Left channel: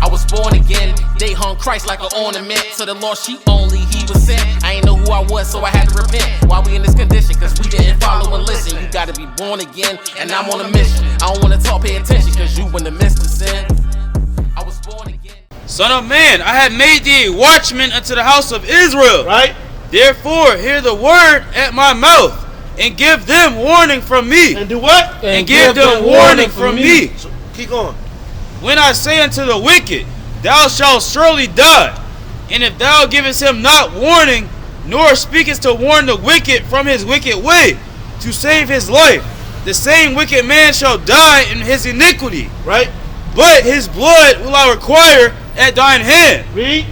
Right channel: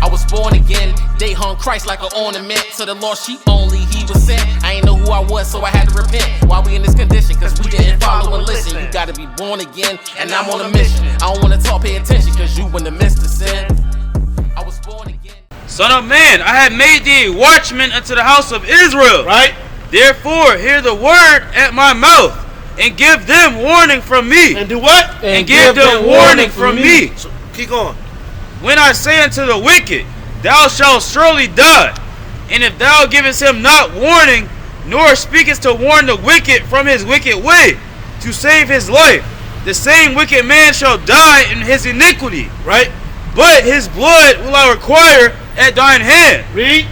I was born again. They hung Christ like an ornament. To the lost sheep only he was sent. I ain't know who I was, so I had to repent. Why we in this condition? Cause we didn't follow and listen. You gotta be born again, and I'm on a mission. I don't wanna talk, pay attention, cause you in the midst of sin. I was born again. Son of man, I have made thee a watchman unto the house of Israel. Right? Therefore, hear the word at my mouth, and give them warning from me. And do what? And give them warning from me. So, keep going. When I say unto the wicked, thou shalt surely die, and if thou givest him not warning, nor speakest to warn the wicked from his wicked way, to save his life, the same wicked man shall die in his iniquity. Right? But his blood will I require at thine hand. Read.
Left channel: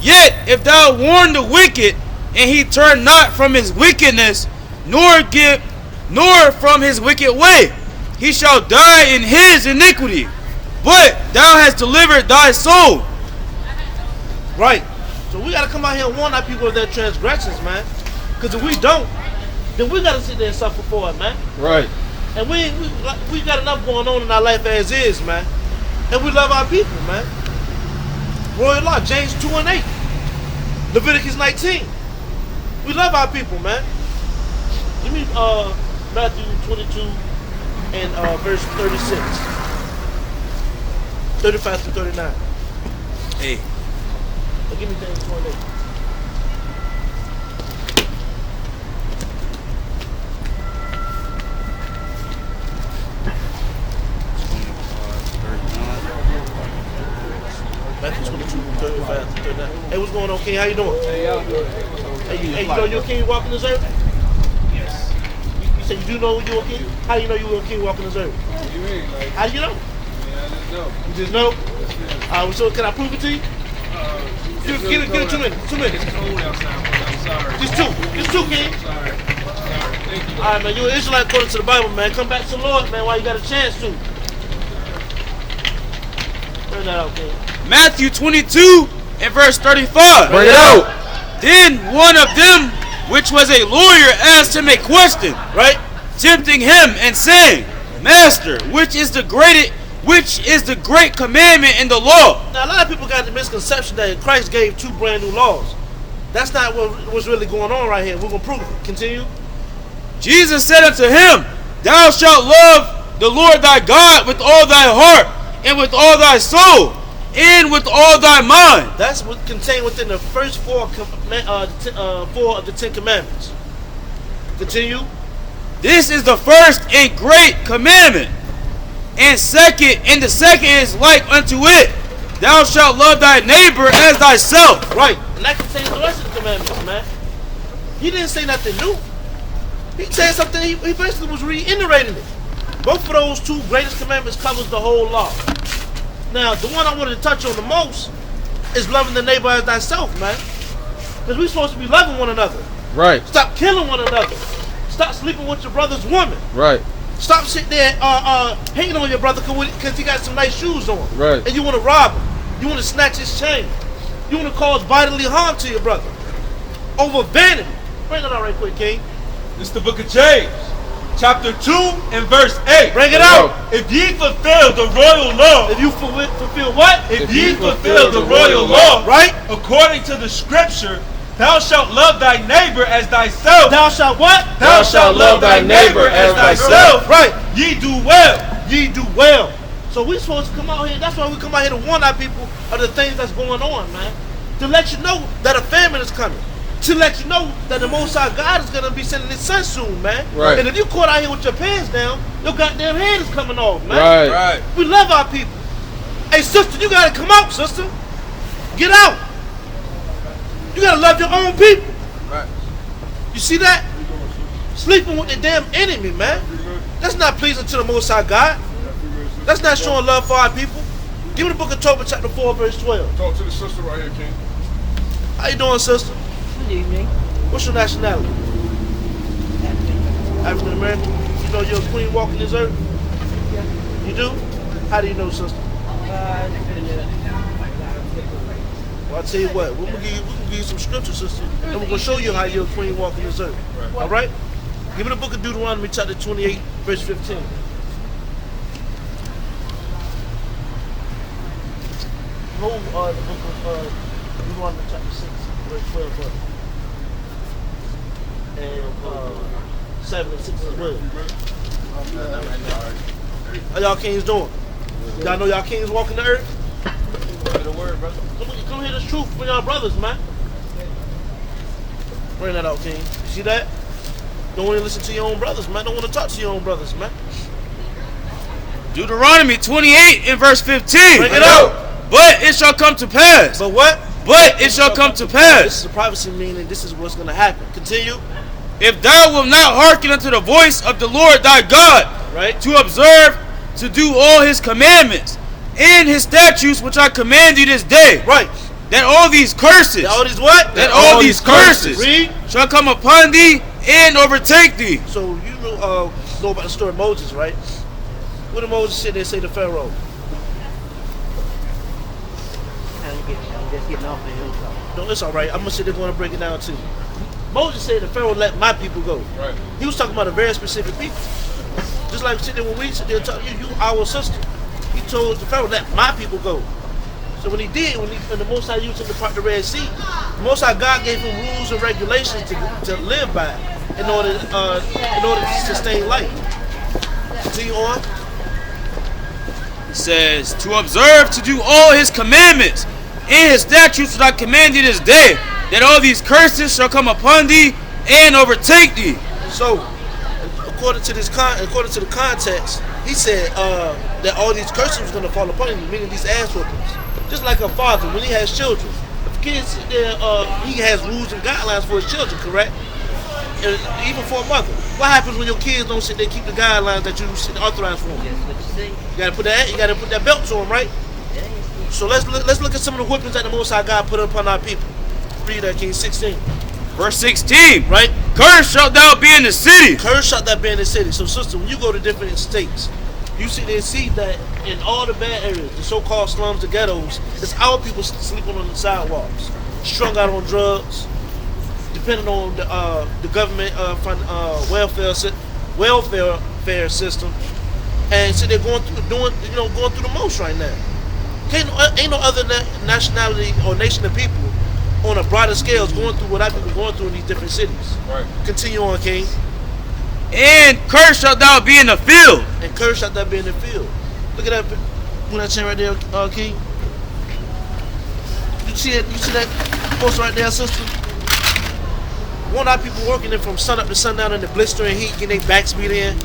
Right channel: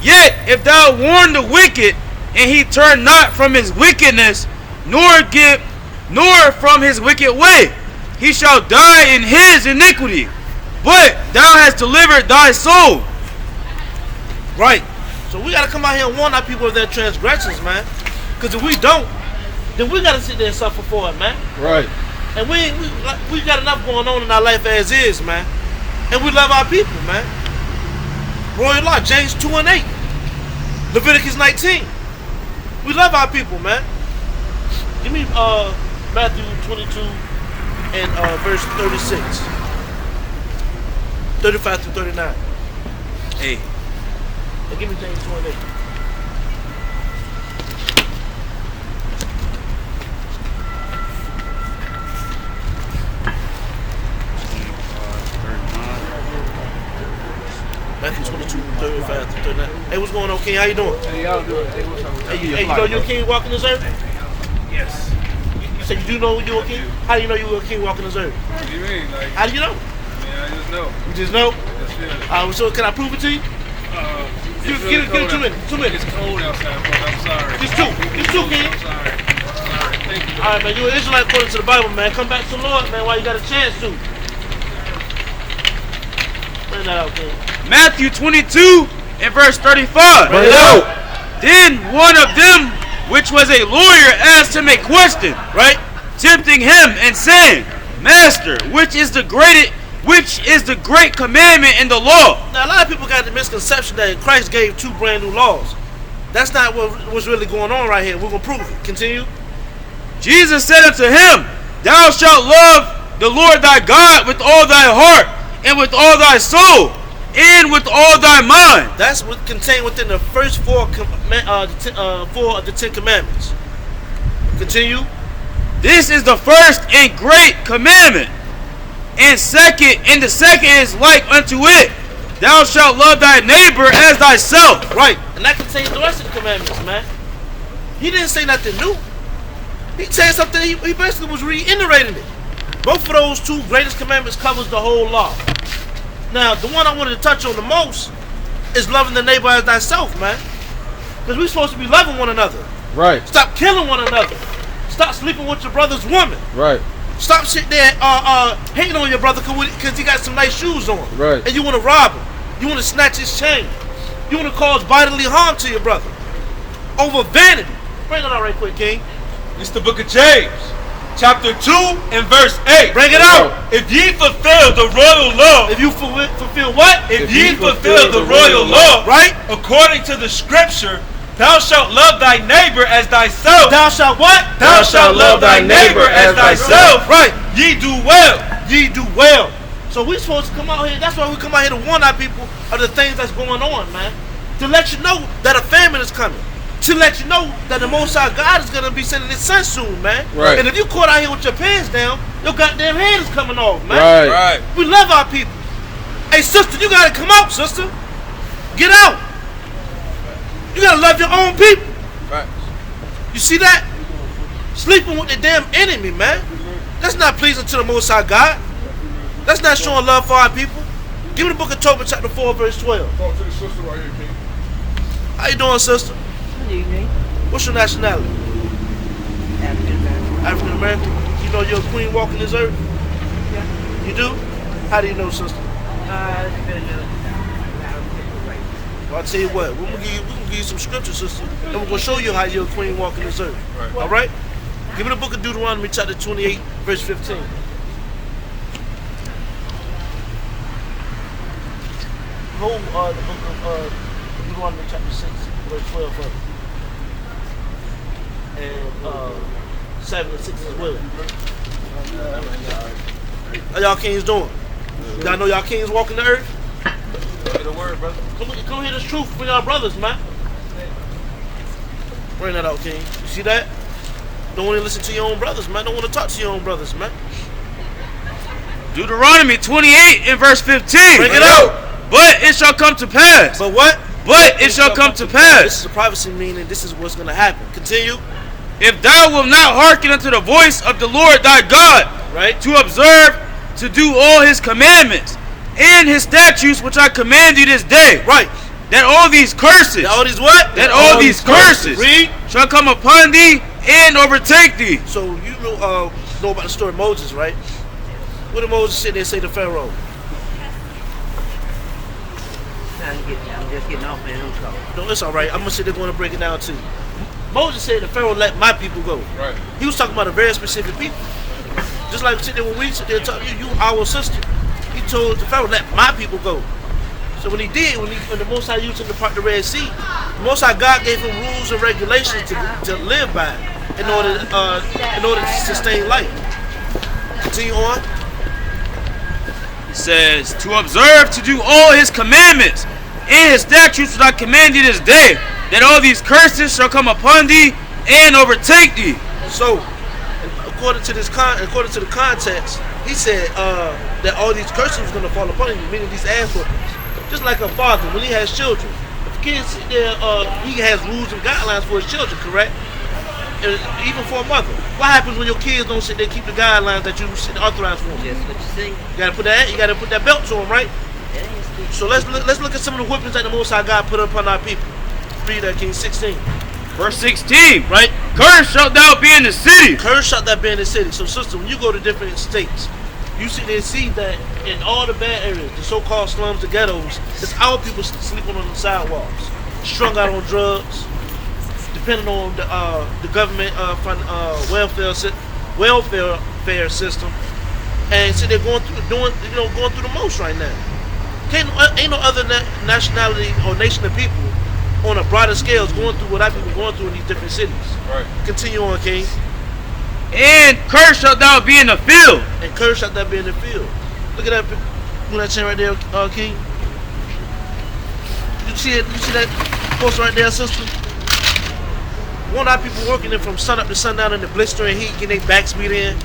Yet if thou warn the wicked, and he turn not from his wickedness, nor from his wicked way, he shall die in his iniquity. But thou hast delivered thy soul. Right. So we gotta come out here and warn our people of their transgressions, man. Because if we don't, then we gotta sit there and suffer for it, man. Right. And we got enough going on in our life as is, man. And we love our people, man. Royal law, James 2:8. Leviticus 19. We love our people, man. Give me Matthew 22 and verse 36. 35 to 39. Hey. And give me James 2:8. Matthew 22, 35 to 39. Hey, what's going on, King? How you doing? Hey, y'all doing? Hey, you know you're a king walking this earth? Yes. You said you do know you're a king? How do you know you're a king walking this earth? What do you mean? Like, How do you know? I just know. You just know? Yes. So can I prove it to you? Give it 2 minutes. 2 minutes. It's cold outside, but I'm sorry. Just two, King. I'm sorry. Thank you. All right, man. You're an Israelite according to the Bible, man. Come back to the Lord, man, while you got a chance to. Bring that out, King. Matthew 22 and verse 35. Bring it out. Then one of them, which was a lawyer, asked him a question, Right? tempting him and saying, Master, which is the great commandment in the law? Now, a lot of people got the misconception that Christ gave 2 brand new laws. That's not what's really going on right here. We're going to prove it. Continue. Jesus said unto him, Thou shalt love the Lord thy God with all thy heart, and with all thy soul, and with all thy mind. That's what contained within the first 4 of the 10 commandments. Continue. This is the first and great commandment. And the second is like unto it. Thou shalt love thy neighbor as thyself. Right. And that contains the rest of the commandments, man. He didn't say nothing new. He said something, he basically was reiterating it. Both of those 2 greatest commandments covers the whole law. Now, the one I wanted to touch on the most is loving the neighbor as thyself, man. Because we're supposed to be loving one another. Right. Stop killing one another. Stop sleeping with your brother's woman. Right. Stop sitting there hating on your brother because he got some nice shoes on. Right. And you want to rob him. You want to snatch his chain. You want to cause bodily harm to your brother. Over vanity. Bring it out right quick, King. It's the book of James, chapter 2 and verse 8. Bring it out. If ye fulfill the royal law. If you fulfill what? If ye fulfill the royal law. Right? According to the scripture, thou shalt love thy neighbor as thyself. Thou shalt what? Thou shalt love thy neighbor as thyself. Right. Ye do well. Ye do well. So we're supposed to come out here. That's why we come out here to warn our people of the things that's going on, man. To let you know that a famine is coming. To let you know that the Most High God is going to be sending his son soon, man. Right. And if you caught out here with your pants down, your goddamn head is coming off, man. Right. We love our people. Hey, sister, you got to come out, sister. Get out. You got to love your own people. Right. You see that? Sleeping with the damn enemy, man. That's not pleasing to the Most High God. That's not showing love for our people. Give me the book of Tobit, chapter 4, verse 12. Talk to the sister right here, King. How you doing, sister? Good evening. What's your nationality? African American. You know you're a queen walking this earth? Yeah. You do? How do you know, sister? Well, I'll tell you what. We're gonna give you some scripture, sister, and we're gonna show you how you're a queen walking this earth. Right. All right? Give me the book of Deuteronomy, chapter 28, verse 15. hold the book of Deuteronomy chapter 6, verse 12 of it. And 7 and 6 as well. How y'all kings doing? Y'all know y'all kings walking the earth? Get a word, brother. Come hear this truth from y'all brothers, man. Bring that out, king. You see that? Don't want to listen to your own brothers, man. Don't want to talk to your own brothers, man. Deuteronomy 28 and verse 15. Bring it out. But it shall come to pass. But what? But it shall come to This pass. is a prophecy, meaning this is what's going to happen. Continue. If thou wilt not hearken unto the voice of the Lord thy God, Right? to observe, to do all his commandments, and his statutes which I command thee this day, Right. that all these curses, All these what? that all these curses Read. shall come upon thee and overtake thee. So you know about the story of Moses, right? What did Moses sit there and say to Pharaoh? I'm just getting off there. No, it's all right. I'm gonna sit there going to break it down to you. Moses said to Pharaoh, "Let my people go." Right. He was talking about a very specific people. Just like sit there when we sit there and talk, you our sister. He told the Pharaoh, "Let my people go." So when he did, when the Most High used him to part the Red Sea, the Most High God gave him rules and regulations to live by in order to sustain life. Continue on. It says, to observe, to do all his commandments, and his statutes which I command thee this day, that all these curses shall come upon thee and overtake thee. So, according to the context, he said that all these curses was going to fall upon you, meaning these ass whoopings. Just like a father, when he has children, if kids sit there, he has rules and guidelines for his children, correct? And even for a mother. What happens when your kids don't sit there keep the guidelines that you authorize for them? Just what you see. You gotta put that belt to them, right? So let's look at some of the whippings that the Most High God put upon our people. Read that, King 16. Verse 16, Right? cursed shalt thou be in the city. Curse shall that be in the city. So, sister, when you go to different states, you sit there and see that in all the bad areas, the so-called slums, the ghettos, it's our people sleeping on the sidewalks, strung out on drugs, depending on the government welfare system, and sit there going through the most right now. Ain't no other nationality or nation of people on a broader scale is going through what I've been going through in these different cities. Right. Continue on, King. And cursed shalt thou be in the field. And cursed shalt thou be in the field. Look at that, chain right there, King. You see it? You see that post right there, sister? One of our people working in from sun up to sundown in the blistering heat, getting their backs beat in.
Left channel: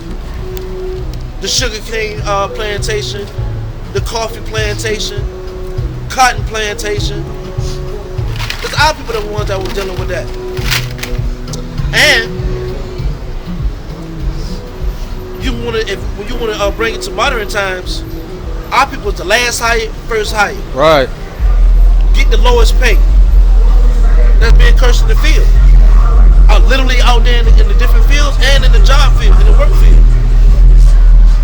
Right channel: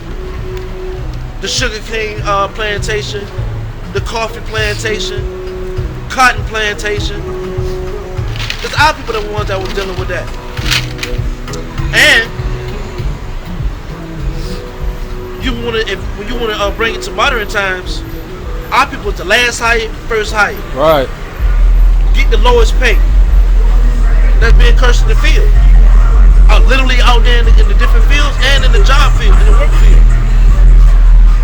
The sugar cane plantation, the coffee plantation, cotton plantation. It's our people that were ones that were dealing with that. And when you want to bring it to modern times, our people is the last hired, first hired. Right. Get the lowest pay. That's being cursed in the field. Literally out there in the different fields and in the job field, in the work field.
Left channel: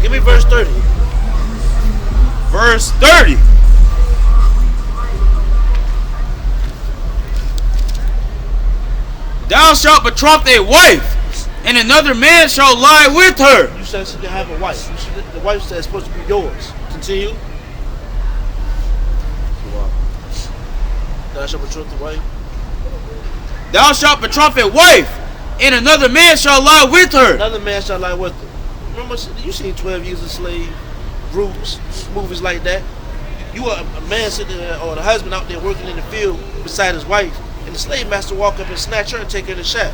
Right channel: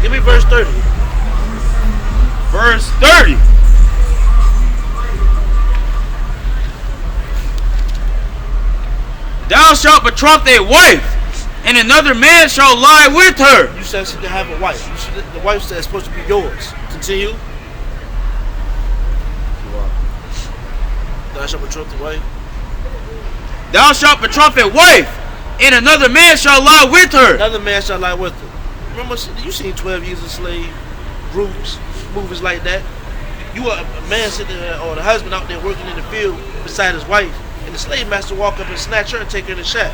Give me verse 30. Verse 30. Thou shalt betroth a wife, and another man shall lie with her. You said to have a wife. The wife said it's supposed to be yours. Continue. Thou shalt betroth the wife. Thou shalt betroth a wife, and another man shall lie with her. Another man shall lie with her. Remember, you seen 12 Years a Slave, Rebukes, movies like that. You are a man sitting there, or the husband out there working in the field beside his wife, and the slave master walk up and snatch her and take her in the shack.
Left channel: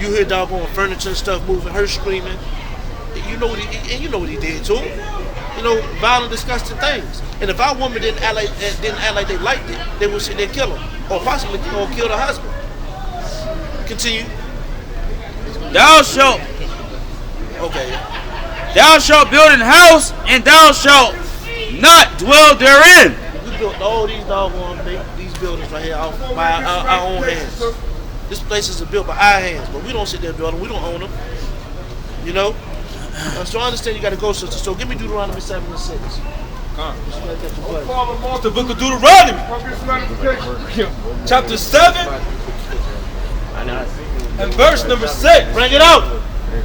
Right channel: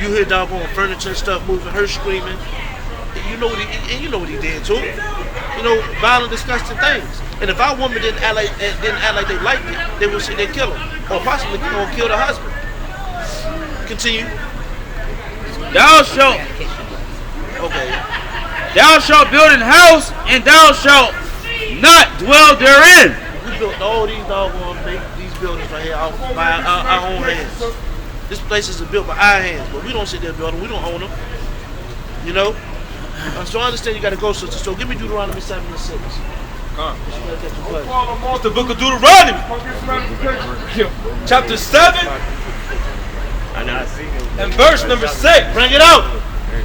You hear doggone furniture and stuff moving, her screaming. You know what he did too. You know, violent, disgusting things. And if our woman didn't act like they liked it, they would sit there and kill him, or possibly kill the husband. Continue. Thou shalt build an house, and thou shalt not dwell therein. We built all these doggone these buildings right here by our own hands. This places are built by our hands, but we don't sit there building. We don't own them. You know. So I understand you got to go, sister. So give me Deuteronomy 7 and 6. The book of Deuteronomy, chapter 7 and verse number 6. Bring it out.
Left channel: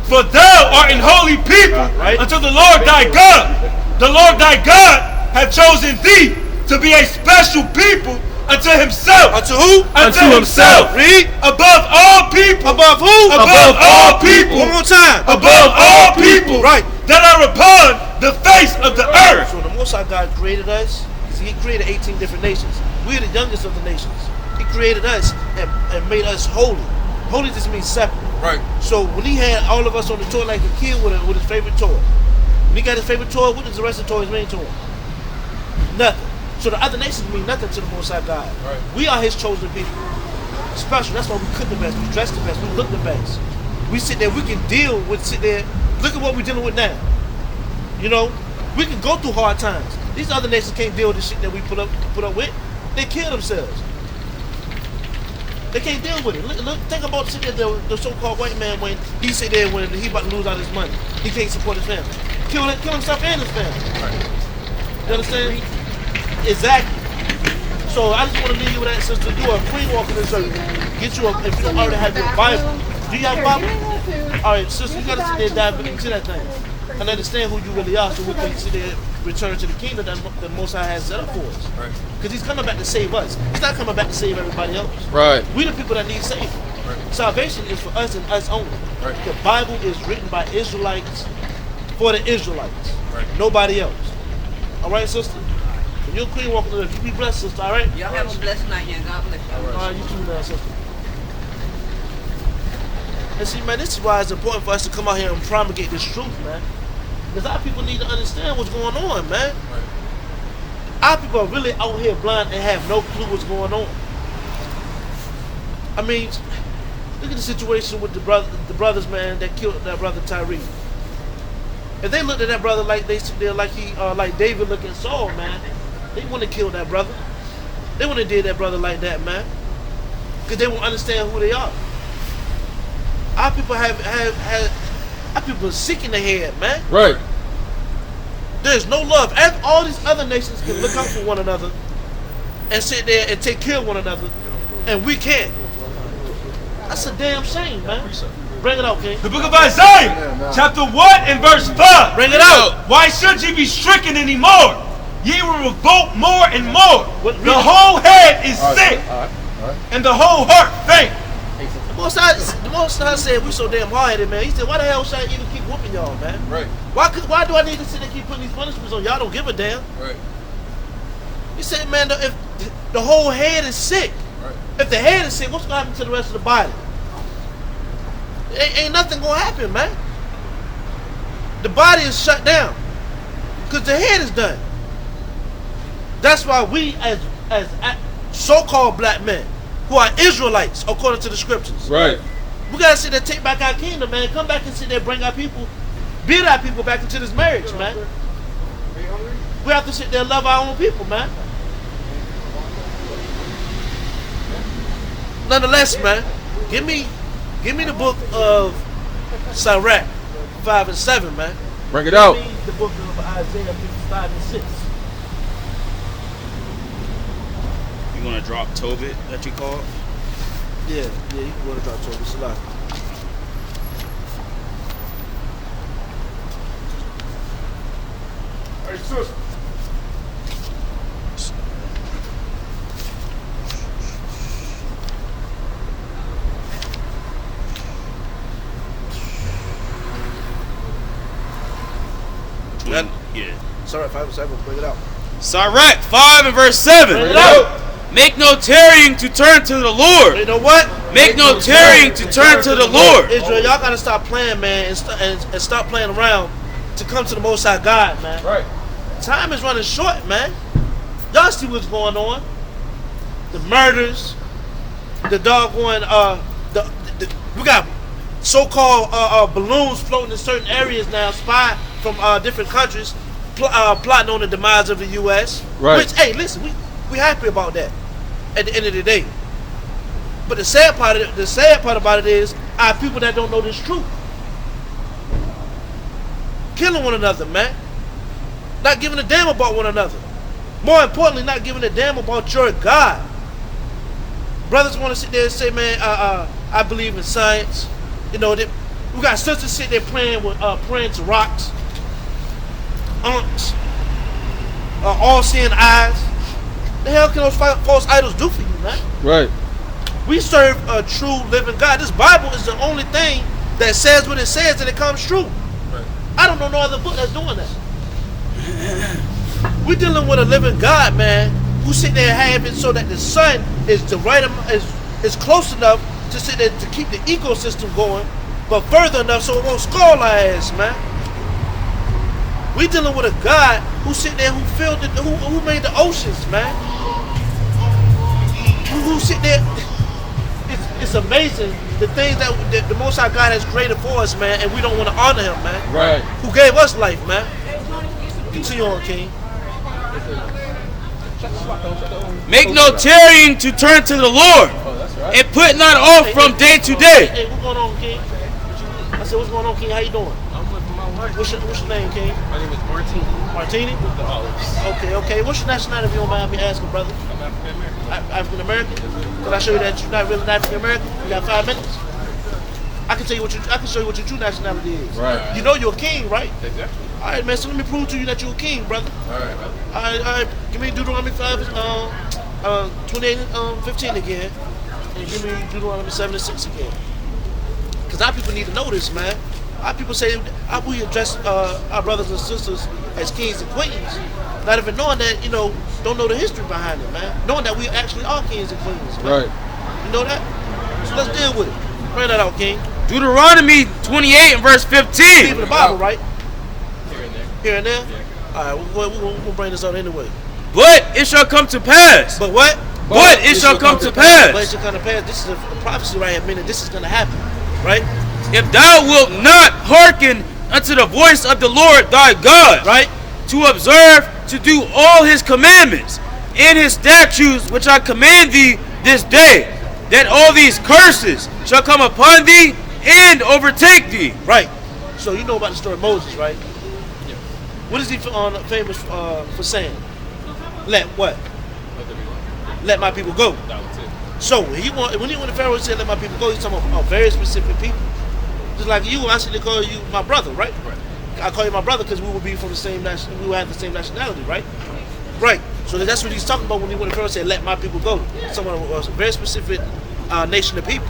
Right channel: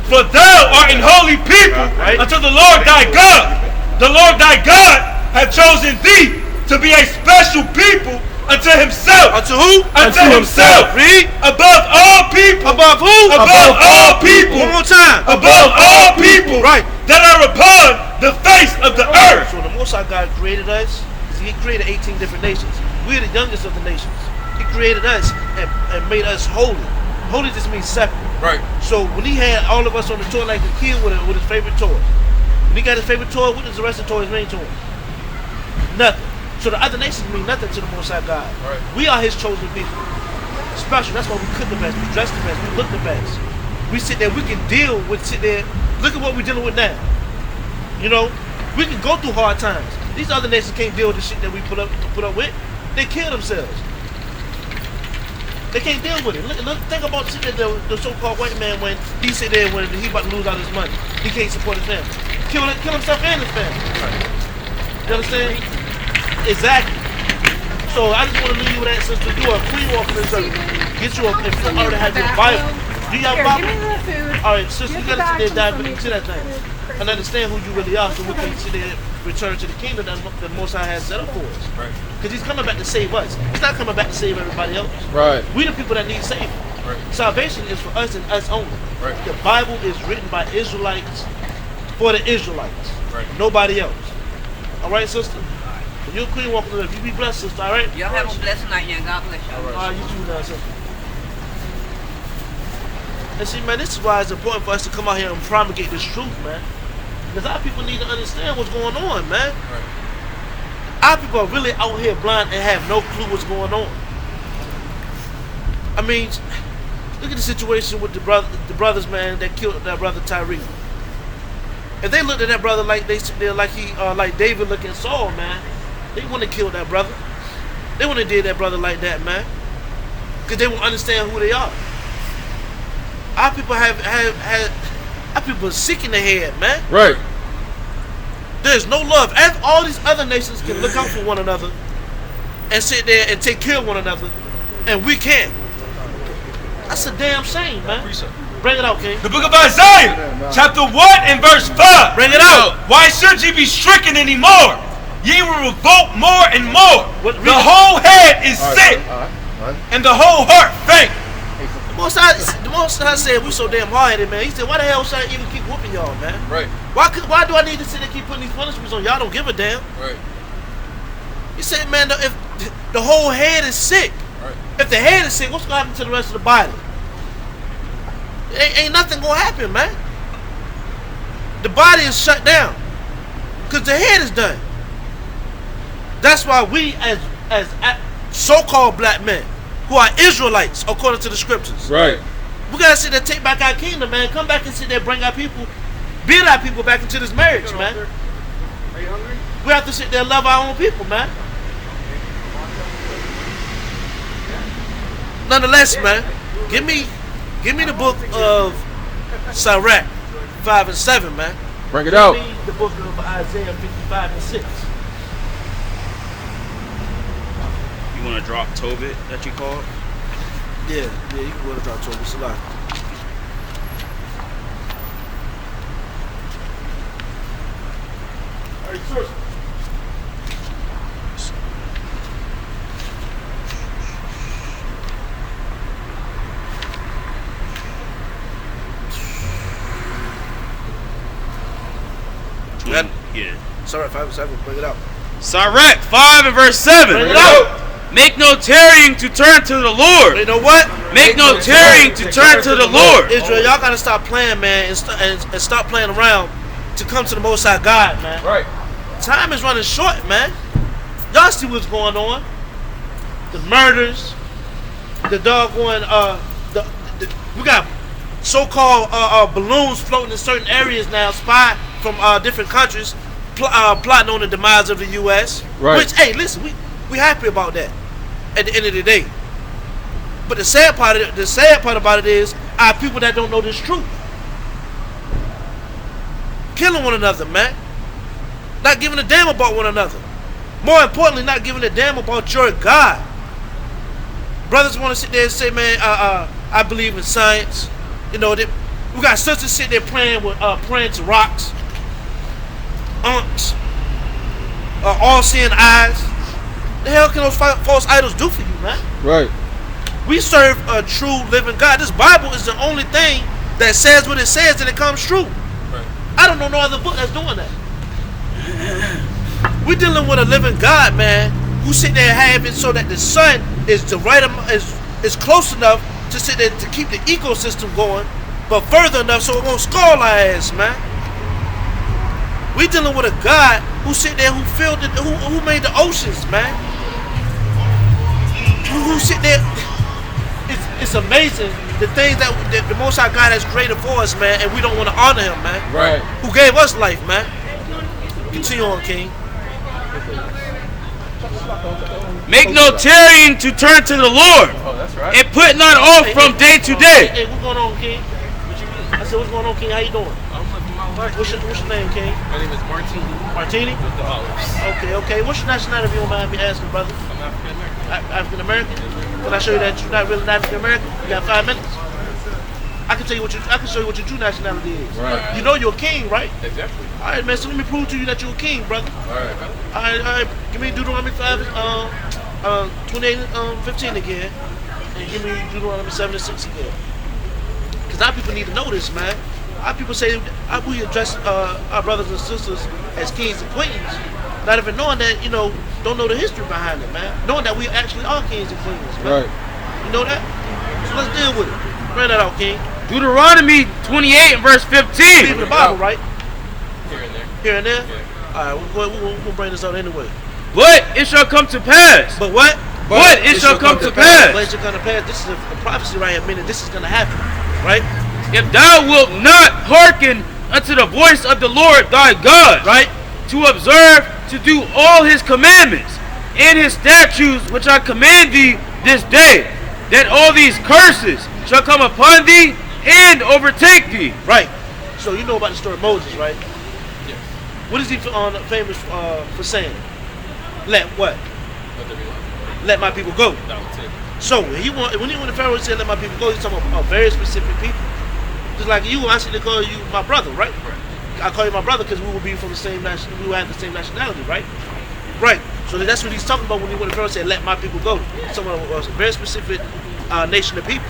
For thou art an holy people Right. unto the Lord thy God. The Lord thy God hath chosen thee to be a special people unto himself. Unto who? Unto himself. Read. Above all people. Above who? Above all people. One more time. Above all people. Right. That are upon the face of the earth. So the Most High God created us. He created 18 different nations. We're the youngest of the nations. He created us and made us holy. Holy just means separate. Right. So when he had all of us on the toy like a kid with his favorite toy, when he got his favorite toy, what does the rest of the toys mean to him? Nothing. So the other nations mean nothing to the Most High God. Right. We are his chosen people. Special. That's why we cook the best. We dress the best. We look the best. We sit there. We can deal with sit there. Look at what we're dealing with now. You know, we can go through hard times. These other nations can't deal with the shit that we put up with. They kill themselves. They can't deal with it. Look, think about the so-called white man when he sit there when he about to lose all his money. He can't support his family. Kill himself and his family. Right. You understand? Exactly. So I just want to leave you with that, sister. Do a queen walk in the circle. Get you if you don't already have your Bible. Do you have a Bible? All right, sister, you gotta sit there and dive into that thing and understand who you really are, so we can sit there and return to the kingdom that the Most High has set up for us. Right. Because He's coming back to save us. He's not coming back to save everybody else. Right. We the people that need saving. Right. Salvation is for us and us only. Right. The Bible is written by Israelites for the Israelites. Right. Nobody else. All right, sister. If you're a queen walking the earth, you be blessed, sister. All right. Y'all have a blessed night, young. God bless you. All right, you too now, sister. And see, man, this is why it's important for us to come out here and promulgate this truth, man. Because our people need to understand what's going on, man. Right. Our people are really out here blind and have no clue what's going on. I mean, look at the situation with the brothers, man, that killed that brother Tyree. If they looked at that brother like like David looked at Saul, man, they wouldn't have killed that brother. They wouldn't have did that brother like that, man. Because they won't understand who they are. Our people our people are sick in the head, man. Right. There's no love. All these other nations can look out for one another and sit there and take care of one another, and we can't. That's a damn shame, man. Bring it out, King. The book of Isaiah, chapter 1 and verse 5. Bring it out. Why should ye be stricken anymore? Ye will revolt more and more. The whole head is sick, and the whole heart faint. The Most High said we so damn hard-headed, man. He said, why the hell should I even keep whooping y'all, man? Right. Why do I need to sit and keep putting these punishments on y'all? Don't give a damn. Right. He said, man, if the whole head is sick, Right. if the head is sick, what's gonna happen to the rest of the body? Ain't nothing gonna happen, man. The body is shut down because the head is done. That's why we, as so-called black men, who are Israelites according to the scriptures, Right. we gotta sit there, take back our kingdom, man. Come back and sit there, bring our people, build our people back into this marriage, man. We have to sit there and love our own people, man. Nonetheless, man, give me the book of Sirach 5 and 7, man. Bring it out. Give me the book of Isaiah 55 and 6. You want to drop Tobit that you called? Yeah, you can go to Dr. Toby Salah. Hey, sister. Yeah. Sirach 5 and 7, bring it out. Sirach 5 and verse 7. Bring it out. Make no tarrying to turn to the Lord. You know what? Make no tarrying to turn to the Lord. Israel, y'all gotta stop playing, man, and stop playing around to come to the Most High God, man. Right. Time is running short, man. Y'all see what's going on? The murders, the doggone, we got so-called balloons floating in certain areas now, spy from different countries, plotting on the demise of the U.S. Right. Which, hey, listen, we happy about that at the end of the day. But the sad part about it is our people that don't know this truth, killing one another, man. Not giving a damn about one another. More importantly, not giving a damn about your God. Brothers want to sit there and say, man, I believe in science. You know, we got sisters sit there praying to rocks, aunts, all-seeing eyes. the hell can those false idols do for you, man? Right. We serve a true living God. This Bible is the only thing that says what it says and it comes true. Right. I don't know no other book that's doing that. We're dealing with a living God, man, who sit there and have it so that the sun is the right is close enough to sit there to keep the ecosystem going, but further enough so it won't scald our ass, man. We dealing with a God who sit there, who filled it, who made the oceans, man. Who sit there. It's amazing the things that the Most High God has created for us, man, and we don't want to honor Him, man. Right. Who gave us life, man. Continue on, King. Make no tarrying to turn to the Lord, and put not off from day to day. Hey, what's going on, King? I said, what's going on, King? How you doing? I'm living my life. What's your name, King? My name is Martini. Martini? With the olives. Okay. What's your nationality, if you don't mind me asking, brother? I'm African American. African American? Can I show you that you're not really African American? You got 5 minutes? I can show you what your true nationality is. Right. You know you're a king, right? Exactly. All right, man. So let me prove to you that you're a king, brother. All right. All right. Give me Deuteronomy 28:15 again, and give me Deuteronomy 7:6 again. Because our people need to know this, man. Our people say we address our brothers and sisters as kings and queens, not even knowing that, don't know the history behind it, man. Knowing that we actually are kings and queens, man. Right. You know that? So let's deal with it. Bring that out, King. Deuteronomy 28 and verse Believe 15. in the Bible, right? Here and there. Here and there? Yeah. All right, we're going to bring this out anyway. But it shall come to pass. But what? But it shall come to But pass. it shall come to pass. This is a prophecy right here, meaning this is going to happen, right? If thou wilt not hearken unto the voice of the Lord thy God, Right? to observe to do all his commandments and his statutes which I command thee this day, that all these curses shall come upon thee and overtake thee. Right. So you know about the story of Moses, right? Yeah. What is he famous for saying? Let what? Let my people go. That was it. So when the Pharaoh said let my people go, he's talking about very specific people. Just like you, I should call you my brother, right? Right. I call you my brother because we will be from the same we will have the same nationality, right? Right. So that's what he's talking about when the Pharaoh said let my people go. Someone was a very specific nation of people.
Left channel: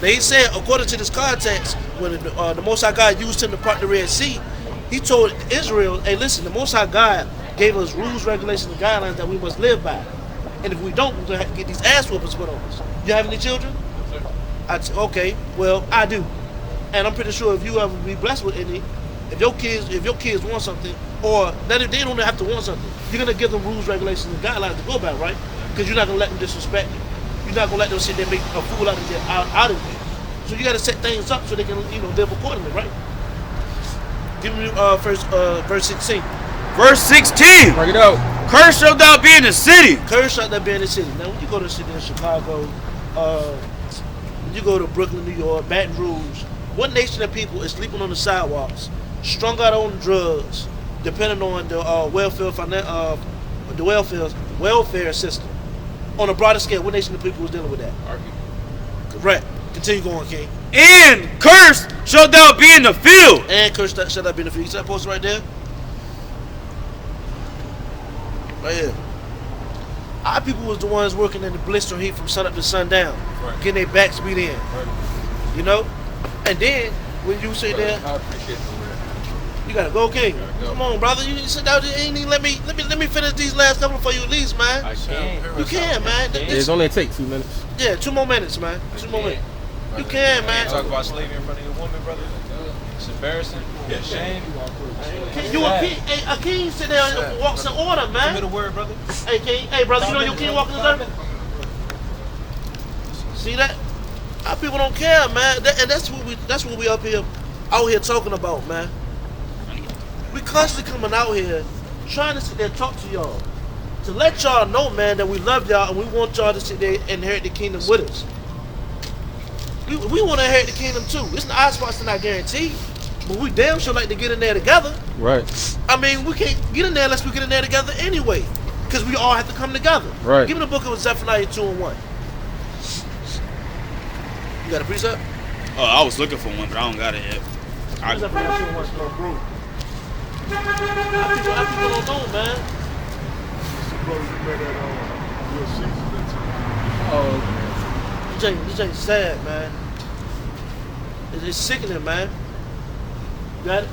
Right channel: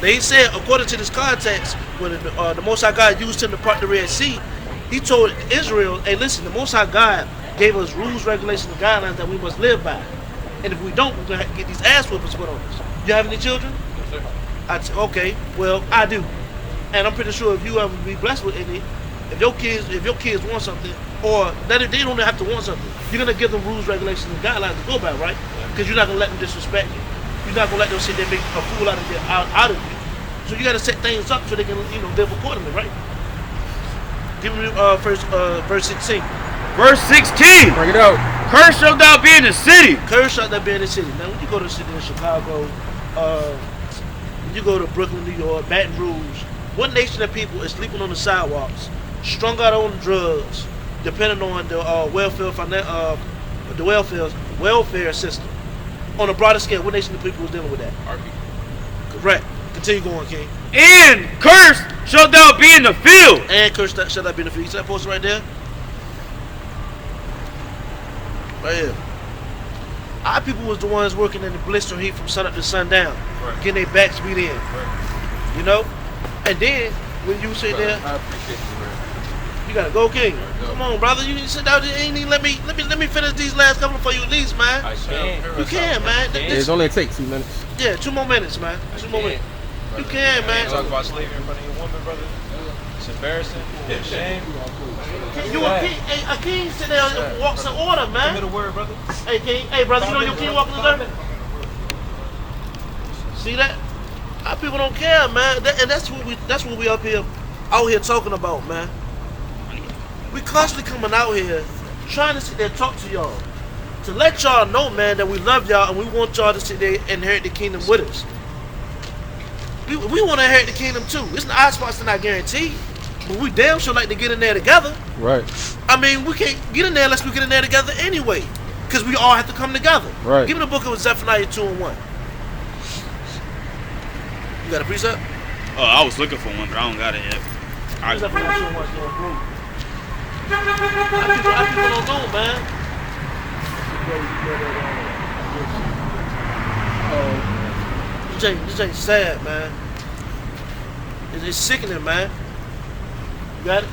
They said, according to this context, when the Most High God used him to part the Red Sea, he told Israel, hey, listen, the Most High God gave us rules, regulations, and guidelines that we must live by. And if we don't, we're going to get these ass whoopings put on us. You have any children? Okay, well, I do. And I'm pretty sure if you ever be blessed with any, if your kids want something, or they don't have to want something, you're going to give them rules, regulations, and guidelines to go by, right? Because you're not going to let them disrespect you. You're not gonna let them sit there and make a fool out of you. So you gotta set things up so they can, live accordingly, right? Give me verse 16. Verse 16. Bring it out. Cursed shalt thou be in the city. Cursed shalt thou be in the city. Now when you go to the city in Chicago, you go to Brooklyn, New York, Baton Rouge, what nation of people is sleeping on the sidewalks, strung out on drugs, depending on the welfare system? On a broader scale, what nation of people is dealing with that? Our people. Correct. Continue going, King. And cursed shalt thou be in the field. And cursed shall thou be in the field. You see that poster right there? Right here. Our people was the ones working in the blistering heat from sun up to sundown, Right. getting their backs beat in. Right. And then when you sit there, I appreciate the word. you gotta go, King. Go. Come on, brother. You sit down there. Ain't even let me finish these last couple for you at least, man. I shall. You can, man. It's only take 2 minutes. Yeah, 2 more minutes, man. 2 more minutes. You can, man. Talk about slavery in front of your woman, brother. It's embarrassing. It's a shame. You a king sit there and walks in order, Give me man. the word, brother. Hey, King. Hey, brother, you know your king walking in dirt? See that? Our people don't care, man. And that's what we out here talking about, man. We constantly coming out here trying to sit there and talk to y'all. To let y'all know, man, that we love y'all and we want y'all to sit there and inherit the kingdom with us. We want to inherit the kingdom too. It's not our spots, not guaranteed. But we damn sure like to get in there together. Right. I mean, we can't get in there unless we get in there together anyway. Because we all have to come together. Right. Give me the book of Zephaniah 2 and 1. You got a precept? Oh, I was looking for one, but I don't got it yet. Zephaniah 2 and 1. Our people don't know, man. Oh, This ain't sad, man. It's sickening, man. You got it?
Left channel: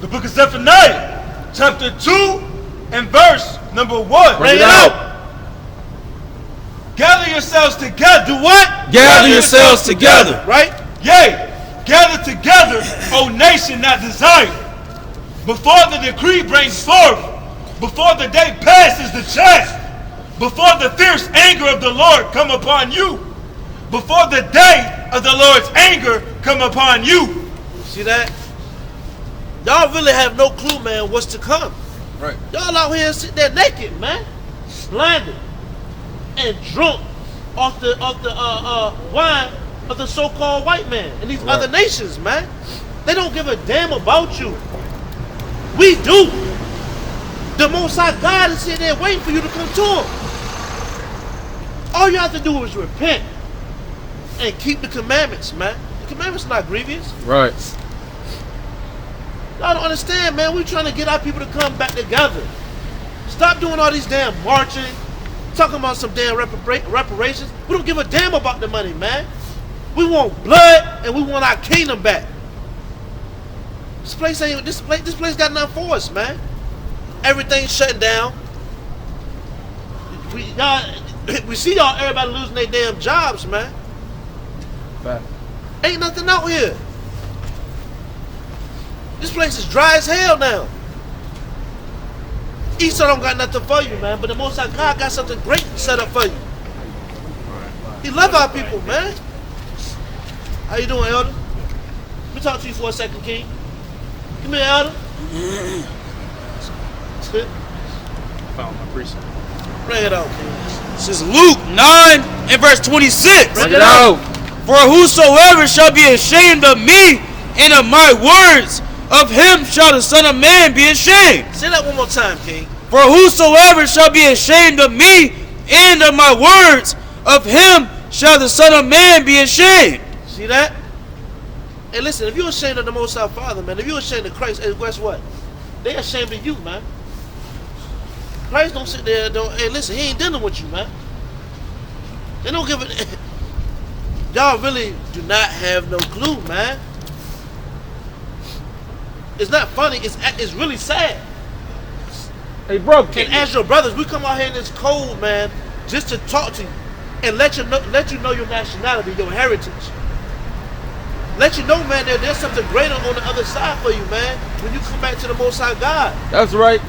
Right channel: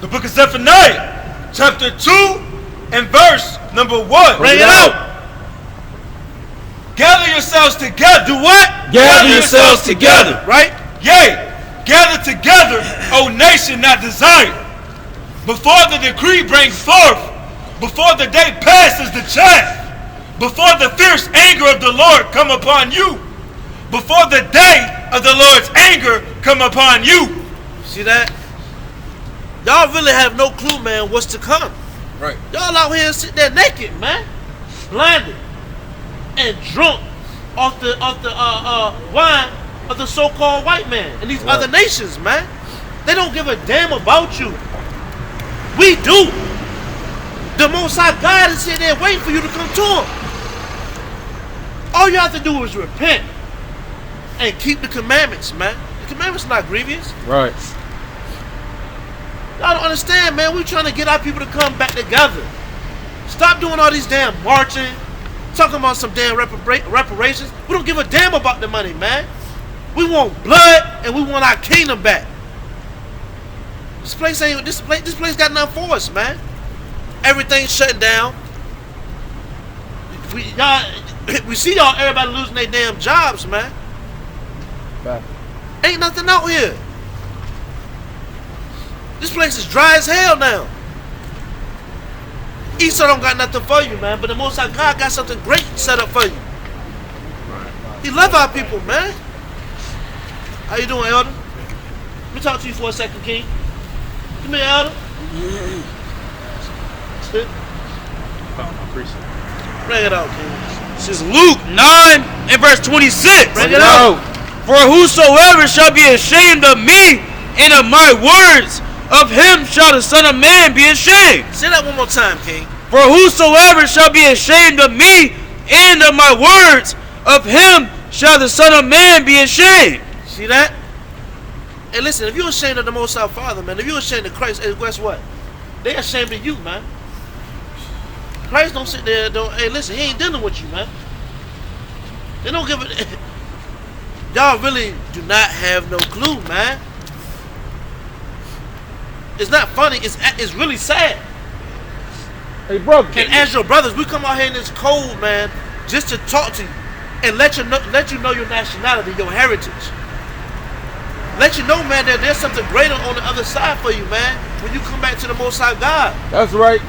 The book of Zephaniah, chapter 2 and verse number 1. Bring it out. Gather yourselves together. Do what? Gather yourselves together. Right? Yea, gather together, O nation not desired. Before the decree brings forth, before the day passes the chaff, before the fierce anger of the Lord come upon you, before the day of the Lord's anger come upon you. See that? Y'all really have no clue, man, what's to come. right. Y'all out here sitting there naked, man, blinded and drunk off the wine of the so-called white man and these other nations, man. They don't give a damn about you. We do. The Most High God is sitting there waiting for you to come to Him. All you have to do is repent and keep the commandments, man. The commandments are not grievous. Right. Y'all don't understand, man. We're trying to get our people to come back together. Stop doing all these damn marching, talking about some damn reparations. We don't give a damn about the money, man. We want blood and we want our kingdom back. This place got nothing for us, man. Everything's shutting down. We see y'all, everybody losing their damn jobs, man. Back. Ain't nothing out here. This place is dry as hell now. Esau don't got nothing for you, man, but the Most High God got something great set up for you. He love our people, man. How you doing, Elder? Let me talk to you for a second, King. Come here, Elder. Sit. I appreciate it. Bring it out, King. This is Luke 9 and verse 26. Bring it out. For whosoever shall be ashamed of me and of my words, of him shall the Son of Man be ashamed. Say that one more time, King. For whosoever shall be ashamed of me and of my words, of him shall the Son of Man be ashamed. See that? Hey, listen, if you're ashamed of the Most High Father, man, if you're ashamed of Christ, hey, guess what? They're ashamed of you, man. Christ don't sit there, hey, listen, He ain't dealing with you, man. They don't give it. Y'all really do not have no clue, man. It's not funny, it's really sad. Hey, bro. And as your brothers, we come out here in this cold, man, just to talk to you and let you know your nationality, your heritage. Let you know, man, that there's something greater on the other side for you, man, when you come back to the Most High God. That's right.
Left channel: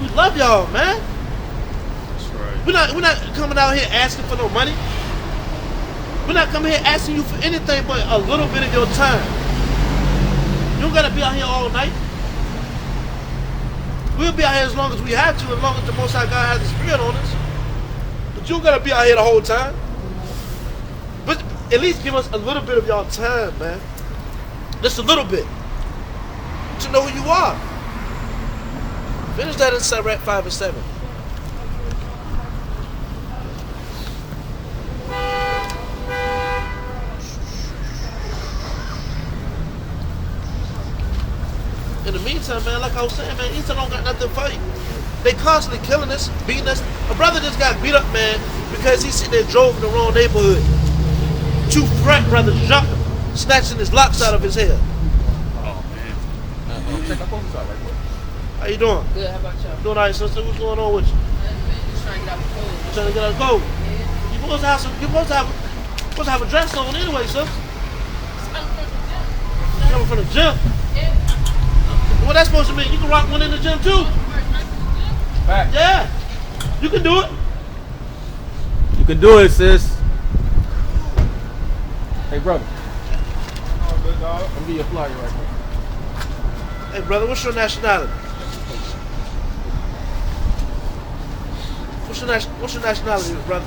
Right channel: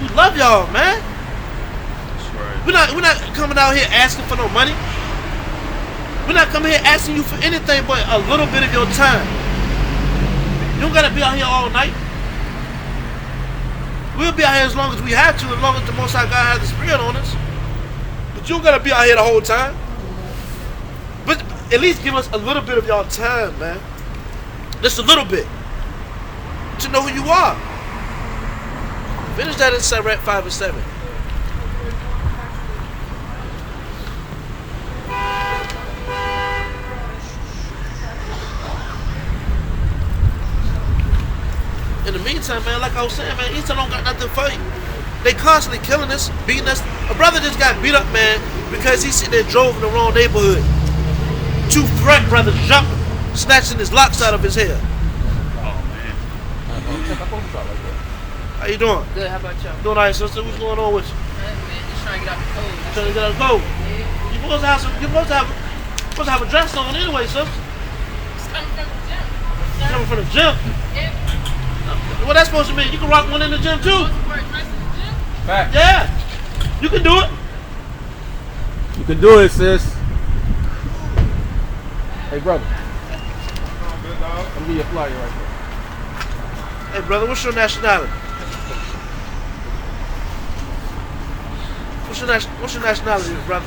We love y'all, man. That's right. We're not coming out here asking for no money. We're not coming here asking you for anything but a little bit of your time. You don't gotta be out here all night. We'll be out here as long as we have to, as long as the Most High God has the Spirit on us. But you don't gotta be out here the whole time. But at least give us a little bit of y'all time, man. Just a little bit. To know who you are. Finish that in Sirach 5 and 7. In the meantime, man, like I was saying, man, Esau don't got nothing for you. They constantly killing us, beating us. A brother just got beat up, man, because he sitting there drove in the wrong neighborhood. 2 frat brothers jumped him, snatching his locks out of his hair. Oh, man. How you doing? Good, how about y'all? Doing all right, sister? What's going on with you? Just trying to get out the cold. You trying to get out of the cold? Yeah. You supposed to have a dress on anyway, sir. Coming from the gym. Yeah. What that's supposed to mean? You can rock one in the gym too. Back. Yeah. You can do it. You can do it, sis. Hey, brother. Let me get your flyer right here. Hey, brother, what's your nationality? What's your nationality, brother?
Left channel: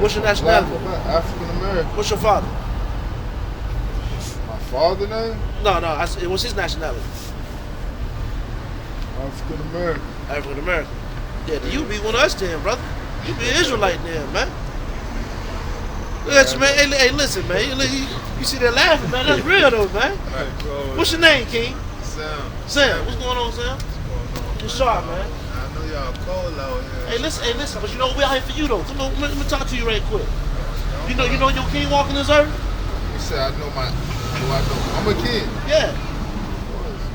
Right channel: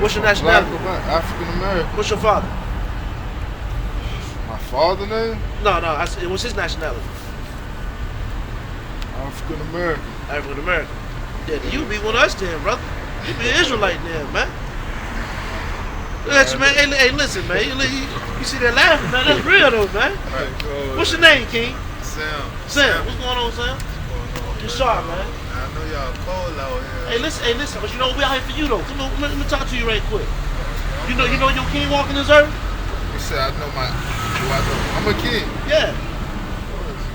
What's your nationality? African American. What's your father? My father name? No. What's his nationality? African American. African American. Yeah, you be one of us then, brother. You be Israelite then, man. Look at you, man. Hey, listen, man. You see that laughing, man? That's real though, man. What's your name, King? Sam. Sam. What's going on, Sam? What's going on? You sharp, man. I know y'all cold out here. Hey, listen, but you know, we out here for you, though. Come on, let me talk to you right quick. You know your king walking this earth? You said I know my, do I know? I'm a king. Yeah.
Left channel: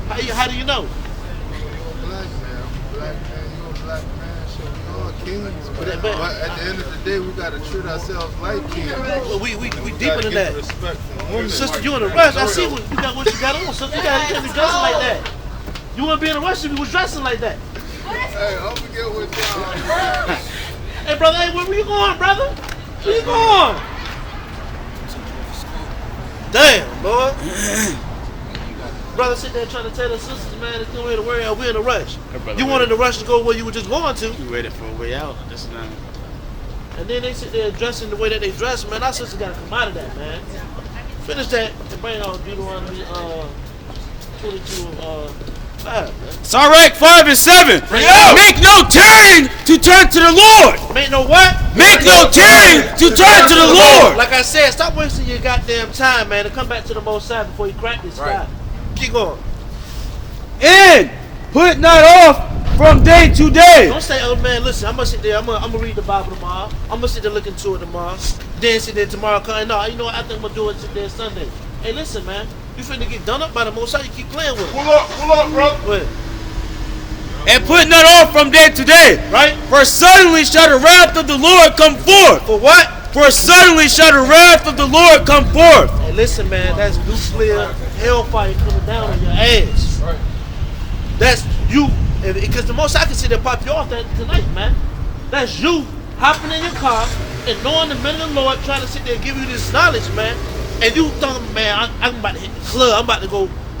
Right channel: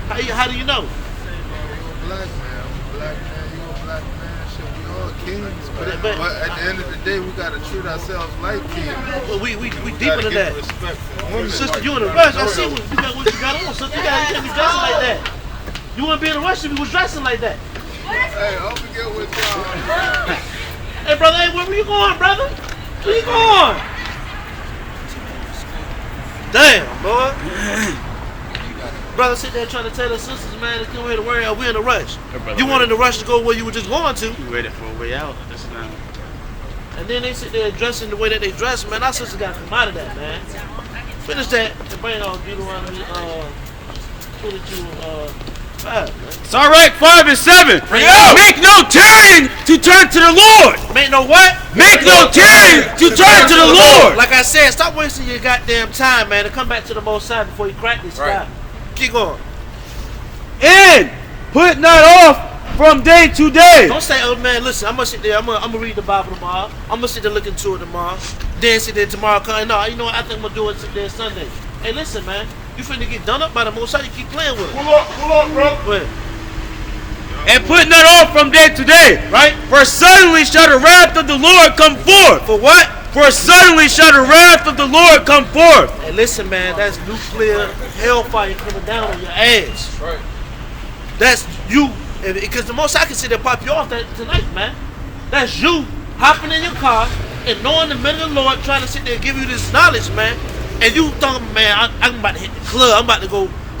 How do you know? You a black man, I'm a black man, you a black man. Shit, we all kings, but at the end of the day, we gotta treat ourselves like kings. Well, we deeper gotta than get that. the respect from women. Sister, you in a rush. I see what you got on, sister. You can't be dressing like that. You wouldn't be in a rush if you was dressing like that. Hey, I'll forget what y'all. Hey, brother, hey, where you going, brother? Where you going? Damn, boy. Brother sit there trying to tell the sisters, man, to come here to worry out. We're in a rush. You wanted to rush to go where you were just going to. You waited for a way out. That's not. And then they sit there dressing the way that they dress, man. Our sisters got to come out of that, man. Finish that and bring on Deuteronomy 22, 5, man. It's all right, 5 and 7. Bring it out. Make no tarrying to turn to the Lord. Make no what? Make no tarrying to turn to the Lord. Like I said, stop wasting your goddamn time, man, and come back to the Most High before you crack this sky. Keep going. And put not off from day to day. Don't say, oh man, listen, I'm gonna sit there, I'm gonna read the Bible tomorrow. I'm gonna sit there look into it tomorrow. Then sit there tomorrow, no, you know what, I think I'm gonna do it sit there Sunday. Hey, listen, man, you finna get done up by the Most High, you keep playing with it. Pull up, bro. What? And put not off from day to day. Right? For suddenly shall the wrath of the Lord come forth. For what? For suddenly shall the wrath of the Lord come forth. Hey, listen, man, that's nuclear hellfire coming down on your ass. Right. That's you, because the Most High can sit there pop you off that tonight, man. That's you hopping in your car and knowing the men of the Lord trying to sit there and give you this knowledge, man. And you thinking, man, I'm about to hit the club. I'm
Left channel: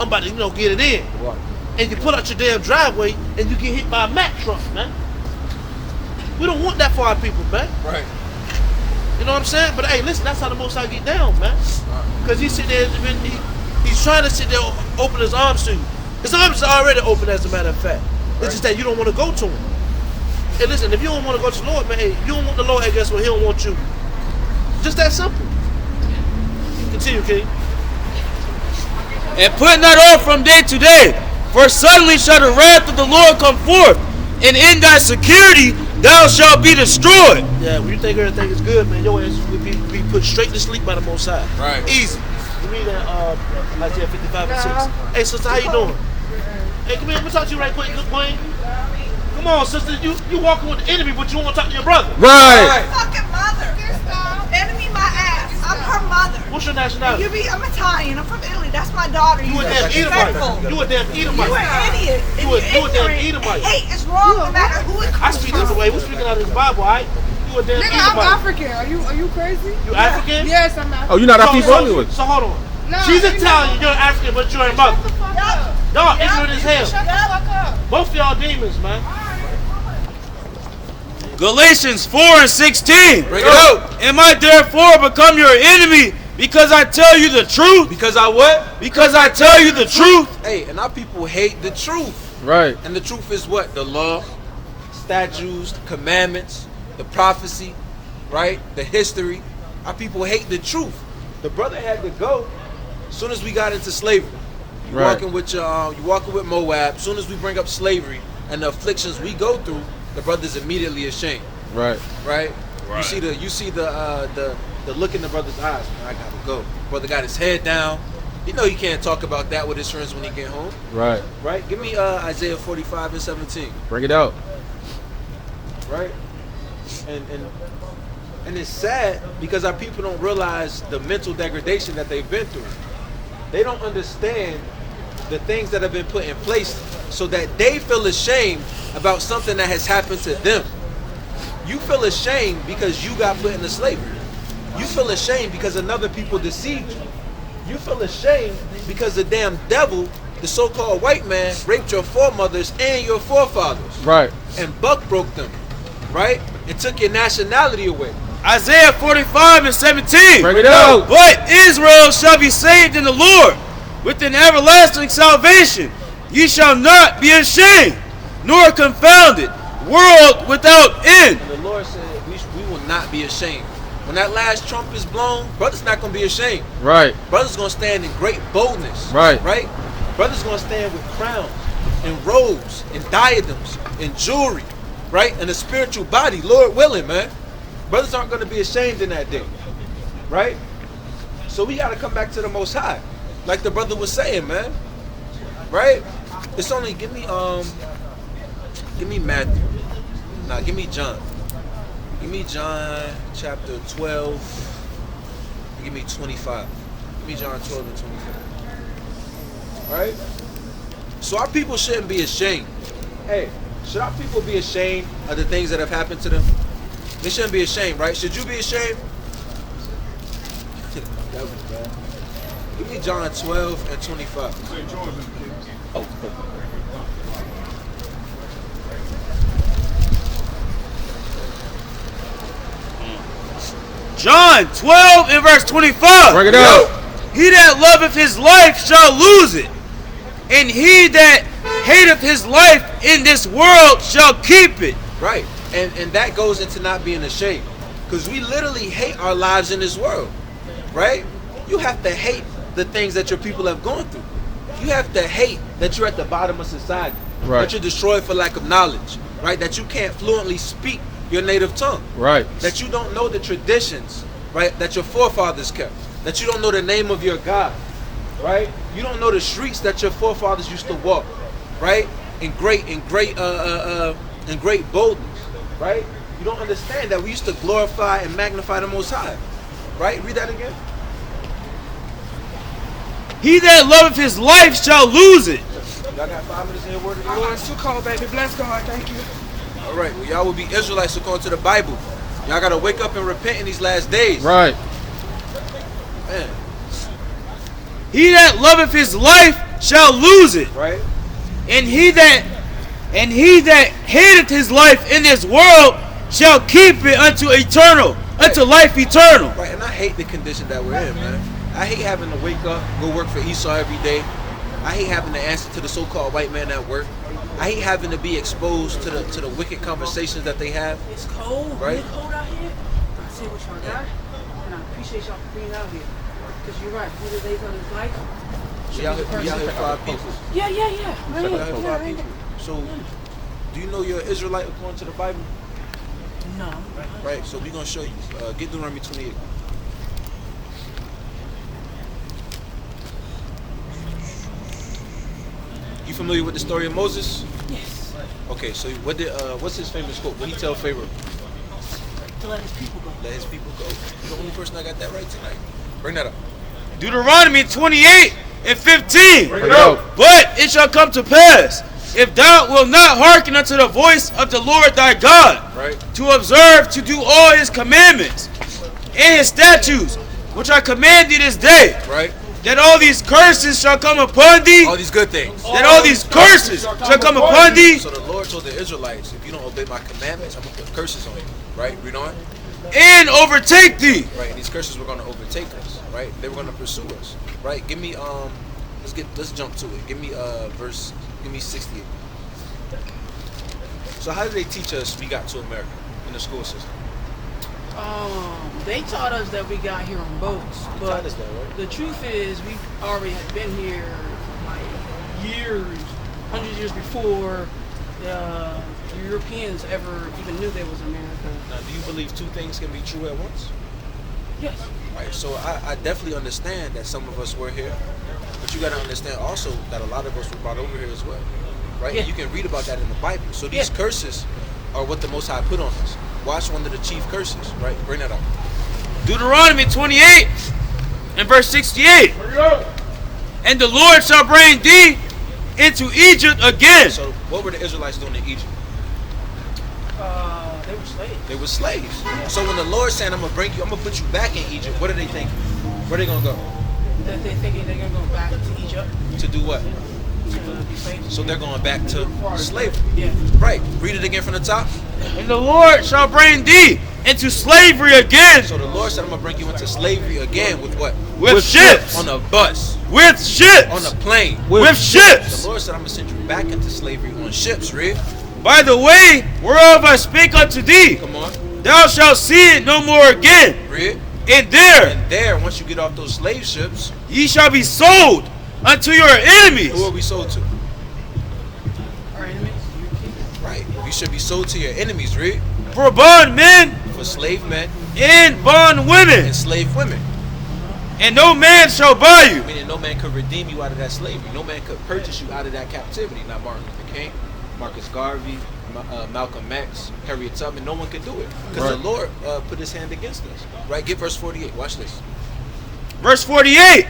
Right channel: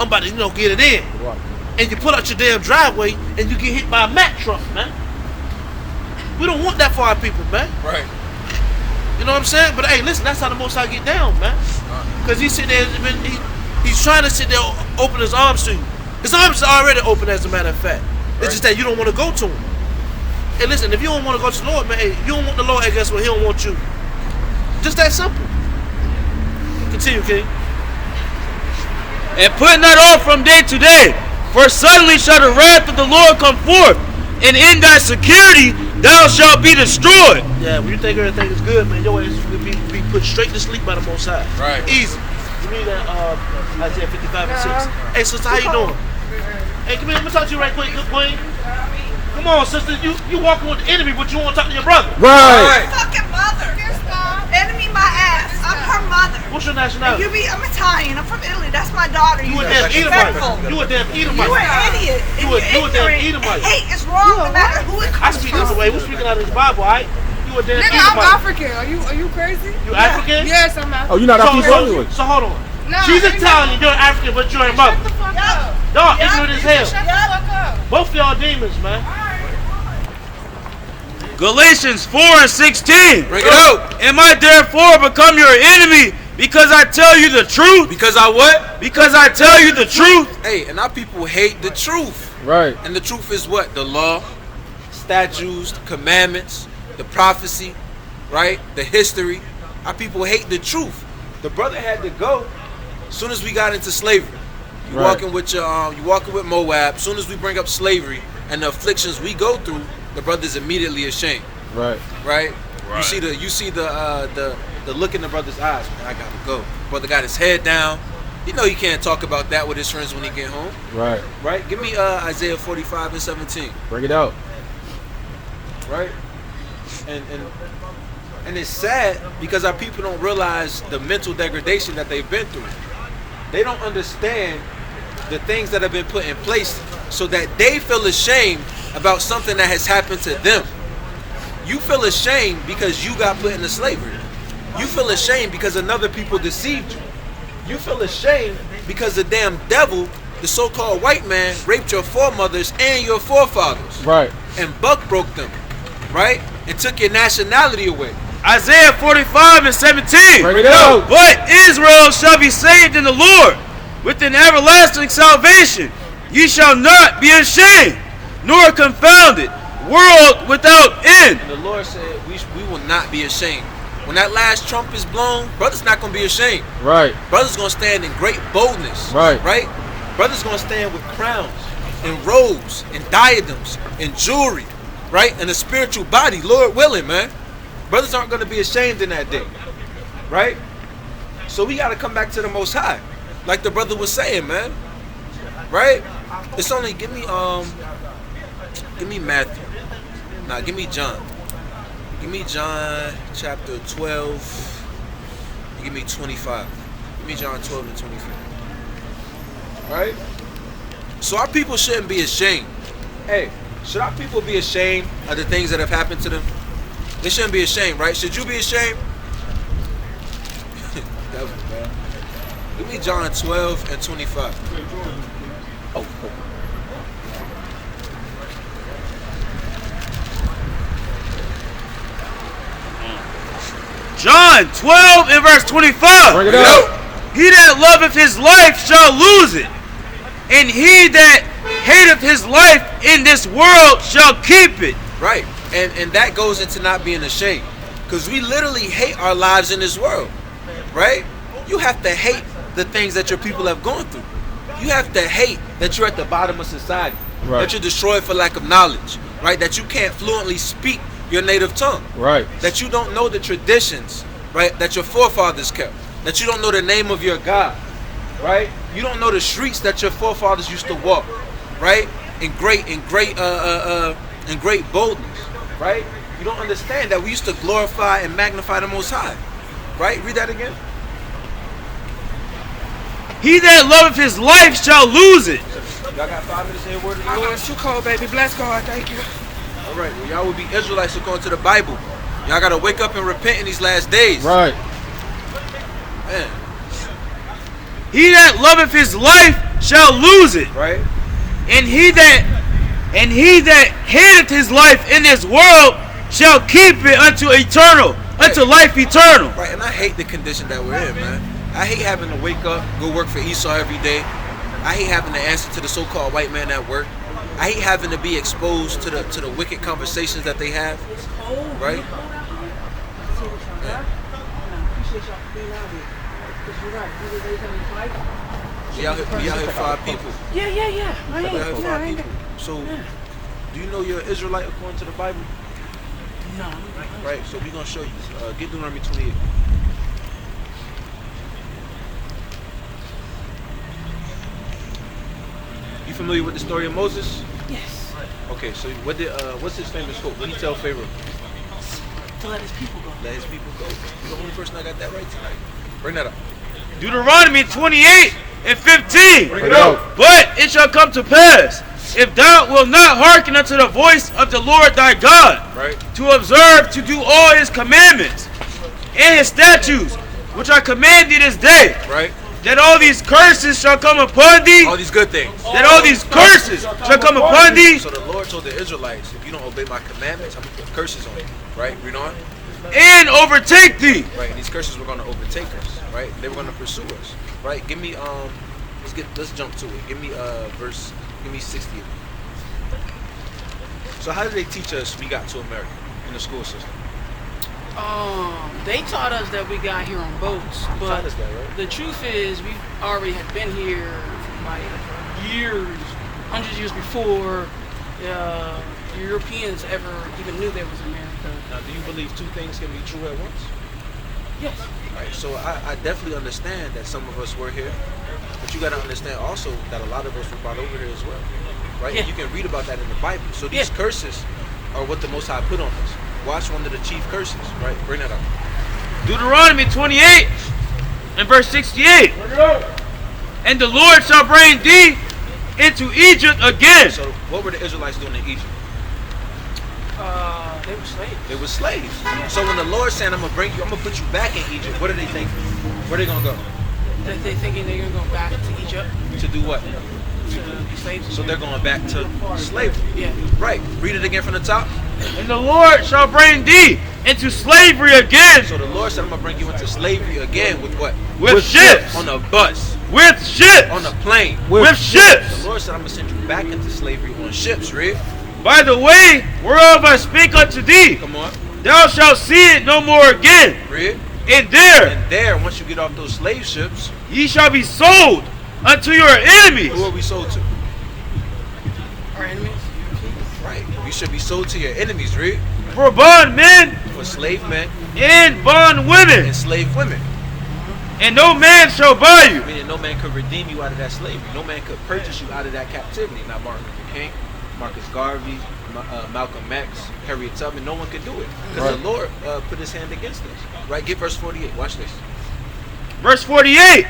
about to get it in. Right. And you pull out your damn driveway and you get hit by a Mack truck, man. We don't want that for our people, man. Right. You know what I'm saying? But hey, listen, that's how the Most High get down, man. Because he's sitting there, he's trying to sit there, open his arms to you. His arms are already open, as a matter of fact. It's just that you don't want to go to him. Hey, listen, if you don't want to go to the Lord, man, hey, you don't want the Lord, hey, guess what? He don't want you. Just that simple. Continue, King. And put not off from day to day. For suddenly shall the wrath of the Lord come forth. And in thy security thou shalt be destroyed. Yeah, when you think everything is good, man, your ass will be put straight to sleep by the Most High. Right. Easy. Give me that Isaiah 55 and 6. Hey, sister, how you doing? Hey, come here, let me talk to you right quick, good boy. Come on, sister, you walking with the enemy, but you want to talk to your brother. Right. Fucking mother. Enemy my ass. I'm her mother. What's your nationality? I'm Italian. I'm from Italy. That's my daughter. You a damn disrespectful. Edomite. You a damn Edomite. You an idiot. And You a damn ignorant. Edomite. Hate is wrong no matter who it I comes speak from. this way. We're speaking out of the Bible, all right? You a damn Nigga, Edomite. I'm African. Are you crazy? You African? Yes, I'm African. Oh, you're not African anyway. So hold on. Nah, She's ain't Italian, you're African, but you're a mother. Shut the fuck up. Y'all ignorant as hell. Shut the fuck up. Both of y'all demons, man. Galatians 4 and 16. Bring it out. Am I therefore become your enemy because I tell you the truth? Because I what? Because I tell you the truth. Hey, and our people hate the truth. Right. And the truth is what? The law, statutes, commandments, the prophecy, right? The history. Our people hate the truth. The brother had to go as soon as we got into slavery. You Right. walking with Moab. As soon as we bring up slavery and the afflictions we go through, the brother's immediately ashamed. Right. Right? You see the look in the brother's eyes. Man, I gotta go. Brother got his head down. You know he can't talk about that with his friends when he get home. Right. Right? Give me Isaiah 45 and 17. Bring it out. Right? And it's sad because our people don't realize the mental degradation that they've been through. They don't understand the things that have been put in place so that they feel ashamed about something that has happened to them. You feel ashamed because you got put into slavery. You feel ashamed because another people deceived you. You feel ashamed because the damn devil, the so-called white man, raped your foremothers and your forefathers. Right. And buck broke them, right? And took your nationality away. Isaiah 45 and 17. Bring it out. But Israel shall be saved in the Lord with an everlasting salvation. Ye shall not be ashamed, nor confounded, world without end. And the Lord said, we will not be ashamed. When that last trump is blown, brother's not going to be ashamed. Right. Brother's going to stand in great boldness. Right. Right? Brother's going to stand with crowns. and robes and diadems and jewelry, right? And a spiritual body, Lord willing, man. Brothers aren't going to be ashamed in that day, right? So we got to come back to the Most High, like the brother was saying, man, right? It's only, give me Matthew. Nah, give me John. Give me John chapter 12. Give me 25. Give me John 12 and 25. All right? So our people shouldn't be ashamed. Hey, should our people be ashamed of the things that have happened to them? They shouldn't be ashamed, right? Should you be ashamed? That was bad. Give me John 12 and 25. Oh. John 12 and verse 25. Bring it out. He that loveth his life shall lose it, and he that hateth his life in this world shall keep it. Right. And that goes into not being ashamed. Because we literally hate our lives in this world. Right? You have to hate the things that your people have gone through. You have to hate that you're at the bottom of society. Right. That you're destroyed for lack of knowledge. Right? That you can't fluently speak your native tongue. Right. That you don't know the traditions, right, that your forefathers kept. That you don't know the name of your God. Right? You don't know the streets that your forefathers used to walk. Right? In great boldness. Right? You don't understand that we used to glorify and magnify the Most High. Right? Read that again. He that loveth his life shall lose it. Y'all got 5 minutes to hear word of the Oh, Lord? it's too cold, baby. Bless God. Thank you. All right. Well, y'all will be Israelites according to the Bible. Y'all got to wake up and repent in these last days. Right. Man. He that loveth his life shall lose it, Right? and he that hateth his life in this world shall keep it unto eternal, unto life eternal. Right, and I hate the condition that we're in, man. I hate having to wake up, go work for Esau every day. I hate having to answer to the so-called white man at work. I hate having to be exposed to the wicked conversations that they have. It's cold. Right? It's cold out here. I see what y'all got. And I appreciate y'all for being out here. Because you're right. These are days of his life. We out here 5 people. Yeah. We out here Right. 5 people. So, do you know you're an Israelite according to the Bible? No. Right, so we're going to show you. Get Deuteronomy 28. You familiar with the story of Moses? Yes. Okay, so what's his famous quote? What did he tell Pharaoh? To let his people go. Let his people go. You're the only person that got that right tonight. Bring that up. Deuteronomy 28 and 15. Bring it out. But it shall come to pass, if thou wilt not hearken unto the voice of the Lord thy God, Right. to observe to do all his commandments and his statutes, which I command thee this day, Right? that all these curses shall come upon thee, All these good things. that all these curses shall come upon thee, So the Lord told the Israelites, if you don't obey my commandments, I'm going to put curses on you. Right? Read on. and overtake thee. Right? And these curses were going to overtake us. Right? They were going to pursue us. Right? Give me, let's jump to it. Give me give me 68. So how did they teach us we got to America in the school system? They taught us that we got here on boats, They but taught us that, right? the truth is we already have been here for like years, hundreds of years before the Europeans ever even knew there was America. Now, do you believe two things can be true at once? Yes. Right, so I definitely understand that some of us were here, but you got to understand also that a lot of us were brought over here as well, right? Yeah. You can read about that in the Bible. So these Yeah. curses are what the Most High put on us. Watch one of the chief curses, right? Bring that up. Deuteronomy 28 and verse 68. And the Lord shall bring thee into Egypt again. So what were the Israelites doing in Egypt? They were slaves. They were slaves. So when the Lord said, I'm going to put you back in Egypt, what are they thinking? Where are they going to go? They're thinking they're gonna go back to Egypt To do what? to be slaves. So they're going back to slavery. Yeah. Right. Read it again from the top. And the Lord shall bring thee into slavery again So the Lord said, I'm going to bring you into slavery again with what? with ships. On a bus. With ships. On a plane. With ships. The Lord said, I'm going to send you back into slavery on ships, read. By the way whereof I spake unto thee, Come on. thou shalt see it no more again. Read. And there And there, once you get off those slave ships, ye shall be sold unto your enemies. who are we sold to? You should be sold to your enemies, read. For bond men For slave men and bond women, and slave women. and no man shall buy you. Meaning no man could redeem you out of that slavery. No man could purchase you out of that captivity. Not Martin Luther King, Marcus Garvey, Malcolm X, Harriet Tubman. No one could do it. Because the Lord put his hand against us. Right? Get verse 48. Watch this. Verse 48.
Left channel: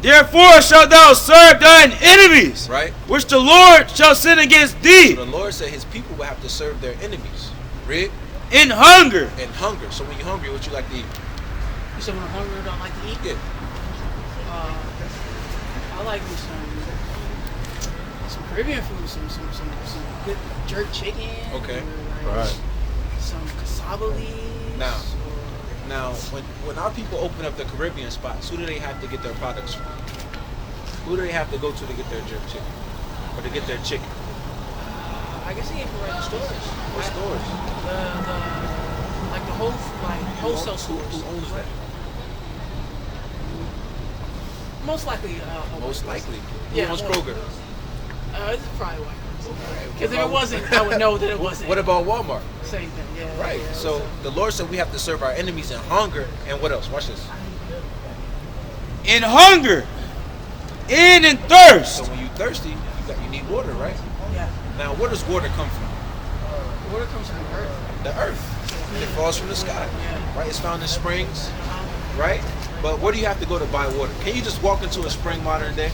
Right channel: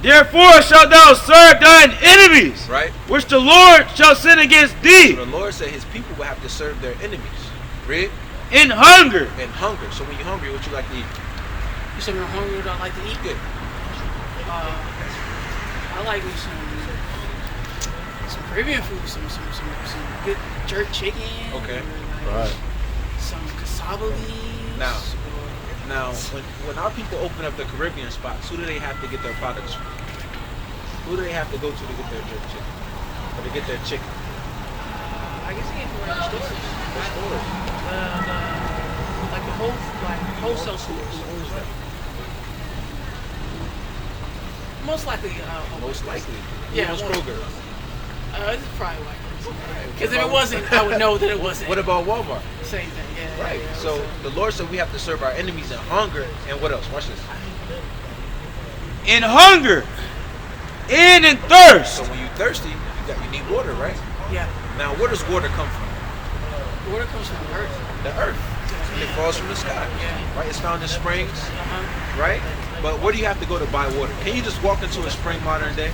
Therefore shalt thou serve thine enemies, Right? which the Lord shall send against thee, So the Lord said his people will have to serve their enemies. Read. in hunger. And hunger. So when you're hungry, what you like to eat? You said when I'm hungry, what I like to eat? Good. I like me some Caribbean food, some good jerk chicken. Okay. or like Right. Some cassava leaves. Now, when our people open up the Caribbean spots, who do they have to get their products from? Who do they have to go to get their jerk chicken? Or to get their chicken? I guess they can like stores. What stores? Like the wholesale stores. Who owns that? Most likely. Most likely. Yeah, Who owns well, Kroger? This is probably white person. Because if it wasn't, I would know that it wasn't. What about Walmart? Same thing, yeah. Right. Yeah, So the Lord said we have to serve our enemies in hunger and what else? Watch this. In hunger and in thirst. So when you're thirsty, you need water, right? yeah. Now, where does water come from? The water comes from the earth. The earth. And it falls from the sky. Yeah. Right? It's found in springs, Uh-huh. right? But where do you have to go to buy water? Can you just walk into a spring modern day?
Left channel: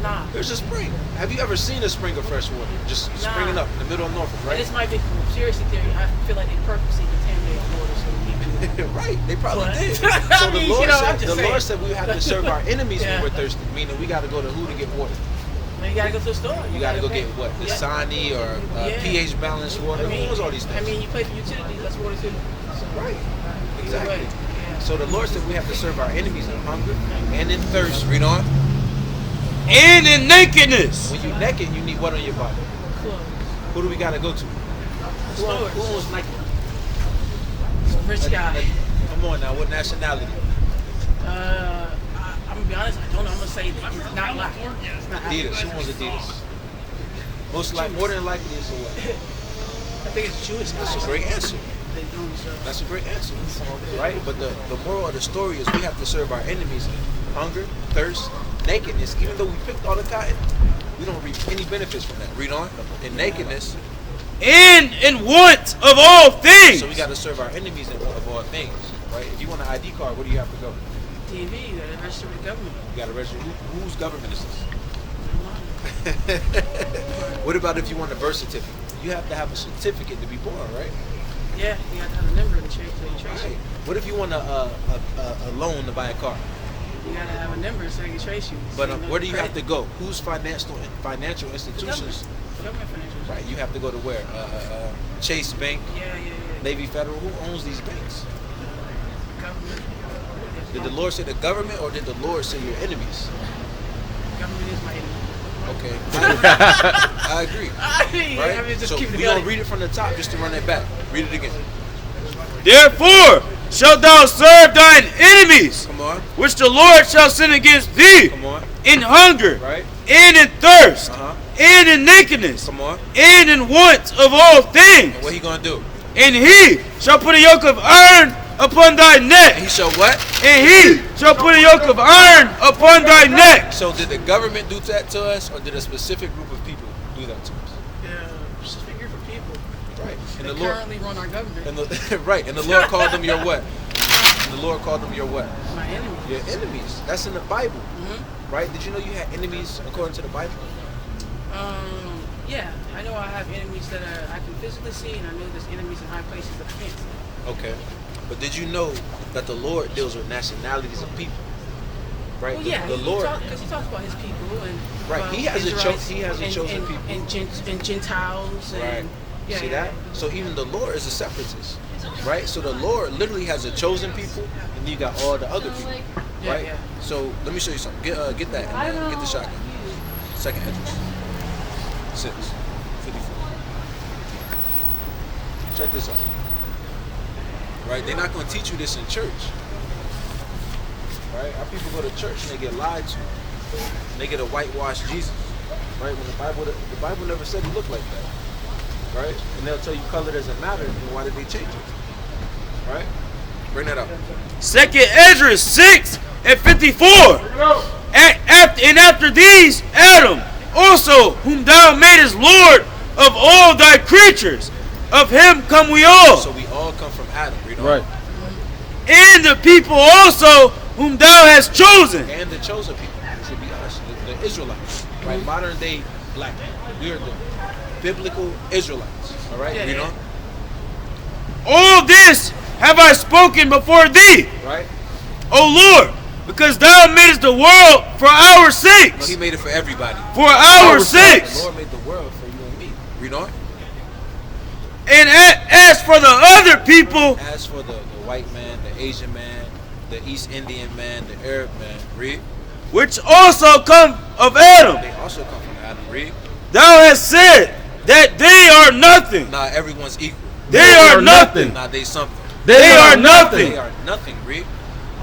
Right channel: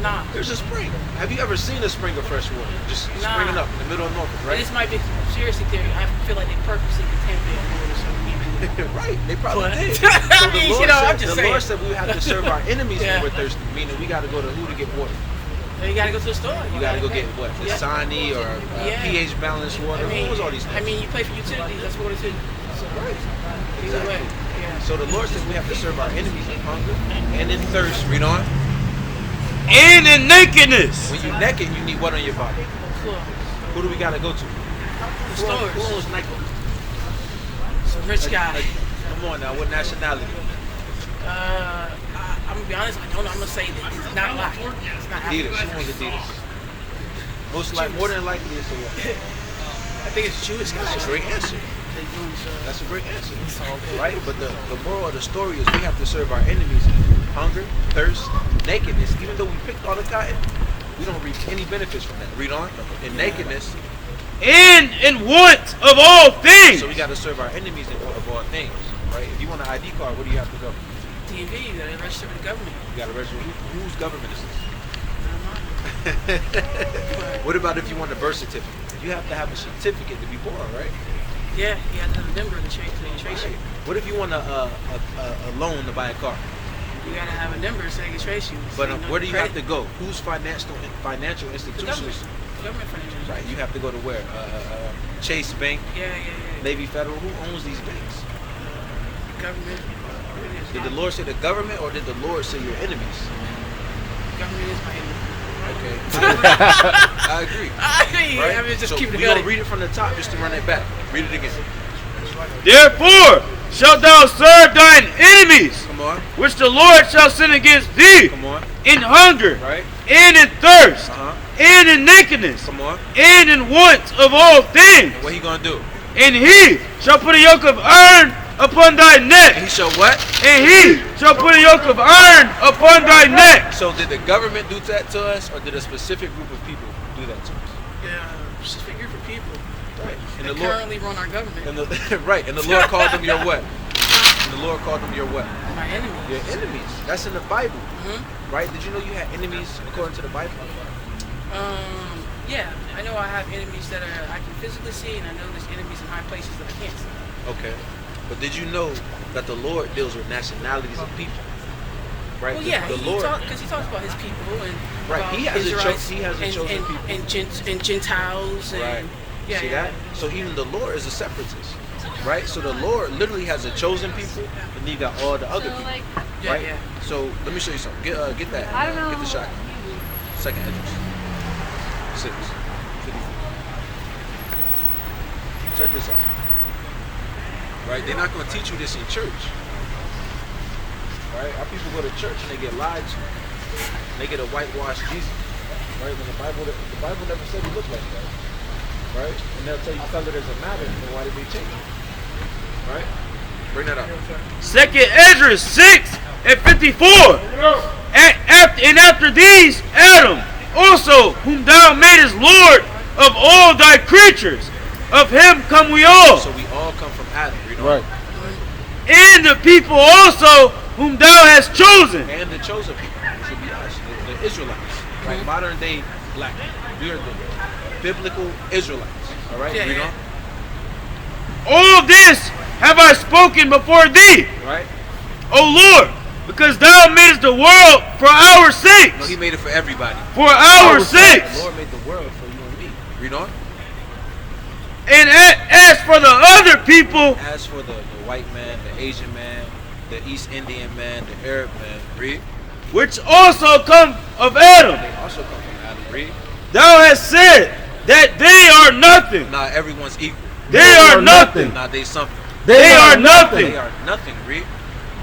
Nah. There's a spring. Have you ever seen a spring of fresh water? Just springing up in the middle of Norfolk, And right? this might be seriously theory. I feel like they purposely contaminated the water so we need Right, they probably But- did. I So mean, you know, I'm just the saying. Lord said we have to serve our enemies Yeah. when we're thirsty, meaning we got to go to who to get water? Now you gotta go to the store. You got to go pay. get what? Yeah. Dasani or Yeah. pH balanced water? Who knows all these things? I mean, you pay for utilities. That's water too. So, either way, Exactly. yeah. So the Lord said we have to serve our enemies in hunger and in thirst. Read on. And in nakedness. When you're naked, you need what on your body? Clothes. Who do we got to go to? Who Stores. owns Nike? Rich guy. Come on now, what nationality? I'm gonna be honest. I don't know. I'm gonna say that it's not like it's not Adidas. African. Who owns Adidas? More than likely it's a what? I think it's Jewish guys. That's a great answer. They doing so. That's a great answer. Right? But the moral of the story is we have to serve our enemies in hunger, thirst, nakedness. Even though we picked all the cotton, we don't reap any benefits from that. Read on. In nakedness. And in want of all things. So we got to serve our enemies in want of all things. Right? If you want an ID card, where do you have to go? DMV. You gotta register with the government. You got to register. Whose government is this? Not mine. What about if you want a birth certificate? You have to have a certificate to be born, right? Yeah, you have to have a member to trace Right. you. What if you want a loan to buy a car? You gotta have a number so they can trace you. But So you know where do the you have to credit. go? Whose financial The institutions? government. Government financial. Right. You have to go to where? Chase Bank, Yeah. Navy Federal. Who owns these banks? Government. Did the Lord say the government, or did the Lord say your enemies? Government is my enemy. Okay. I agree. I mean, Right. I mean, just So keep it we're gonna going. read it from the top just to run it back. Read it again. Therefore shalt thou serve thine enemies, Come on. which the Lord shall send against thee, Come on. in hunger, Right. and in thirst, Uh-huh. and in nakedness, Come on. and in want of all things. And what he gonna do? And he shall put a yoke of iron upon thy And neck, he shall what? and he shall put a yoke of iron upon thy neck. So did the government do that to us, or did a specific group of people do that to us? Specific group of people Right. And that the Lord, currently run our government. and the right, and the Lord called them your what? And the Lord called them your what? My enemy. Your enemies. That's in the Bible, Mm-hmm. right? Did you know you had enemies according to the Bible? Yeah, I know I have enemies that I can physically see, and I know there's enemies in high places that I can't see. Okay. But did you know that the Lord deals with nationalities of people? Right? Well, yeah, the Lord. because he talks about his people and Right, about he has a Israelites he has a chosen and, people. and Gentiles and Right. yeah, See yeah. that? So even the Lord is a separatist, right? So the Lord literally has a chosen people, and then you got all the other people, Yeah, right? yeah. So let me show you something. Get that. Get the shotgun. Second address. 654. Check this out. Right? They're not going to teach you this in church. Right? Our people go to church and they get lied to. They get a whitewashed Jesus. Right? When the Bible never said he looked like that. right? And they'll tell you color doesn't matter, and why did they change it? Right? Bring that up. 2nd Esdras 6:54. And after these, Adam also, whom thou madest Lord of all thy creatures, of him come we all. So we all come from Adam, read on. Right. And the people also, whom thou hast chosen. And the chosen people, which would be us, the Israelites, right? Modern day black people. We are the biblical Israelites. All right, read on. All this have I spoken before thee, Right? O Lord, because thou madest the world for our sakes. No, he made it for everybody. For our sakes. The Lord made the world for you and me. Read on. And as for the other people, As for the white man, the Asian man, the East Indian man, the Arab man, read. which also come of Adam, They also come from Adam, read. thou hast said that they are nothing. Nah, everyone's equal. They are nothing. Nah, they something. They are nothing. They are nothing, read.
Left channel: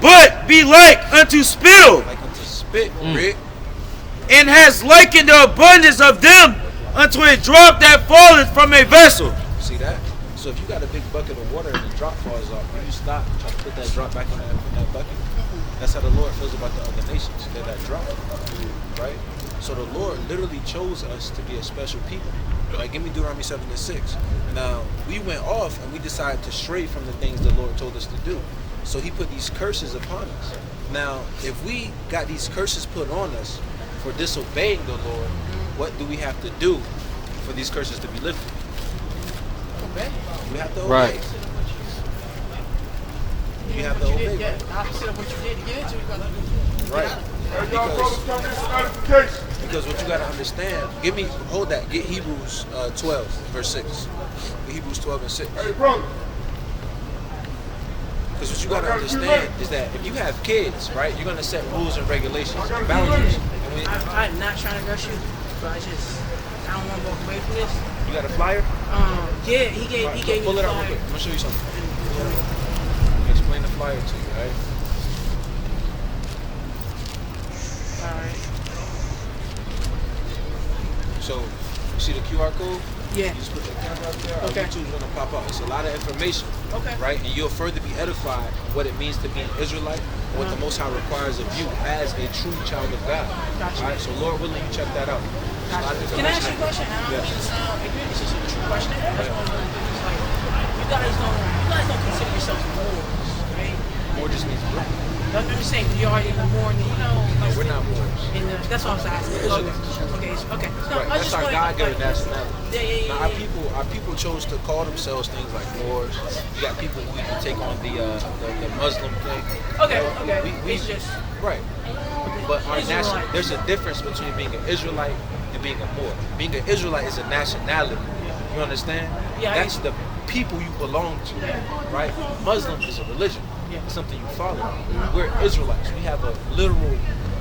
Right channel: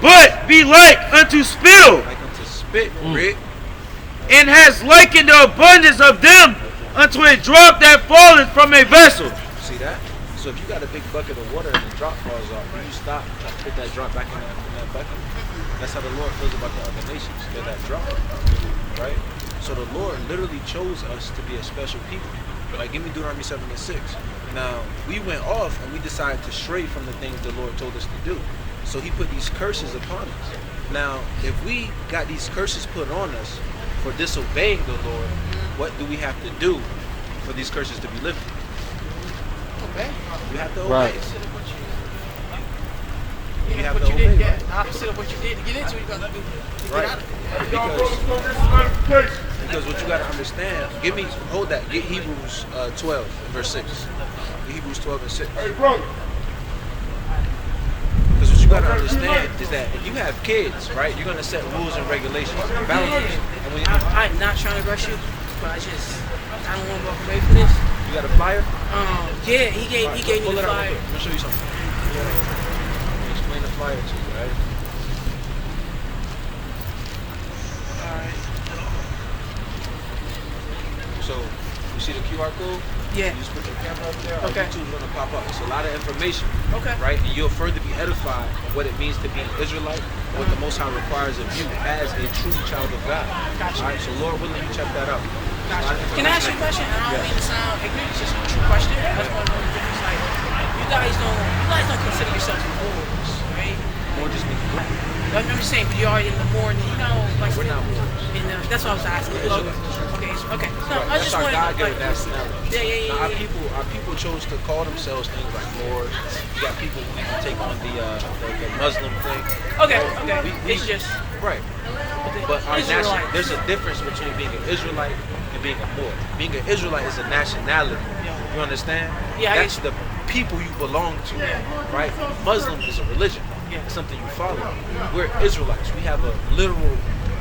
But be like unto spittle, Like unto spit, read. and has likened the abundance of them unto a drop that falleth from a vessel. See that? So if you got a big bucket of water and the drop falls off, then you stop and put that drop back in that bucket. That's how the Lord feels about the other nations. They're that drop, right? So the Lord literally chose us to be a special people. Like, give me Deuteronomy 7:6. Now, we went off and we decided to stray from the things the Lord told us to do. So he put these curses upon us. Now, if we got these curses put on us for disobeying the Lord, what do we have to do for these curses to be lifted? Obey. We have to obey. Right. You have to What you obey, did, right? the opposite of what you did to get into it, you got to do. Right. Because what you got to understand, hold that, get Hebrews 12, verse 6. Get Hebrews 12 and 6. Because what you got to understand is that if you have kids, right, you're going to set rules and regulations, boundaries. And when I'm not trying to rush you, but I don't want to walk away from this. you got a flyer, Yeah, he gave me pull the it out real flyer. quick. I'm going to show you something. I'm going to explain the flyer to you, right? Alright. So, you see the QR code? Yeah. You just put your camera up there, Okay. YouTube's going to pop up. It's a lot of information. Okay. Right? And you'll further be edified on what it means to be an Israelite and what the Most High requires of you as a true child of God. Gotcha. All right? So, Lord willing, you check that out. Can I ask you a question? I don't mean to sound ignorant. It's just a true question. That's what I'm going to do. It's like, you guys don't consider yourselves Moors, right? More just means black. I'm just saying, you are in the more, like, We're not Moors. that's what I was asking. Okay, okay. No, Right, I that's just our wanted God-given to, nationality. Yeah. Now, our people chose to call themselves things like Moors. You got people who even take on the Muslim thing. Okay, right? okay. We It's just right. But Israelite. there's a difference between being an Israelite and being a Moor. Being an Israelite is a nationality. You understand? Yeah, That's the people you belong to, right? Muslim is a religion. It's something you follow. We're Israelites. We have a literal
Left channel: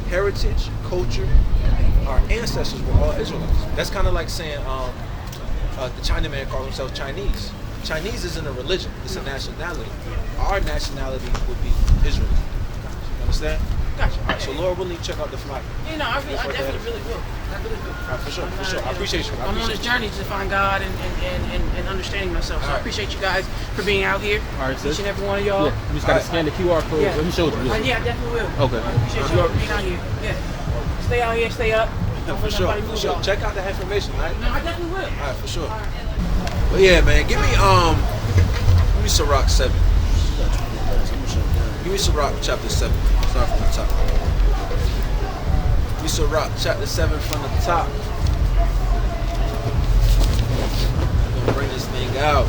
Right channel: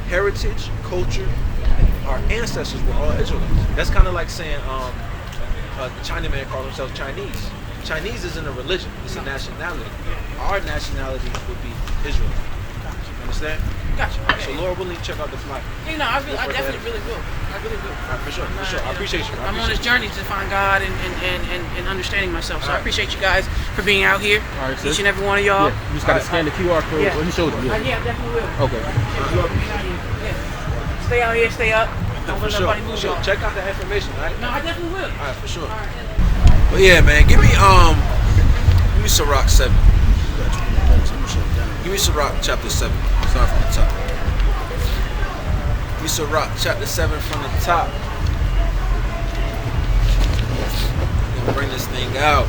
heritage, culture. Our ancestors were all Israelites. That's kind of like saying the Chinaman called themselves Chinese. Chinese isn't a religion. It's a nationality. Our nationality would be Israelite. You understand? Gotcha. All right, so Lord willing, check out the flyer. I definitely really will. I really will. All right, for sure. I appreciate you. I'm on this journey to find God and understanding myself. So I appreciate you guys for being out here. All right, sis. Each and every one of y'all. Yeah, you just got to scan the QR code. Yeah. Let me show you. Yeah, I definitely will. Okay. Appreciate you for being out here. Yeah. Stay out here, stay up. For sure. For sure. Check out the information, all right? No, I definitely will. All right, for sure. All right. But yeah, man, give me Sirach 7. Give me Sirach chapter 7. Start from the top. Give me Sirach chapter 7 from the top. I'm gonna bring this thing out.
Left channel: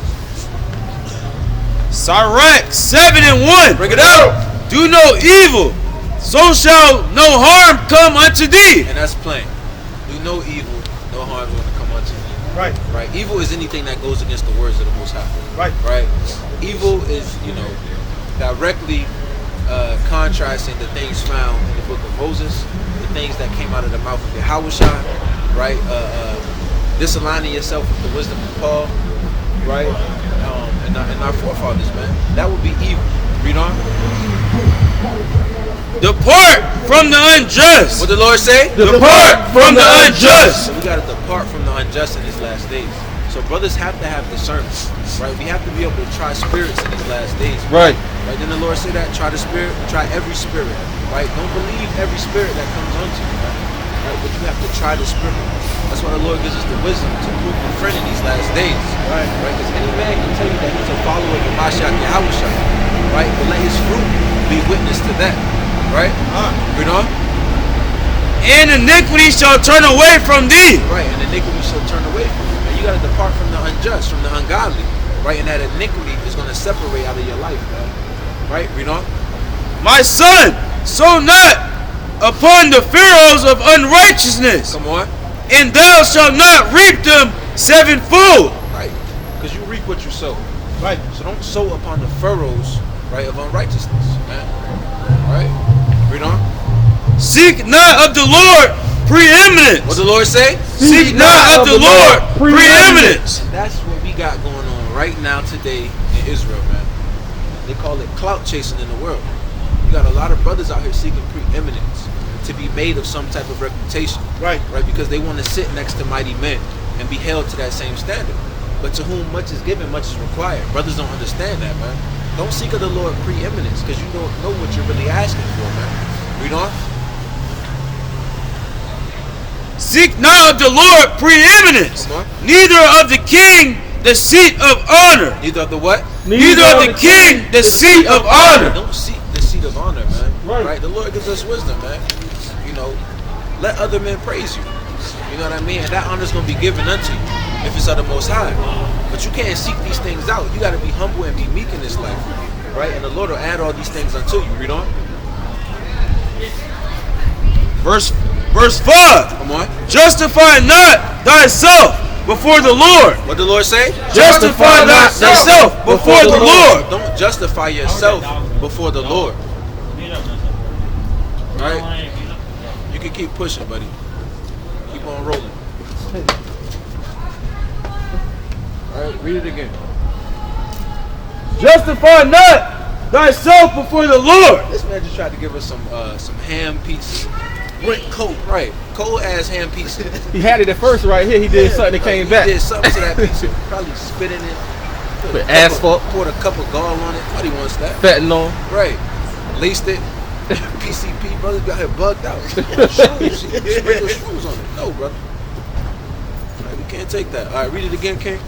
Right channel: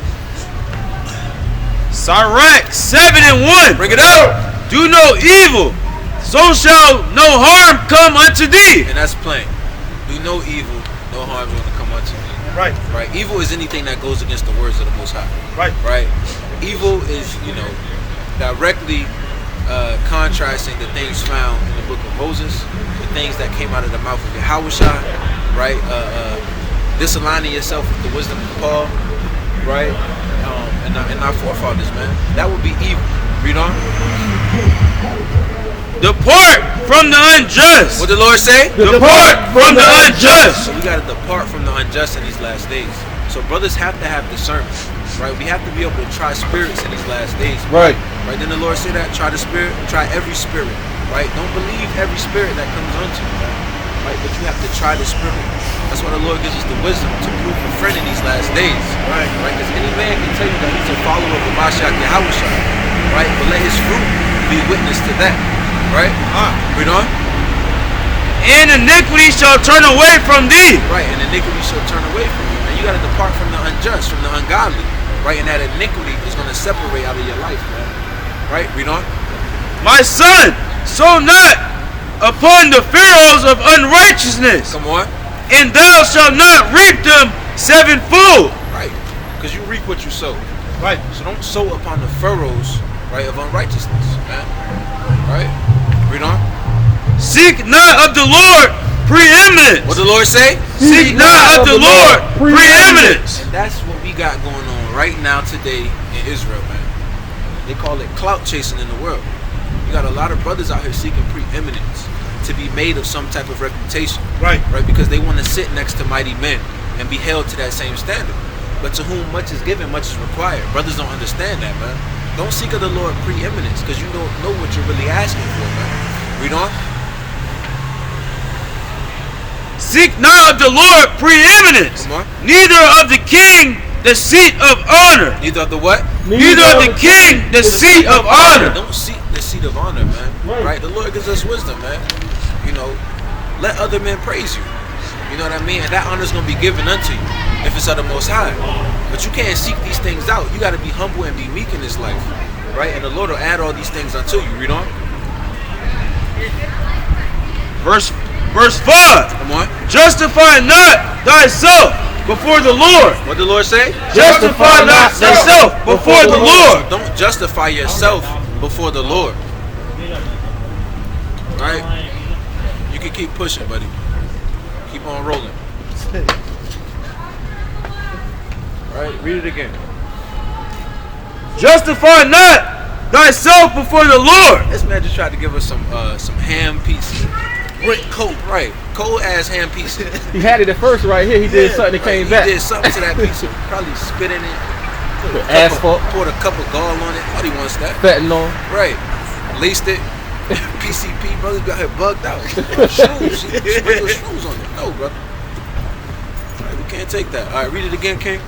Sirach 7:1. Bring it out! Do no evil, so shall no harm come unto thee. And that's plain. Do no evil, no harm is gonna come unto you. Right. Right? Evil is anything that goes against the words of the Most High. Right. Right? Evil is, directly contrasting the things found in the book of Moses, the things that came out of the mouth of Yahushua, right? Disaligning yourself with the wisdom of Paul, right? And our forefathers, man. That would be evil. Read on. Depart from the unjust. What the Lord say? Depart from the unjust. So we got to depart from the unjust in these last days. So brothers have to have discernment, right? We have to be able to try spirits in these last days. Right. Right, then the Lord say that, try the spirit, try every spirit, right? Don't believe every spirit that comes onto you, right? But you have to try the spirit. That's why the Lord gives us the wisdom to prove a friend in these last days, right? Because any man can tell you that he's a follower of Mashiach Yahushua, right? But let his fruit be witness to that, right? Read on. And iniquity shall turn away from thee. Right, and iniquity shall turn away from you. And you got to depart from the unjust, from the ungodly, right? And that iniquity is going to separate out of your life, man. Right, read on. My son, sow not upon the furrows of unrighteousness. Come on. And thou shalt not reap them sevenfold. Right, because you reap what you sow. Right, so don't sow upon the furrows, right, of unrighteousness, man. Right, read on. Seek not of the Lord preeminence. What the Lord say? Seek not of the Lord preeminence. And that's what we got going on right now today in Israel, man. They call it clout chasing in the world. You got a lot of brothers out here seeking preeminence, to be made of some type of reputation. Right. Right, because they want to sit next to mighty men and be held to that same standard. But to whom much is given, much is required. Brothers don't understand that, man. Don't seek of the Lord preeminence, because you don't know what you're really asking for, man. Read on. Seek not of the Lord preeminence, neither of the king the seat of honor. Neither of the what? Neither of the king the seat of honor. Don't seek the seat of honor, man. Right. The Lord gives us wisdom, man. You know, let other men praise you. You know what I mean? And that honor is going to be given unto you if it's of the Most High. But you can't seek these things out. You got to be humble and be meek in this life, right? And the Lord will add all these things unto you. Read on. Verse 5. Come on. Justify not thyself before the Lord. What the Lord say? Justify not thyself before the Lord. Don't justify yourself before the Lord. Right? You can keep pushing, buddy. Keep on rolling. Alright, read it again. Justify not thyself before the Lord. This man just tried to give us some ham pieces. Brick cold, right? Cold ass ham pieces. He had it at first right here. He did something and came back. He did something to that piece. Probably spit in it. The asphalt. Poured a cup of gall on it. What he wants that? Fentanyl. Right. Laced it. PCP brothers got here bugged out. Shrooms. Sprinkle shrooms on it. No, brother. All right, we can't take that. All right, read it again, King.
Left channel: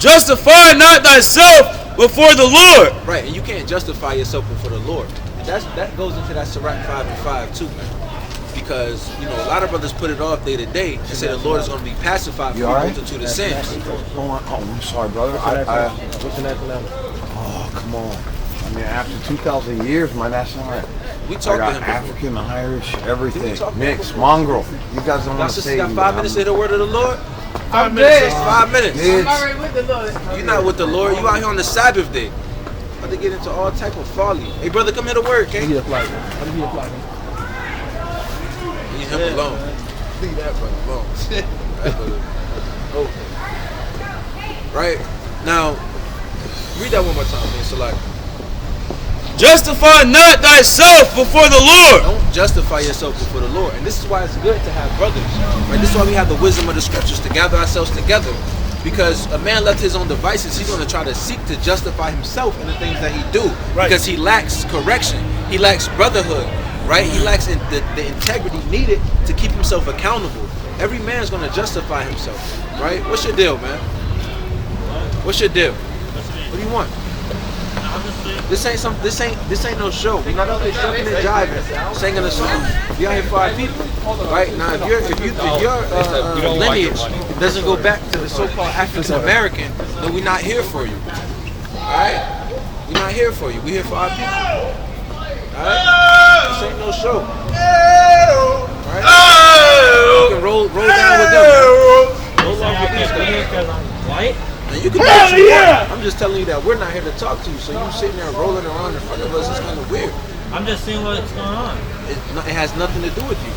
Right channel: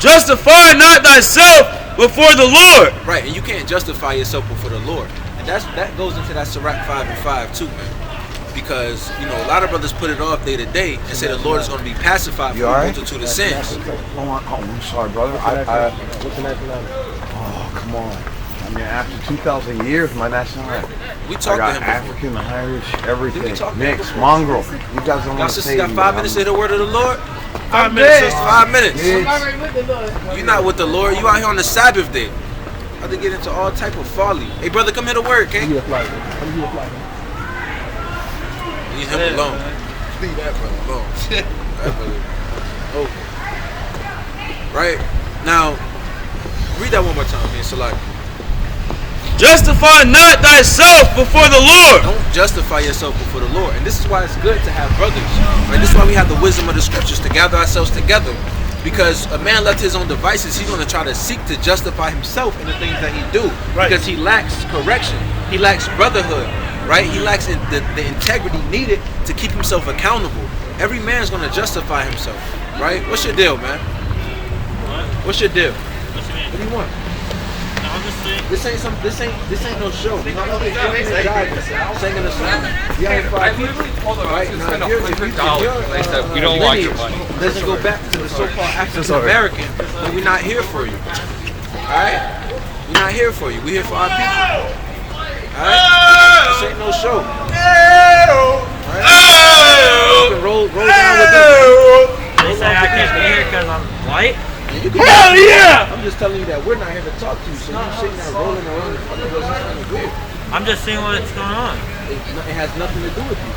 Justify not thyself before the Lord. Right, and you can't justify yourself before the Lord. And that goes into that Sirach 5:5 too, man. Because, you know, a lot of brothers put it off day to day and say the Lord is going to be pacified for a multitude of sins. Oh, I'm sorry, brother. What's the nationality? Oh, come on. I mean, after 2,000 years, my nationality. We talked to him before. African, Irish, everything. Mixed, mongrel. You guys don't want to say. Y'all got 5 minutes to say the word of the Lord? 5 minutes. 5 minutes. You're not with the Lord. You out here on the Sabbath day. About to get into all type of folly. Hey, brother, come here to work, okay? Leave him alone. Leave that brother alone. That brother. Okay. Right? Now, read that one more time, man. Select. Justify not thyself before the Lord. Don't justify yourself before the Lord. And this is why it's good to have brothers. Right? This is why we have the wisdom of the scriptures to gather ourselves together. Because a man left his own devices, he's going to try to seek to justify himself in the things that he do. Right. Because he lacks correction. He lacks brotherhood. Right? He lacks the integrity needed to keep himself accountable. Every man's going to justify himself. Right? What's your deal, man? What's your deal? What do you want? This ain't no show. We're not up here shooting and jiving, singing a song. We ain't 5 people. Right now, if your lineage doesn't go back to the so-called African American, then we're not here for you. All right? We're not here for you. We're here for our people. All right? This ain't no show. All right? You can roll down with them. Roll down with these guys. Because I'm white. Hell yeah! I'm just telling you that we're not here to talk to you, so you sitting there rolling around in front of us is kind of weird. I'm just seeing what's going on. It has nothing to do with you.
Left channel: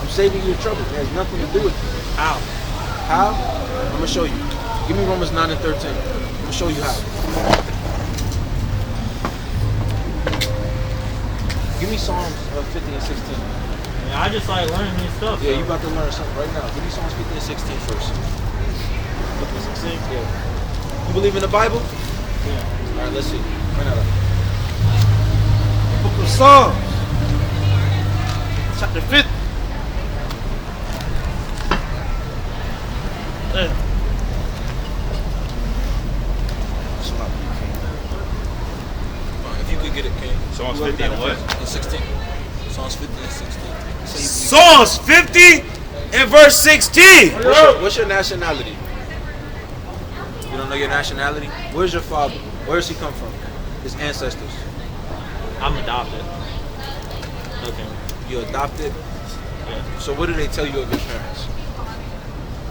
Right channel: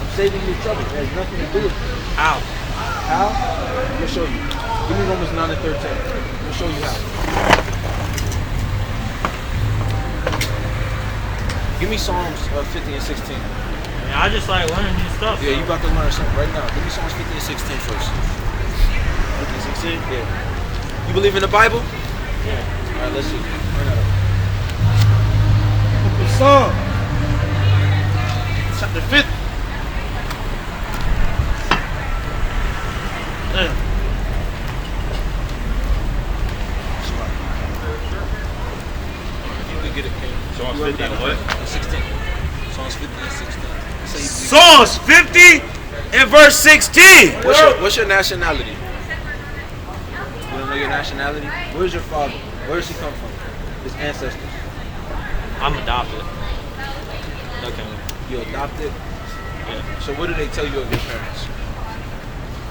I'm saving you trouble. It has nothing to do with you. How? How? I'm gonna show you. Give me Romans 9 and 13. I'm gonna show you how. Give me Psalms 50 and 16. I just like learning new stuff. Yeah, you about to learn something right now. Give me Psalms 50 and 16 first. 16? Yeah. You believe in the Bible? Yeah. All right, let's see. Book of Psalms, chapter 50. Damn. If you could get it, Ken. Psalms 50 and what? 16. Psalms 50 and 16. Say you believe- Psalms 50 and verse 16. What's your nationality? You don't know your nationality? Where's your father? Where does he come from? His ancestors. I'm adopted. Okay. You adopted? Yeah. So what do they tell you of your parents?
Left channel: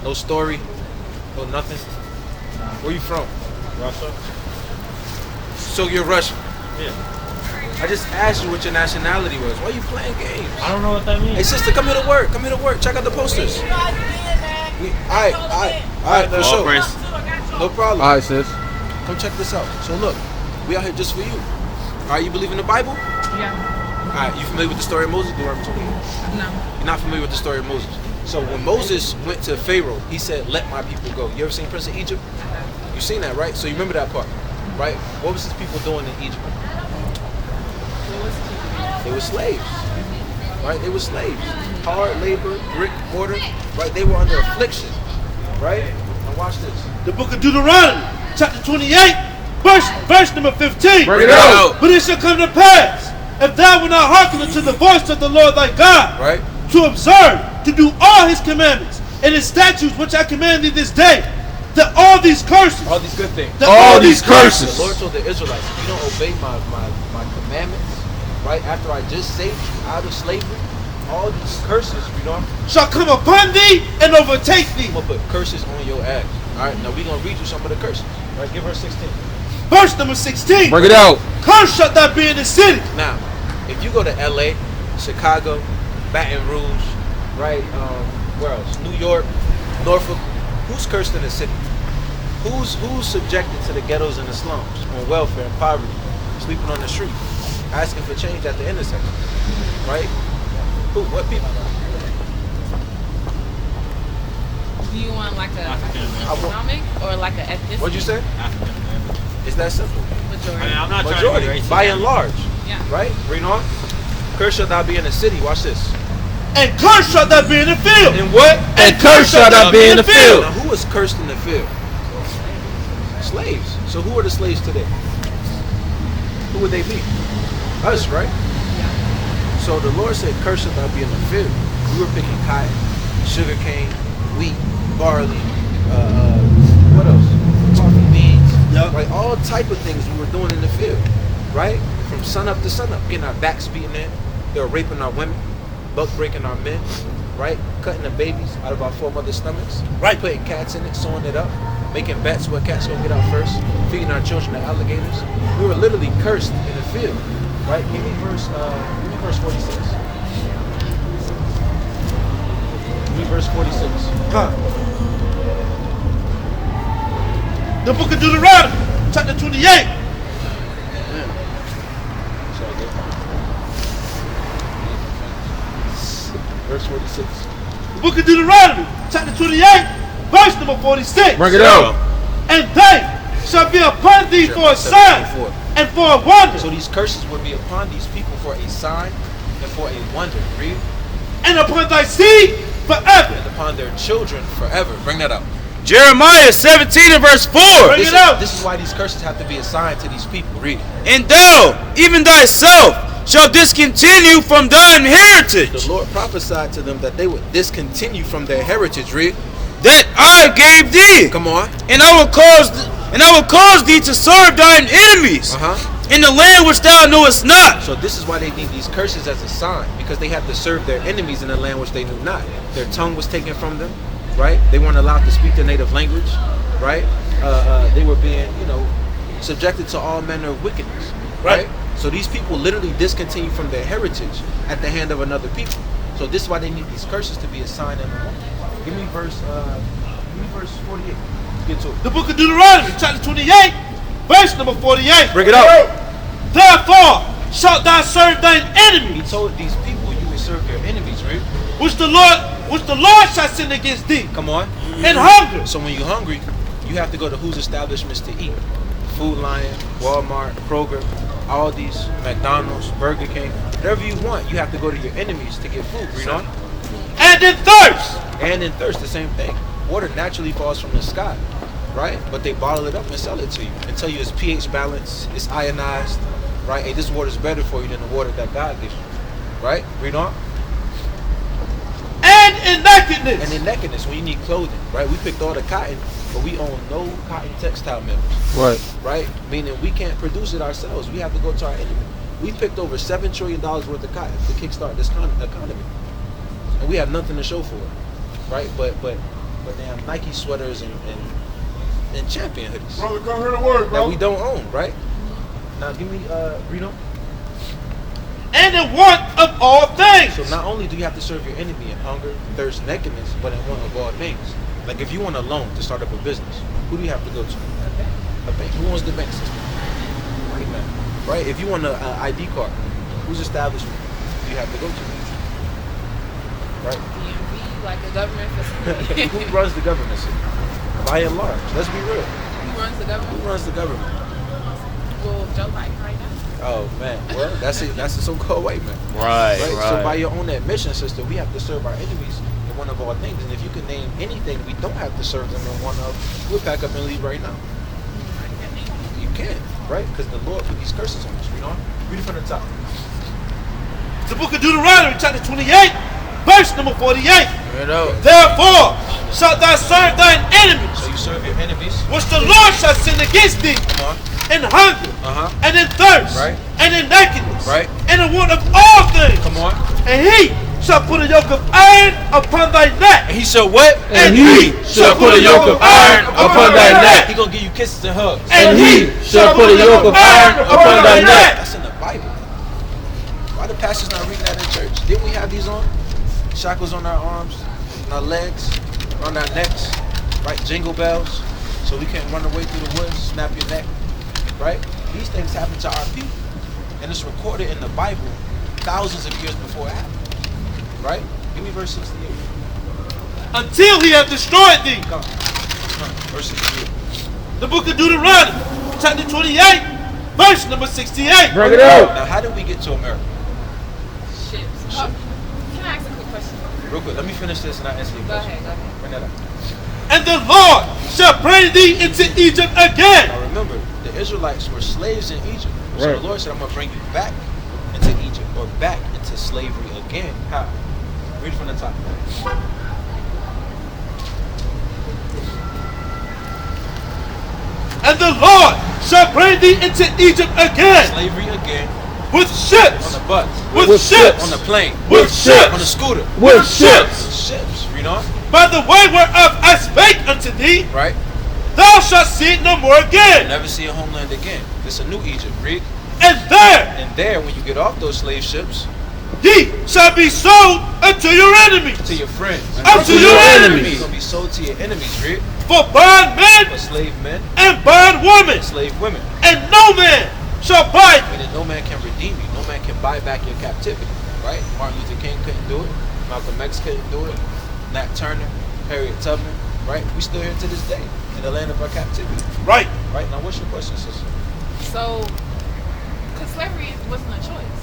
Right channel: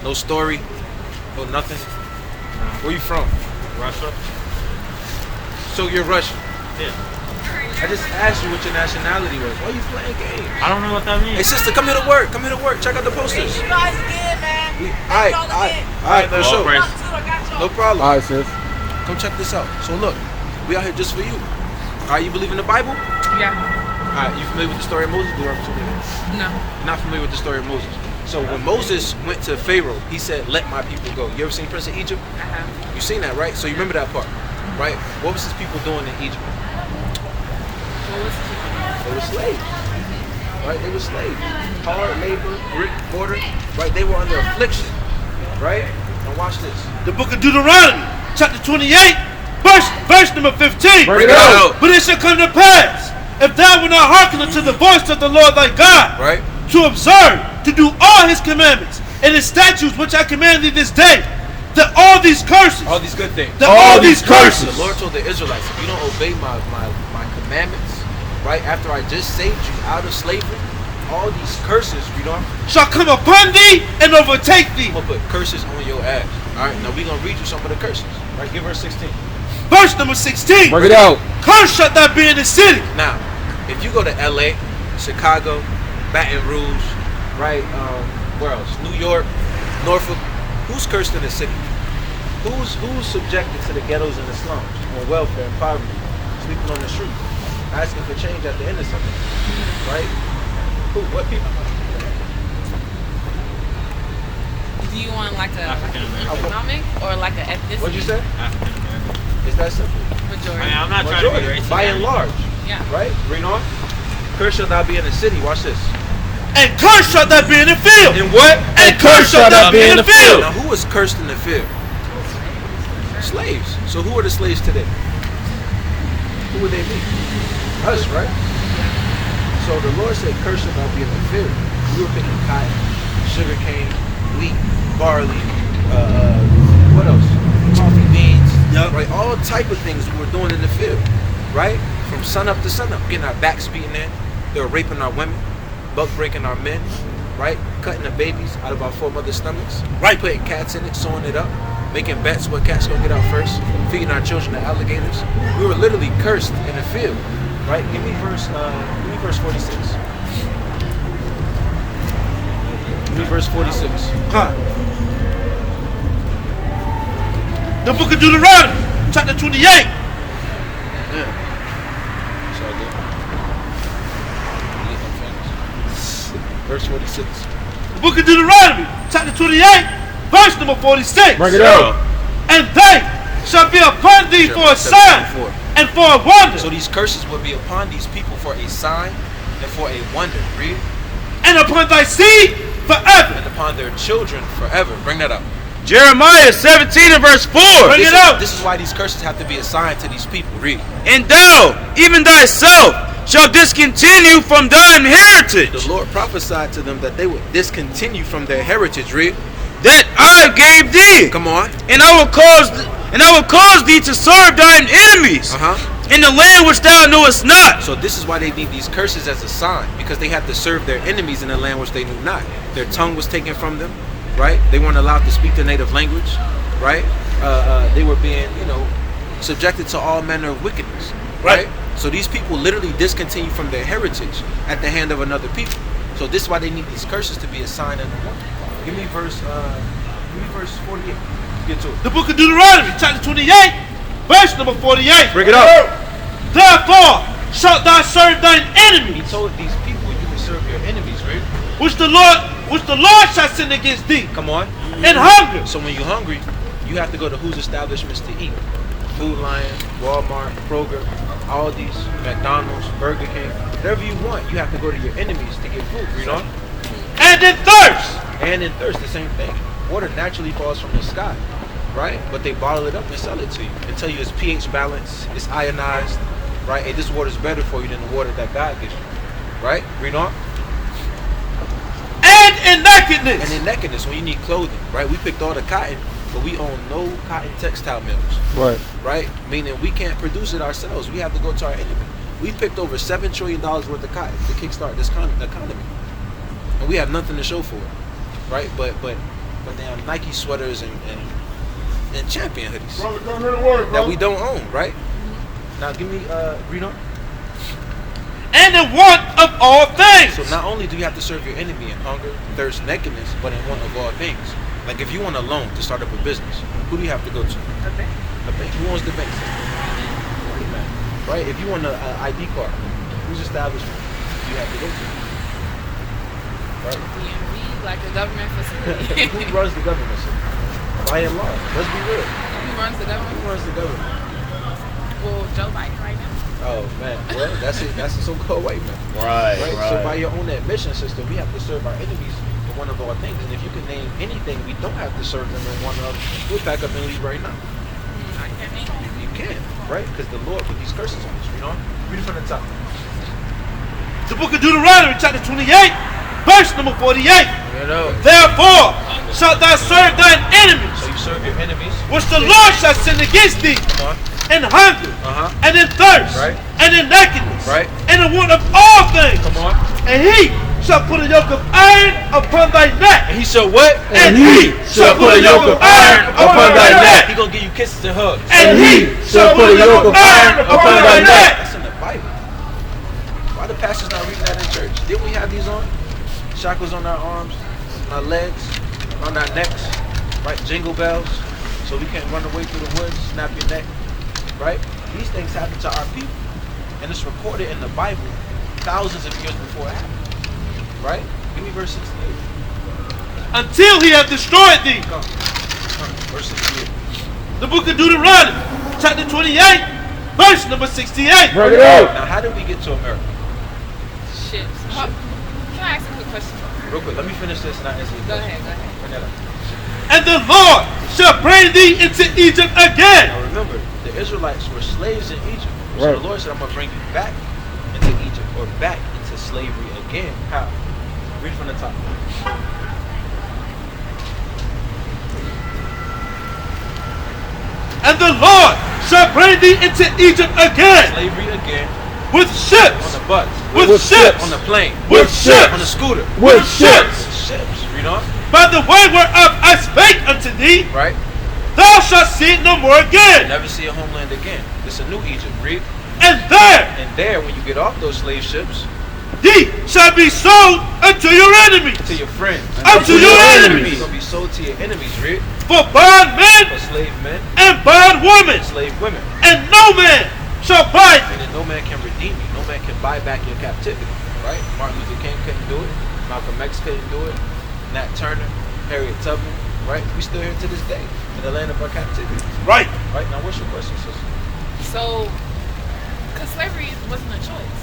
No story? No nothing? Where you from? Russia? So you're Russian? Yeah. I just asked you what your nationality was. Why are you playing games? I don't know what that means. Hey sister, come here to work. Come here to work. Check out the posters. Alright, that's so. No problem. All right, sis. Come check this out. So look, we out here just for you. Alright, you believe in the Bible? Yeah. Alright, you familiar with the story of Moses? No. You're not familiar with the story of Moses. So when Moses went to Pharaoh, he said, let my people go. You ever seen Prince of Egypt? You seen that, right? So you remember that part, right? What was his people doing in Egypt? What was it? They were slaves, right? They were slaves. Hard labor, brick, mortar, right? They were under affliction, right? Now watch this. The book of Deuteronomy, chapter 28, verse number 15. Bring it out. But it shall come to pass, if thou wilt not hearken unto the voice of the Lord thy God, Right? to observe, to do all his commandments and his statutes which I command thee this day, that all these curses, All these good things. that all these curses, The Lord told the Israelites, if you don't obey my commandments, right after I just saved you out of slavery, all these curses, you know, shall come upon thee and overtake thee. I'm gonna put curses on your ass. All right, now we're gonna read you some of the curses. Right, give verse 16. Verse number 16. Bring it out. Cursed shalt thou be in the city. Now, if you go to LA, Chicago, Baton Rouge, right, where else? New York, Norfolk, who's cursed in the city? Who's subjected to the ghettos and the slums, on welfare and poverty, sleeping on the street, asking for change at the end of something, right? Who? What people? Do you want like a African American. economic or like a ethnicity? What'd you say? African American. It's that simple. Majority. I mean, I'm not trying to be Majority, racist. by and large, Yeah. right? Read on. Cursed shall thou be in the city. Watch this. And cursed shalt thou be in the field. And what? And cursed shalt thou be in the field. Now, who was cursed in the field? Slaves. So who are the slaves today? Who would they be? Us, right? Yeah. So the Lord said, cursed shall thou be in the field. We were picking cotton, sugar cane, wheat, barley, what else? Coffee beans, Yep. right? All type of things we were doing in the field, right? From sun up to sun up, getting our backs beaten in. They were raping our women, buck breaking our men, right? Cutting the babies out of our four mothers' stomachs, Right. Putting cats in it, sewing it up, making bets what cats gonna get out first, feeding our children to alligators. We were literally cursed in the field, right? Give me verse 46. Give me verse 46. Huh. The book of Deuteronomy, chapter 28. It's all good. Verse 46. The book of Deuteronomy, chapter 28, verse number 46. Bring it out. And they shall be upon thee for a sign 7:24. and for a wonder, So these curses will be upon these people for a sign and for a wonder. Read. and upon thy seed forever. And upon their children forever. Bring that up. Jeremiah 17 and verse 4. Bring it out. This is why these curses have to be assigned to these people. Read. And thou, even thyself, shall discontinue from thine heritage, The Lord prophesied to them that they would discontinue from their heritage. Read. that I gave thee, Come on. and I will cause thee to serve thine enemies in the land which thou knowest not. So this is why they need these curses as a sign, because they have to serve their enemies in the land which they knew not. Their tongue was taken from them, right? They weren't allowed to speak their native language, right? They were being, subjected to all manner of wickedness, right? So these people literally discontinue from their heritage at the hand of another people. So this is why they need these curses to be a sign and a wonder. Give me verse 48. Let's get to it. The book of Deuteronomy, chapter 28, verse number 48. Bring it out. Therefore shalt thou serve thine He enemies, told these people you would serve their enemies, right? which the Lord shall send against thee, Come on. and hunger, So when you're hungry, You have to go to whose establishments to eat. Food Lion, Walmart, Kroger, Aldi's, McDonald's, Burger King. Whatever you want, you have to go to your enemies to get food. Read on. And in thirst. And in thirst, the same thing. Water naturally falls from the sky, right? But they bottle it up and sell it to you and tell you it's pH balanced, it's ionized, right? Hey, this water is better for you than the water that God gives you, right? Read on. And in nakedness. And in nakedness, when you need clothing, right? We picked all the cotton, but we own no cotton textile mills. Right. Right? Meaning we can't produce it ourselves. We have to go to our enemy. We picked over $7 trillion worth of cotton to kickstart this economy. And we have nothing to show for it. Right? But damn Nike sweaters and Champion hoodies. Brother, come hear the word, bro. That we don't own, right? Now give me read on. And in want of all things. So not only do you have to serve your enemy in hunger, thirst, nakedness, but in want of all things. Like if you want a loan to start up a business, who do you have to go to? A bank. A bank. Who owns the bank system? Right? If you want an ID card, whose establishment do you have to go to? Right? DMV, like a government facility. Who runs the government system? By and large. Let's be real. Who runs the government? Who runs the government? Well, Joe Biden right now. Oh man, well that's it. That's the so-called white man. Right. So by your own admission system, we have to serve our enemies in one of our things. And if you can name anything we don't have to serve them in one of, we'll pack up and leave right now. You can, right? Because the Lord put these curses on us. Read on. Read it from the top. The book of Deuteronomy, chapter 28, verse number 48. Therefore, shalt thou serve thine enemies. So you serve your enemies. Which the Lord shall send against thee. Come on. In hunger, and in thirst, right, and in nakedness, right, and in want of all things. Come on. And he shall put a yoke of iron upon thy neck. And he shall what? And he shall put a yoke of iron upon thy neck. He gonna give you kisses and hugs. And he shall put a yoke of iron upon thy neck. That's in the Bible. Why the pastors not reading that in church? Didn't we have these on? Shackles on our arms, on our legs, on our necks, right? Jingle bells, so we can't run away through the woods, snap your neck. Right? These things happen to our people. And it's recorded in the Bible thousands of years before it happened. Right? Give me verse 68. Until he hath destroyed thee. Come. Verse 68. The book of Deuteronomy, chapter 28, verse number 68. Bring it out. Now, how did we get to America? Shit. Can I ask a quick question? Real quick, let me finish this and I'll answer your question. Go ahead. Bring that up. And the Lord shall bring thee into Egypt again. Now remember, the Israelites were slaves in Egypt. So Right. the Lord said, I'm going to bring you back into Egypt or back into slavery again. How? Read from the top. And the Lord shall bring thee into Egypt again. Slavery again. With ships. On the bus. With ships. On the plane. With ships. On the scooter. With ships. With ships. Read on. By the way whereof I spake unto thee. Right. Thou shalt see it no more again. Never see a homeland again. It's a new Egypt. Read. And there, when you get off those slave ships, ye shall be sold unto your enemies. To your friends. Unto your enemies. You're going to be sold to your enemies. Read. For bondmen. For slave men. And bondwomen. And slave women. And no man shall buy. And then no man can redeem you. No man can buy back your captivity. Right? Martin Luther King couldn't do it. Malcolm X couldn't do it. Nat Turner. Harriet Tubman. Right? We still here to this day. In the land of our captivity. Right. Right. Now what's your question, sister? So, because slavery wasn't a choice.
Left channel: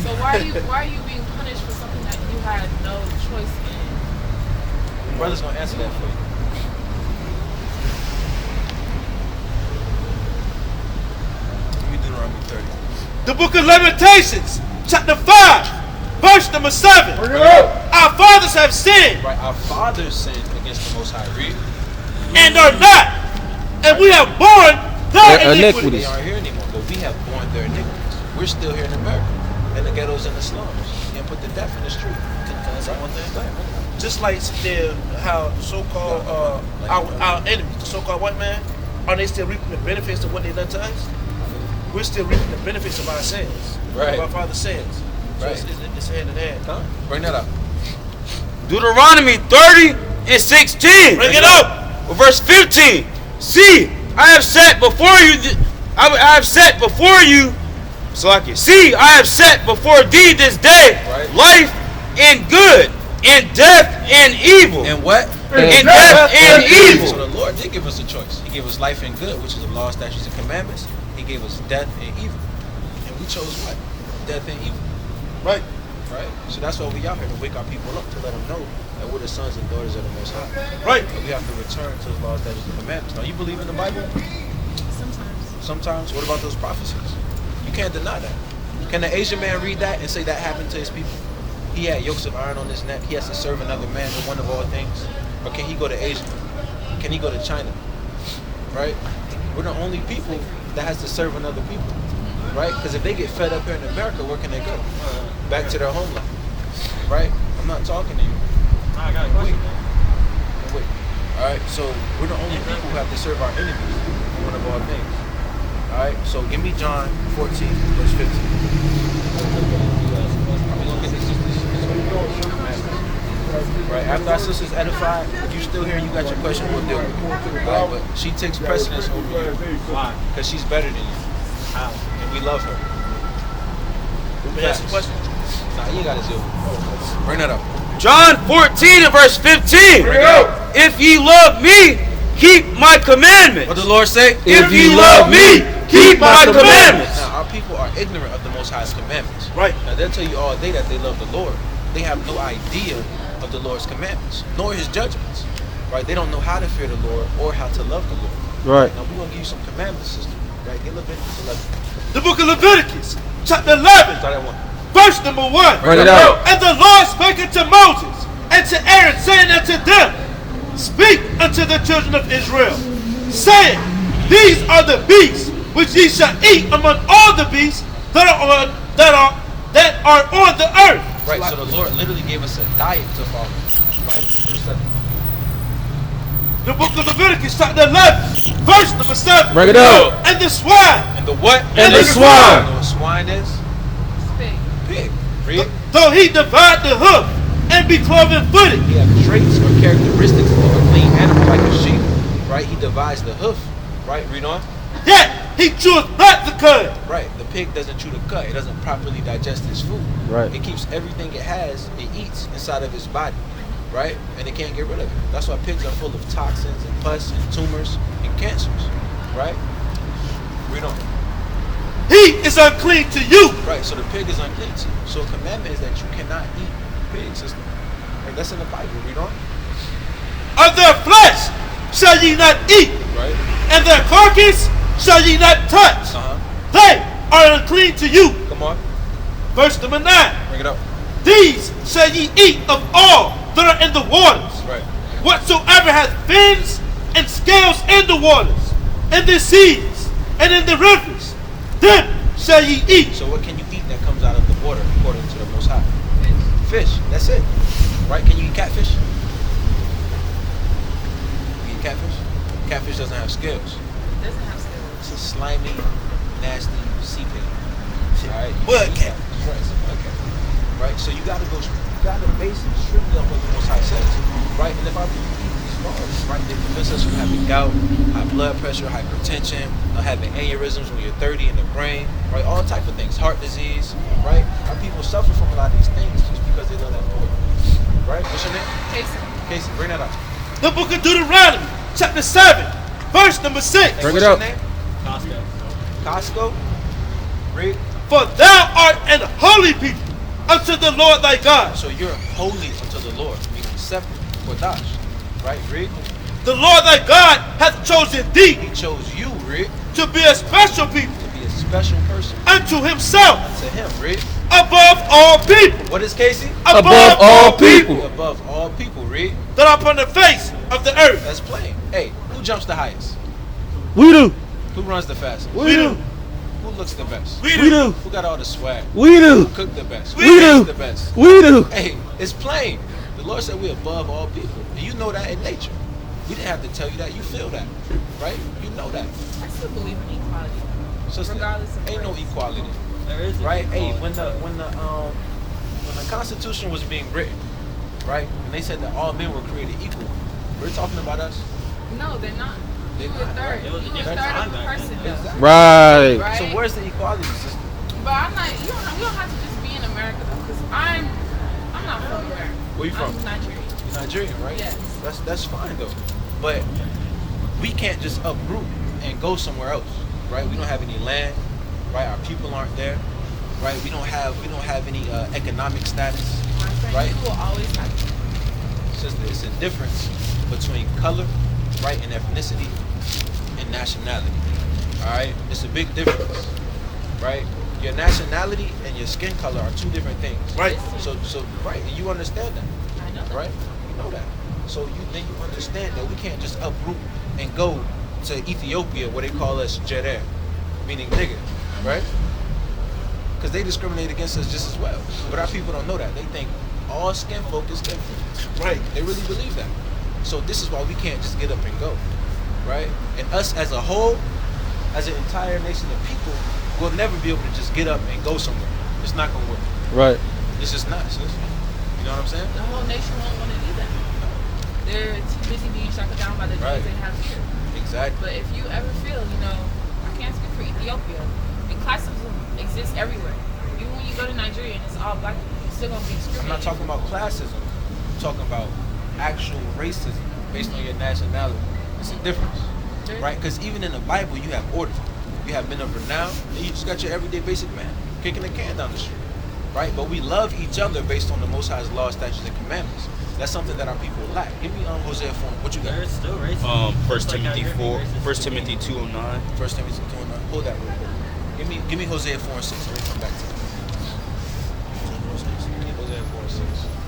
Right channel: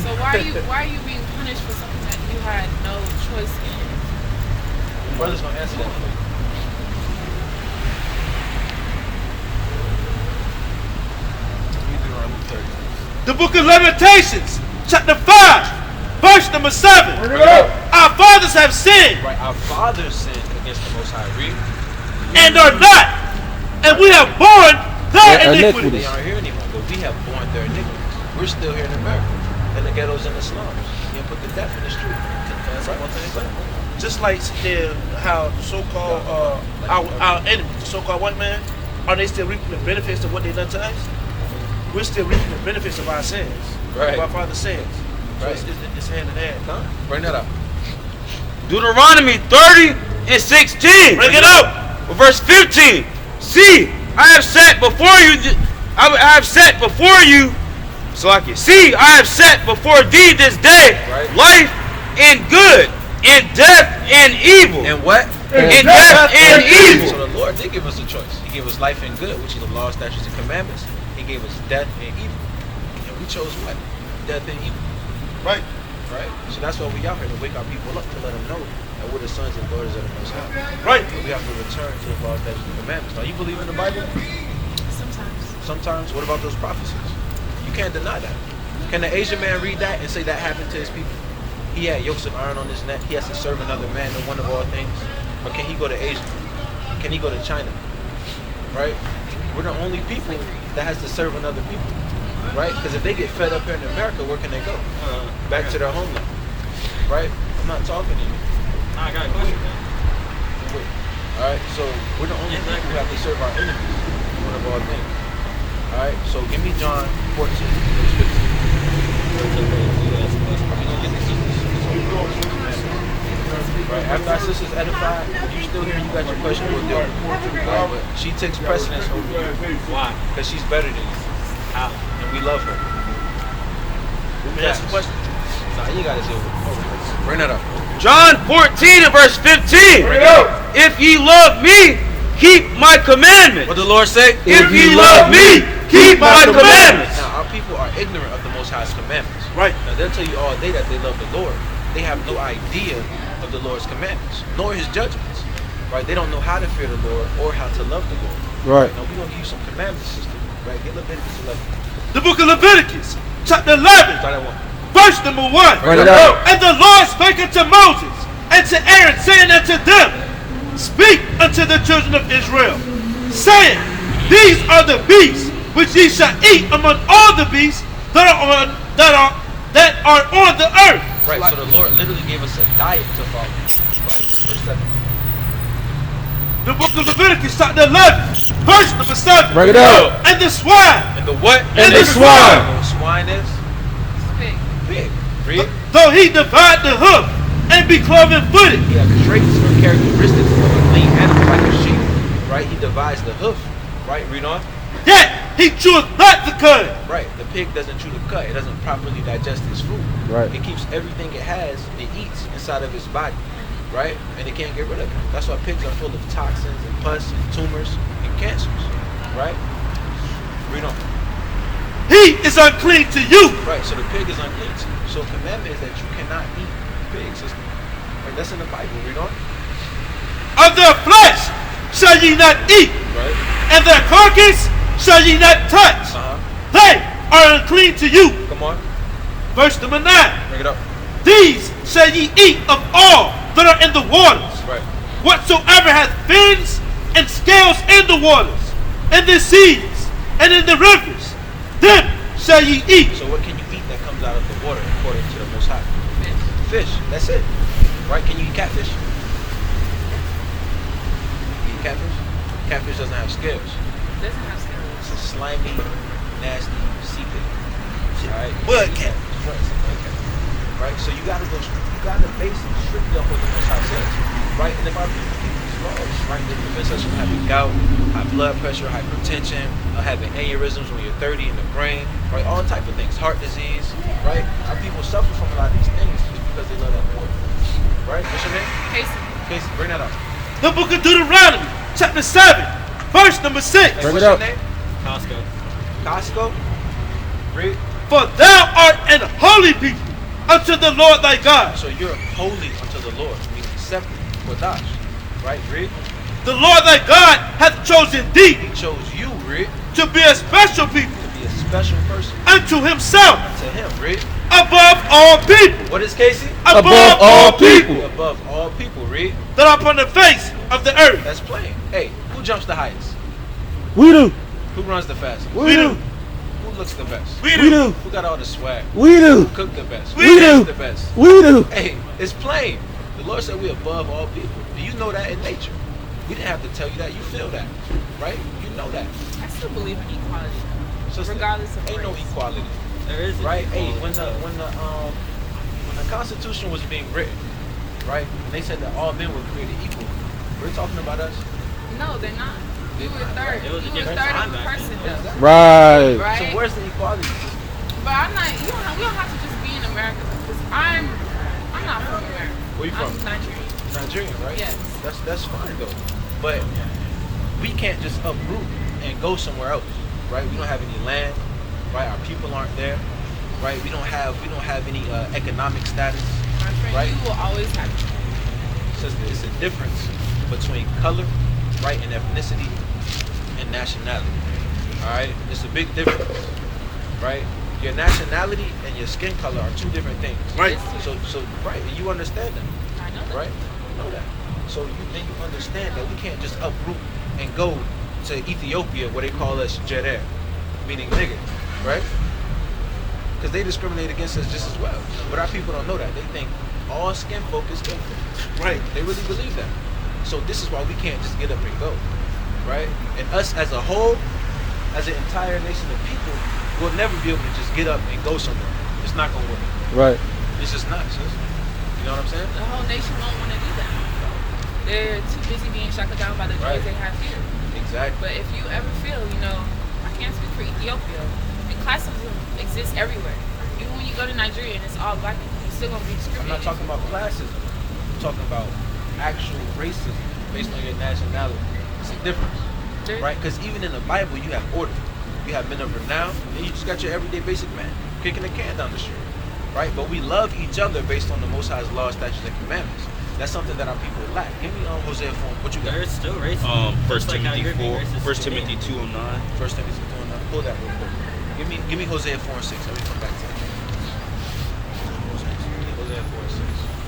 So why are you being punished for something that you had no choice in? The brother's gonna answer that for you. The book of Lamentations, chapter 5, verse number 7. Our fathers have sinned. Right. Our fathers sinned against the Most High. Read. And are not. And we have borne their iniquity. They aren't here anymore, but we have borne their iniquities. We're still here in America, in the ghettos and the slums. You put the death in the street. Just like how the so-called our enemies, the so-called white man, are they still reaping the benefits of what they've done to us? We're still reaping the benefits of our sins, of our father's sins. So it's hand in hand. Huh? Bring that up. Deuteronomy 30 and 16. Bring it up. Verse 15. See, I have set before you. I have set before you. So I can see. I have set before thee this day life and good, and death and evil. And what? And death and evil. So the Lord did give us a choice. He gave us life and good, which is the law, statutes, and commandments. He gave us death and evil. And we chose what? Death and evil. Right. Right? So that's why we out here to wake our people up, to let them know that we're the sons and daughters of the Most High. Right. But we have to return to the law, statutes, and commandments. Now, you believe in the Bible? Sometimes. Sometimes. What about those prophecies? You can't deny that. Can the Asian man read that and say that happened to his people? He had yokes of iron on his neck. He has to serve another man in one of all things. Or can he go to Asia? Can he go to China? Right? We're the only people that has to serve another people. Right? Because if they get fed up here in America, where can they go? Back to their homeland. Right? I'm not talking to you. I got a question. Wait. Alright, so we're the only people who have to serve our enemies in one of all things. Alright, so give me John 14, verse 15. Right, after our sister's edified, if you still here, you got your question, we'll do it. Right, but she takes precedence over you. Why? Because she's better than you. How? And we love her. Let me ask a question. Nah, you gotta deal with it. Bring that up. John 14 and verse 15. Bring it up. If ye love me, keep my commandments. What the Lord say? If ye love me, keep my commandments. Now, our people are ignorant of the Most High's commandments. Right. Now, they'll tell you all day that they love the Lord. They have no idea of the Lord's commandments, nor his judgments. Right? They don't know how to fear the Lord or how to love the Lord. Right. Now, we're going to give you some commandments, sister. Right? Get Leviticus 11. The book of Leviticus, chapter 11, Start at 1. verse number 1. Bring it out. And the Lord spake unto Moses and to Aaron, saying unto them, Speak unto the children of Israel, saying, These are the beasts which ye shall eat among all the beasts that are on the earth. Right, so the Lord literally gave us a diet to follow. Right? Verse 7. The book of Leviticus, chapter 11, verse number 7. Bring it out. And the swine, And the what? And the swine. You know what swine is? Pig. Pig. Read. though he divide the hoof and be cloven footed. He has traits or characteristics of a clean animal like a sheep. Right? He divides the hoof. Right? Read on. Yet he cheweth not the cud. Right. The pig doesn't chew the cud. It doesn't properly digest its food. Right. It keeps everything it has, it eats inside of its body. Right? And it can't get rid of it. That's why pigs are full of toxins and pus and tumors and cancers. Right? Read on. He is unclean to you. Right, so the pig is unclean to you. So a commandment is that you cannot eat pig, sister. Right, that's in the Bible. Read on. Of their flesh shall ye not eat, Right. and their carcass shall ye not touch. They are unclean to you. Come on. Verse number 9. Bring it up. These shall ye eat of all that are in the waters. Right. Whatsoever hath fins and scales in the waters, in the seas, and in the rivers, them shall ye eat. So what can you eat that comes out of the water according to the Most High? Fish. That's it. Right? Can you eat catfish? You eat catfish? Catfish doesn't have scales. Doesn't have scales. It's a slimy, nasty sea pig. Alright? What cat? Right. Okay. Right? So you gotta base it strictly off what the Most High says. Right? And if our people keep these laws, right, they prevent us from having gout, high blood pressure, hypertension, having aneurysms when you're 30 in the brain, right? All type of things, heart disease, right? Our people suffer from a lot of these things just because they love that pork. Right? What's your name? Casey. Casey, bring that up. The book of Deuteronomy, chapter 7, verse number 6. Hey, what's your name? Costco. Costco? Read. For thou art an holy people unto the Lord thy God. So you're holy unto the Lord, meaning accepted, Kodash. Right? Read. The Lord thy God hath chosen thee. He chose you, read. To be a special people. To be a special person. Unto himself. Unto him, read. Above all people. What is Casey? Above all people. Above all people, read. That are upon the face of the earth. That's plain. Hey, who jumps the highest? We do. Who runs the fastest? We do. Who looks the best? We do. Who got all the swag? We do. Who cooked the best? We Who do. ate the best? We do. Hey, it's plain. The Lord said we're above all people. Do you know that in nature? We didn't have to tell you that. You feel that, right? You know that. I still believe in equality. So regardless of ain't no race. equality, There is right? Hey, equality. when the Constitution was being written, right? And they said that all men were created equal. We're talking about us. No, they're not. You were third. It was You were against third of a linebackers. person though. Right. Right? So where's the equality system? But I'm not. We don't have to just be in America though, because I'm not from America. Where you from? I'm Nigerian. Nigerian, right? Yes. That's fine though. But we can't just uproot and go somewhere else, right? We don't have any land, right? Our people aren't there, right? We don't have any economic status, My friend, right? you will always have it. It's a difference between color, right, and ethnicity and nationality. All right, it's a big difference, right? Your nationality and your skin color are two different things. Right. So right, and you understand that, I know that. right? You know that. So then you understand that we can't just uproot and go to Ethiopia where they call us Jeder, meaning nigger, right? Because they discriminate against us just as well. But our people don't know that. They think all skin folk is skin folk. Right. They really believe that. So this is why we can't just get up and go, right? And us as a whole, as an entire nation of people, will never be able to just get up and go somewhere. It's not gonna work. Right. It's just not, sis. You know what I'm saying? The whole nation don't want to do that. They're too busy being shackled down by the joys they have here. Exactly. But if you ever feel, I can't speak for Ethiopia, and classism exists everywhere. Even when you go to Nigeria and it's all black people, you're still gonna be I'm discriminated. not talking about classism. I'm talking about actual racism based on your nationality. It's a difference, right? Because even in the Bible, you have order. You have men of renown, and you just got your everyday basic man kicking a can down the street, right? But we love each other based on the Most High's law, statutes, and commandments. That's something that our people lack. Give me Hosea 4. What you got? There's still racism. First Just like how Timothy you're being 4, racist First to me. Timothy 2:09. First Timothy 2:9. Pull that real quick. Give me Hosea 4 and 6. Let me come back to it. Hosea 4 and 6.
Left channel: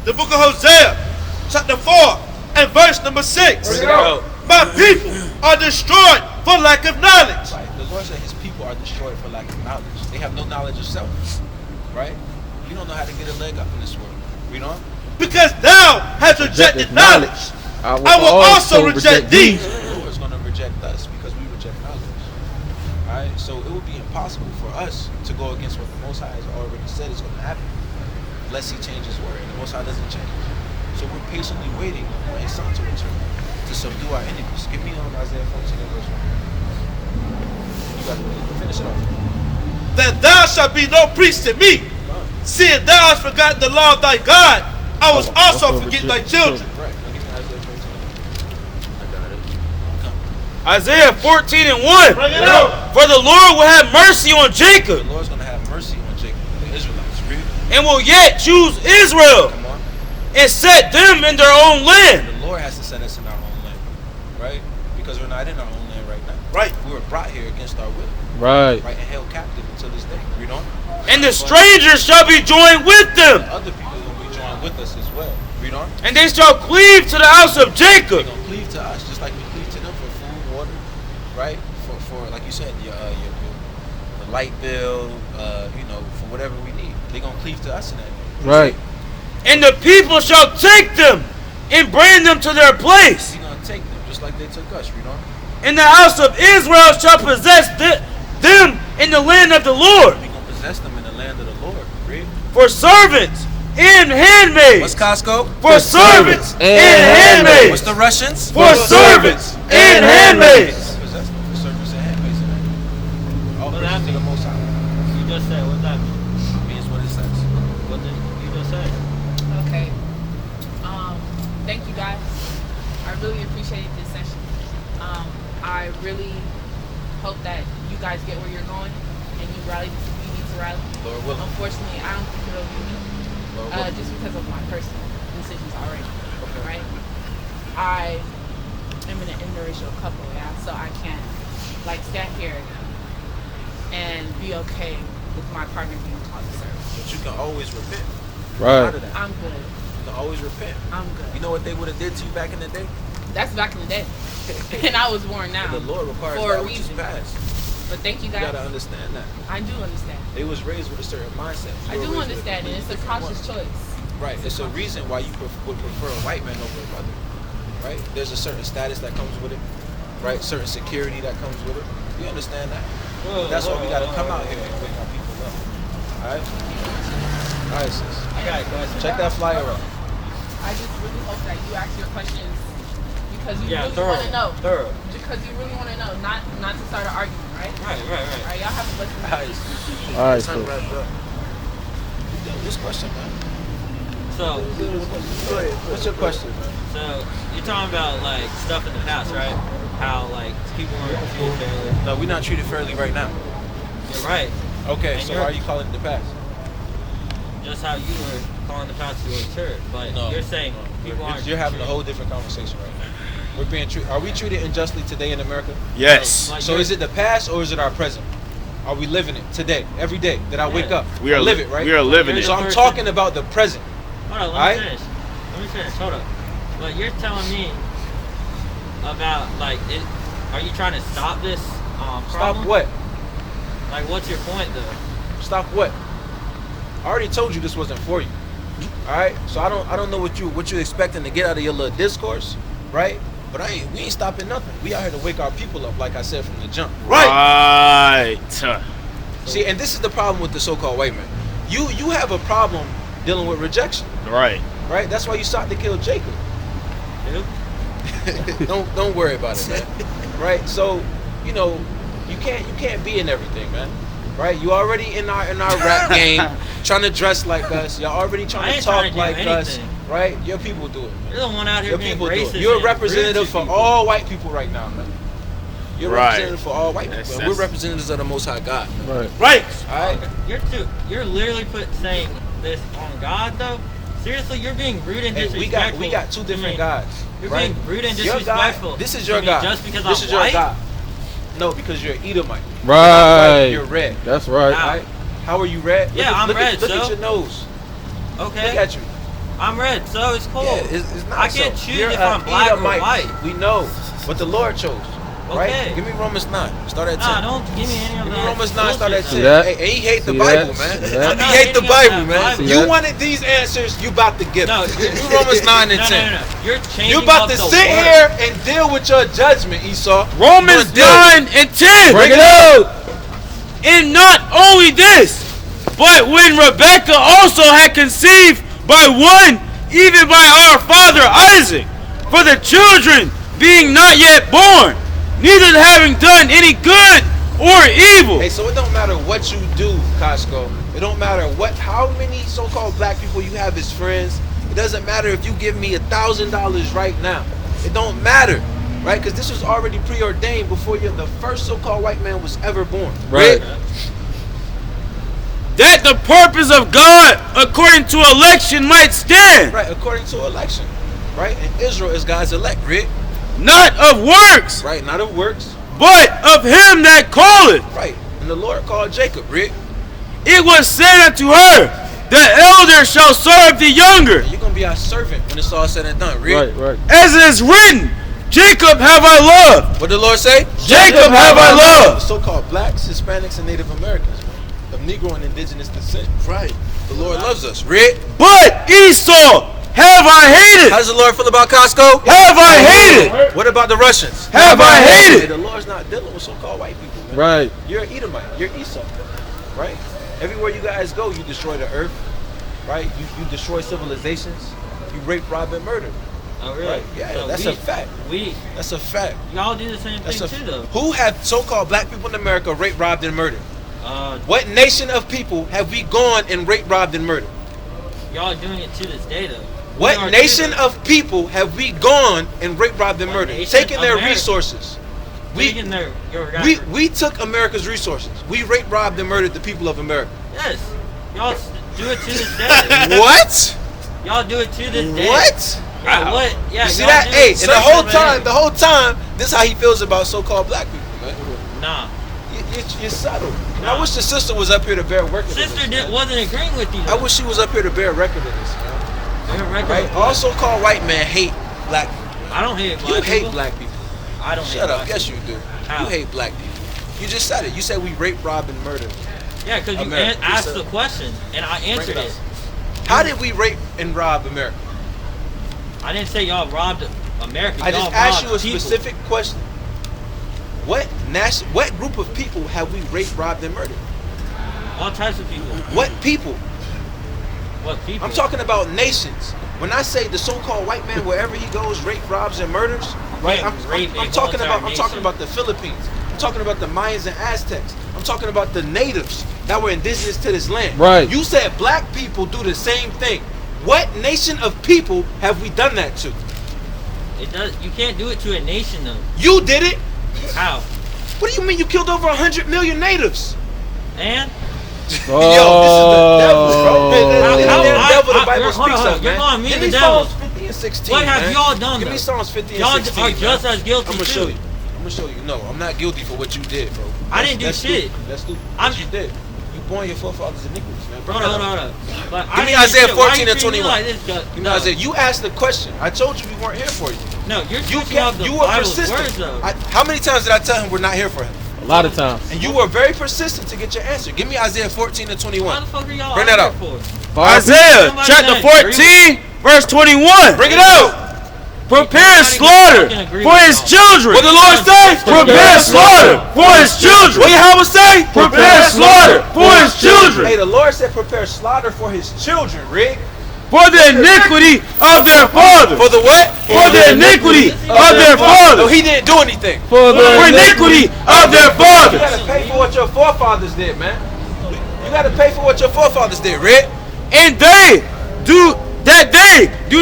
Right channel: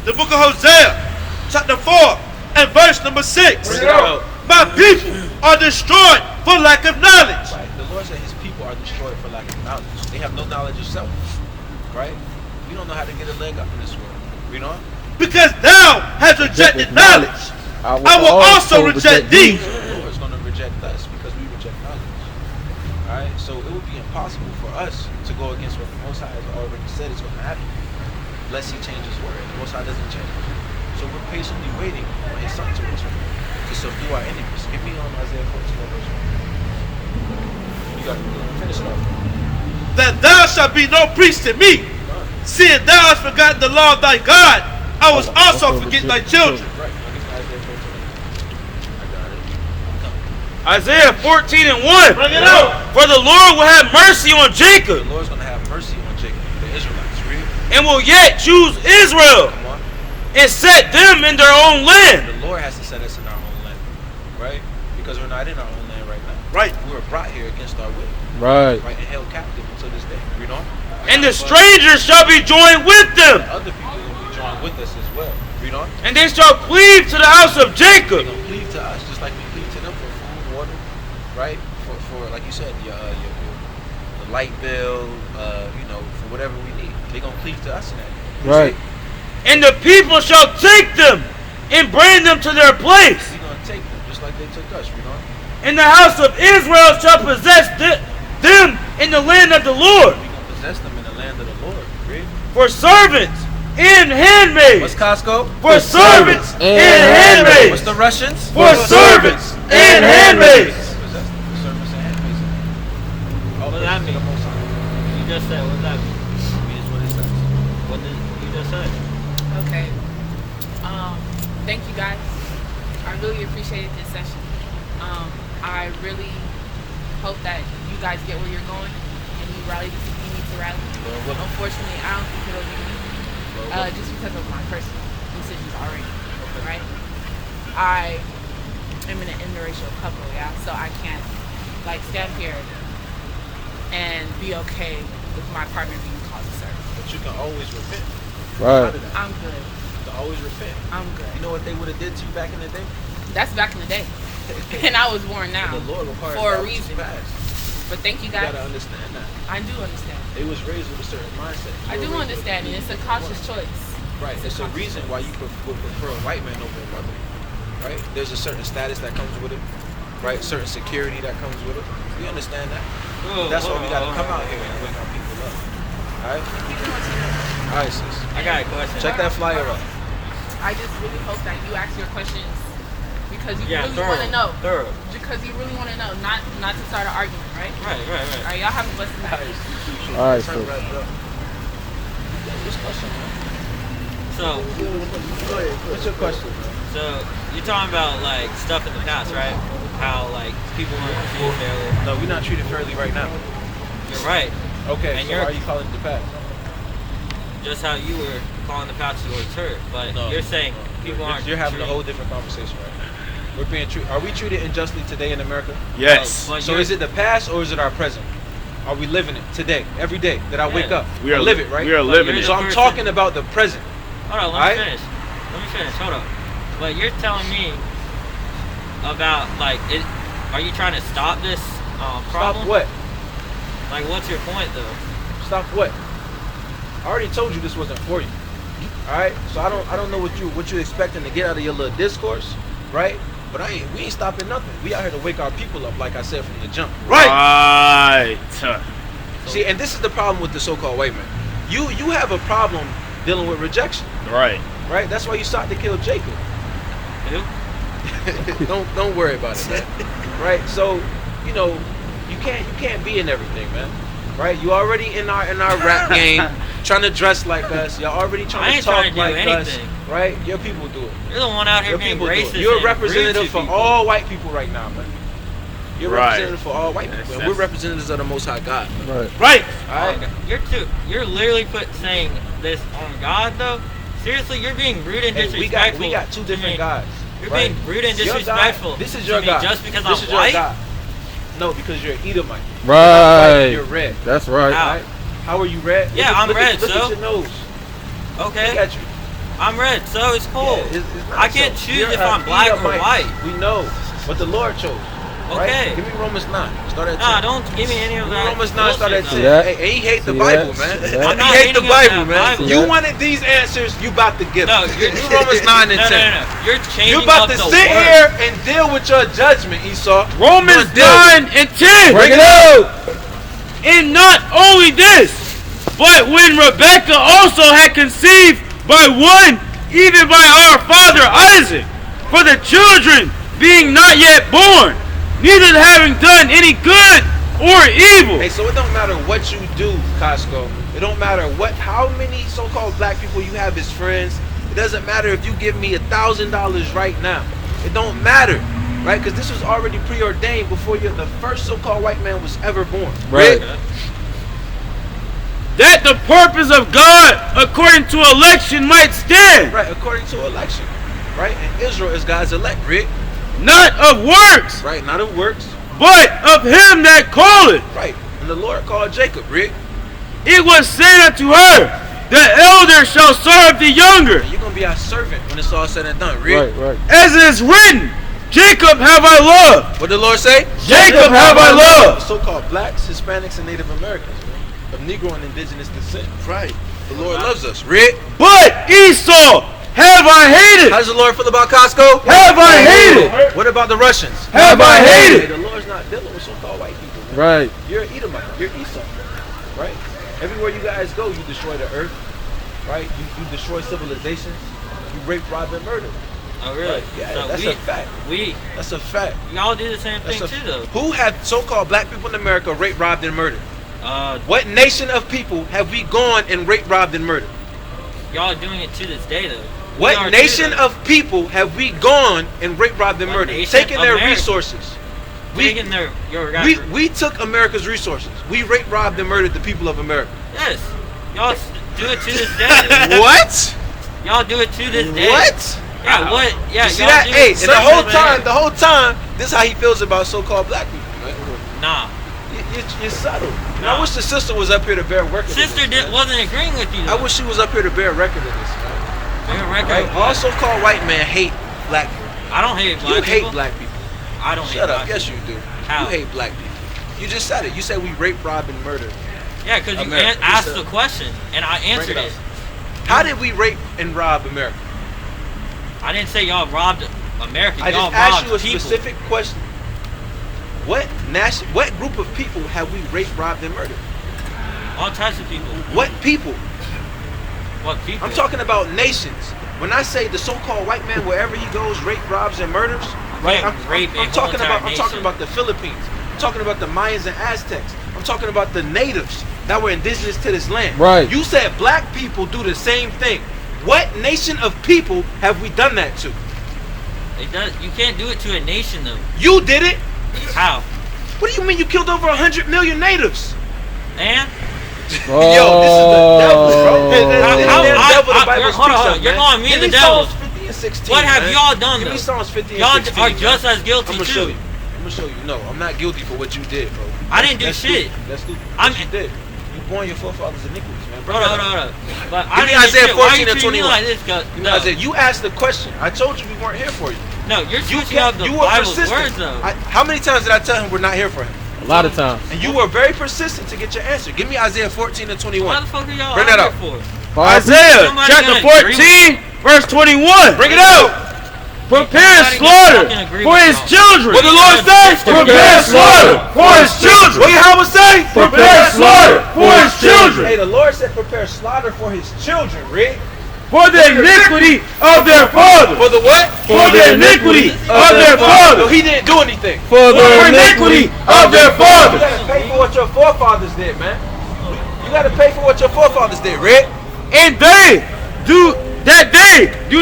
The book of Hosea, chapter 4 and verse number 6. Bring it out. My people are destroyed for lack of knowledge. Right. The Lord said his people are destroyed for lack of knowledge. They have no knowledge of self. Right? You don't know how to get a leg up in this world. Read on. Because thou hast rejected knowledge, I will also reject thee. The Lord is going to reject us because we reject knowledge. Alright? So it would be impossible for us to go against what the Most High has already said is going to happen. Unless he changes his word. The Most High doesn't change. So we're patiently waiting for his son to return to subdue our enemies. Give me Isaiah 14 and verse 1. You got to finish it off. That thou shalt be no priest to me, seeing thou hast forgotten the law of thy God, I was also forget thy children. Right. Isaiah 14 and 1. Bring it out. For the Lord will have mercy on The Jacob Lord's going to have mercy on Jacob, the Israelites. Read. and will yet choose Israel Come on. and set them in their own land. The Lord has to set us in our own land, right? Because we're not in our own land right now. Right. We were brought here against our will, Right. right, and held captive until this day. Read on. And the strangers shall be joined with them, Other people are going to be joined with us as well. Read on. and they shall cleave to the house of They're Jacob. going to cleave to us just like we cleave to them for food, water, right? For like you said, your light bill, for whatever we need. They're going to cleave to us in that. Right. And the people shall take them and bring them to their place. We're going to take them just like they took us. Read on. And the house of Israel shall possess them in the land of the Lord, We're going to possess them in the land of the Lord. Read. for servants and handmaids. What's Costco? For servants and handmaids. What's the Russians? For servants and handmaids. Possess them for servants and handmaids. What does that mean? You just said, what does that mean? It means what it says. What did you just say? Okay. Thank you guys. I really appreciated this session. I really hope that you guys get where you're going and you rally the people you need to rally. Lord willing. Unfortunately, I don't think it'll be me, Lord willing. just because of my personal decisions already. Right? I am in an interracial couple, yeah, so I can't stand here and be okay with my partner being called a servant. But you can always repent. Right. I'm good. You can always repent. I'm good. You know what they would have did to you back in the day? That's back in the day. And I was born now The Lord requires for a that which is reason. past. But thank you You guys. gotta understand that. I do understand. They was raised with a certain mindset. I You do were raised understand, and with it's a conscious choice. Right. It's a reason why you would prefer a white man over a brother. Right? There's a certain status that comes with it. Right? Certain security that comes with it. We understand that. But that's why we gotta come out here and wake our people up. Alright? Alright, sis. I got a question. Check that flyer up. I just really hope that you ask your questions because you Yeah, really thorough. want to know. Thorough. Because you really want to know, not to start an argument, right? Right. All right, y'all have a blessed night. All right, so This question, man. So, What's your question, man? so you're talking about like stuff in the past, right? how like people weren't treated fairly. No, we're not treated fairly right now. You're right. Okay, And so why are you calling it the past? Just how you were calling the past to a turd, but you're saying people aren't. You're having a whole different conversation right now. We're being treated. Are we treated unjustly today in America? Yes. So is it the past or is it our present? Are we living it today, every day that I wake up? We are live it, right? We are living it. So I'm talking about the present. Hold on, let me finish. Let me finish. Hold up. But you're telling me about like it. Are you trying to stop this problem? Stop what? Like, what's your point though? Stop what? I already told you this wasn't for you. All right. So I don't know what you expecting to get out of your little discourse, right? But we ain't stopping nothing. We out here to wake our people up, like I said from the jump. Right. See, and this is the problem with the so-called white man. You have a problem dealing with rejection. Right. Right. That's why you sought to kill Jacob. Don't worry about it, man. Right. So you can't be in everything, man. Right. You already in our rap game, trying to dress like us. You're already trying to talk like us. Right? Your people do it. You're the one out here being racist. You're a representative for all white people right now, man. You're a Right. representative for all white people. And we're representatives of the Most High God. Right. Right. All right. Okay. You're literally saying this on God though. Seriously, you're being rude and disrespectful. We got two different gods. You're right? being rude and Your disrespectful. God, this is your to God. me just because This I'm is your white. God. No, because you're Edomite. Right. You're red. That's right. How? Right? How are you red? Yeah, I'm red, Look so. at your nose. Okay. Look at you. I'm red, so it's cool. Yeah, it's not I can't so. choose You're if I'm black or Edomite. white. We know, but the Lord chose. Right? Okay. Give me Romans 9. Start at 10. Nah, don't give me any of Give me that. Romans 9. Start at 10. See that? Hey, he hate the See Bible, that? man. See that? I'm not He hate the hating on Bible, that man. Bible. You that? wanted these answers, you about to get No, them. Give me Romans 9 and 10. No. You're changing You about up to the sit word. here and deal with your judgment, Esau. Romans You're gonna 9 and 10. Bring it out. And not only this, but when Rebekah also had conceived by one, even by our father Isaac, for the children being not yet born, neither having done any good or evil. Hey, so it don't matter what you do, Costco. It don't matter how many so-called black people you have as friends. It doesn't matter if you give me $1,000 right now. It don't matter, right? Because this was already preordained before the first so-called white man was ever born. Right. That the purpose of God, according to election, might stand. Right, according to election. Right? And Israel is God's elect, Rick. Not of works. Right, not of works. But of him that calleth. Right. And the Lord called Jacob, Rick. It was said unto her, the elder shall serve the younger. And you're going to be our servant when it's all said and done, Rick. Right. As it is written, Jacob have I loved. What did the Lord say? Jacob have I loved. So-called blacks, Hispanics, and Native Americans, man, of Negro and indigenous descent. Right. The Lord loves us, Rick. But Esau have I hated. How does the Lord feel about Costco? Have I hated. What about the Russians? Have I hated. The Lord's not dealing with so-called white people, man. Right. You're an Edomite. You're Esau. Right? Everywhere you guys go, you destroy the earth. Right? You destroy civilizations. You rape, rob, and murder. Oh, really? Right? Yeah, So that's a fact. That's a fact. Y'all do the same thing too, though. Who have so-called black people in America raped, robbed, and murdered? What nation of people have we gone and raped, robbed, and murdered? Y'all doing it to this day, though. What nation of people have we gone and raped, robbed, and murdered? Taking their resources. Taking their we took America's resources. We raped, robbed, and murdered the people of America. Yes. Y'all do it to this day. What? Y'all do it to this day. What? Yeah, what? Yeah, you see that? do Hey, it and the whole time, this is how he feels about so-called black people, man. Nah. You're subtle. And I wish the sister was up here to bear record of this. Sister wasn't agreeing with you, though. I wish she was up here to bear record of this, man. Bear record Right? of All what? so-called white men hate black people. I don't hate black You people. hate black people. I don't hate Shut up. black Yes, people. you do. How? You hate black people. You just said it. You said we rape, rob, and murder. Yeah, because you America. asked the question, and I answered Bring it it. How did we rape and rob America? I didn't say y'all robbed America. I Y'all just asked robbed you a people. specific question. What group of people have we raped, robbed, and murdered? All types of people. What people? What people? I'm talking about nations. When I say the so-called white man, wherever he goes, rape, robs, and murders, right? I'm talking about the Philippines. I'm talking about the Mayans and Aztecs. I'm talking about the natives that were indigenous to this land. Right. You said black people do the same thing. What nation of people have we done that to? It does. You can't do it to a nation though. You did it. How? What do you mean you killed over 100 million natives? And Yo, this is the devil, bro. Devil, the Bible speaks of, You're man. calling me Give the me devil. Psalms 50 and 16, What have man. y'all done? Give me though? Psalms 50 and Y'all 16. are just man. as guilty I'm gonna too. show you. I'm gonna show you. No, I'm not guilty for what you did, bro. I didn't do That's shit. Stupid. That's stupid. What you did. You born your forefathers iniquities, man. Bring Hold that on. up. But Give I me didn't do Isaiah shit. Why 14 you and treating me 21. like this? Give me Isaiah. You asked the question. I told you we weren't here for you. No, you're You switching up the you were Bible's persistent. words though. How many times did I tell him we're not here for him? A lot of times. And you were very persistent to get your answer. Give me Isaiah 14 and 21. Why the fuck are y'all Bring that out up. here for? Isaiah Somebody chapter gonna agree 14, verse 21. Bring it out. Prepare Somebody slaughter fucking agree for with his y'all. children. What the Lord say? Prepare slaughter for his children. What Yahweh say? Prepare slaughter for his Hey, children. the Lord said prepare slaughter for his children, Rick. For the iniquity of their fathers. For the what? For the iniquity of their No, fathers. he didn't do anything. For the iniquity of their You fathers. gotta pay for what your forefathers did, man. You gotta pay for what your forefathers did, Rick. And they do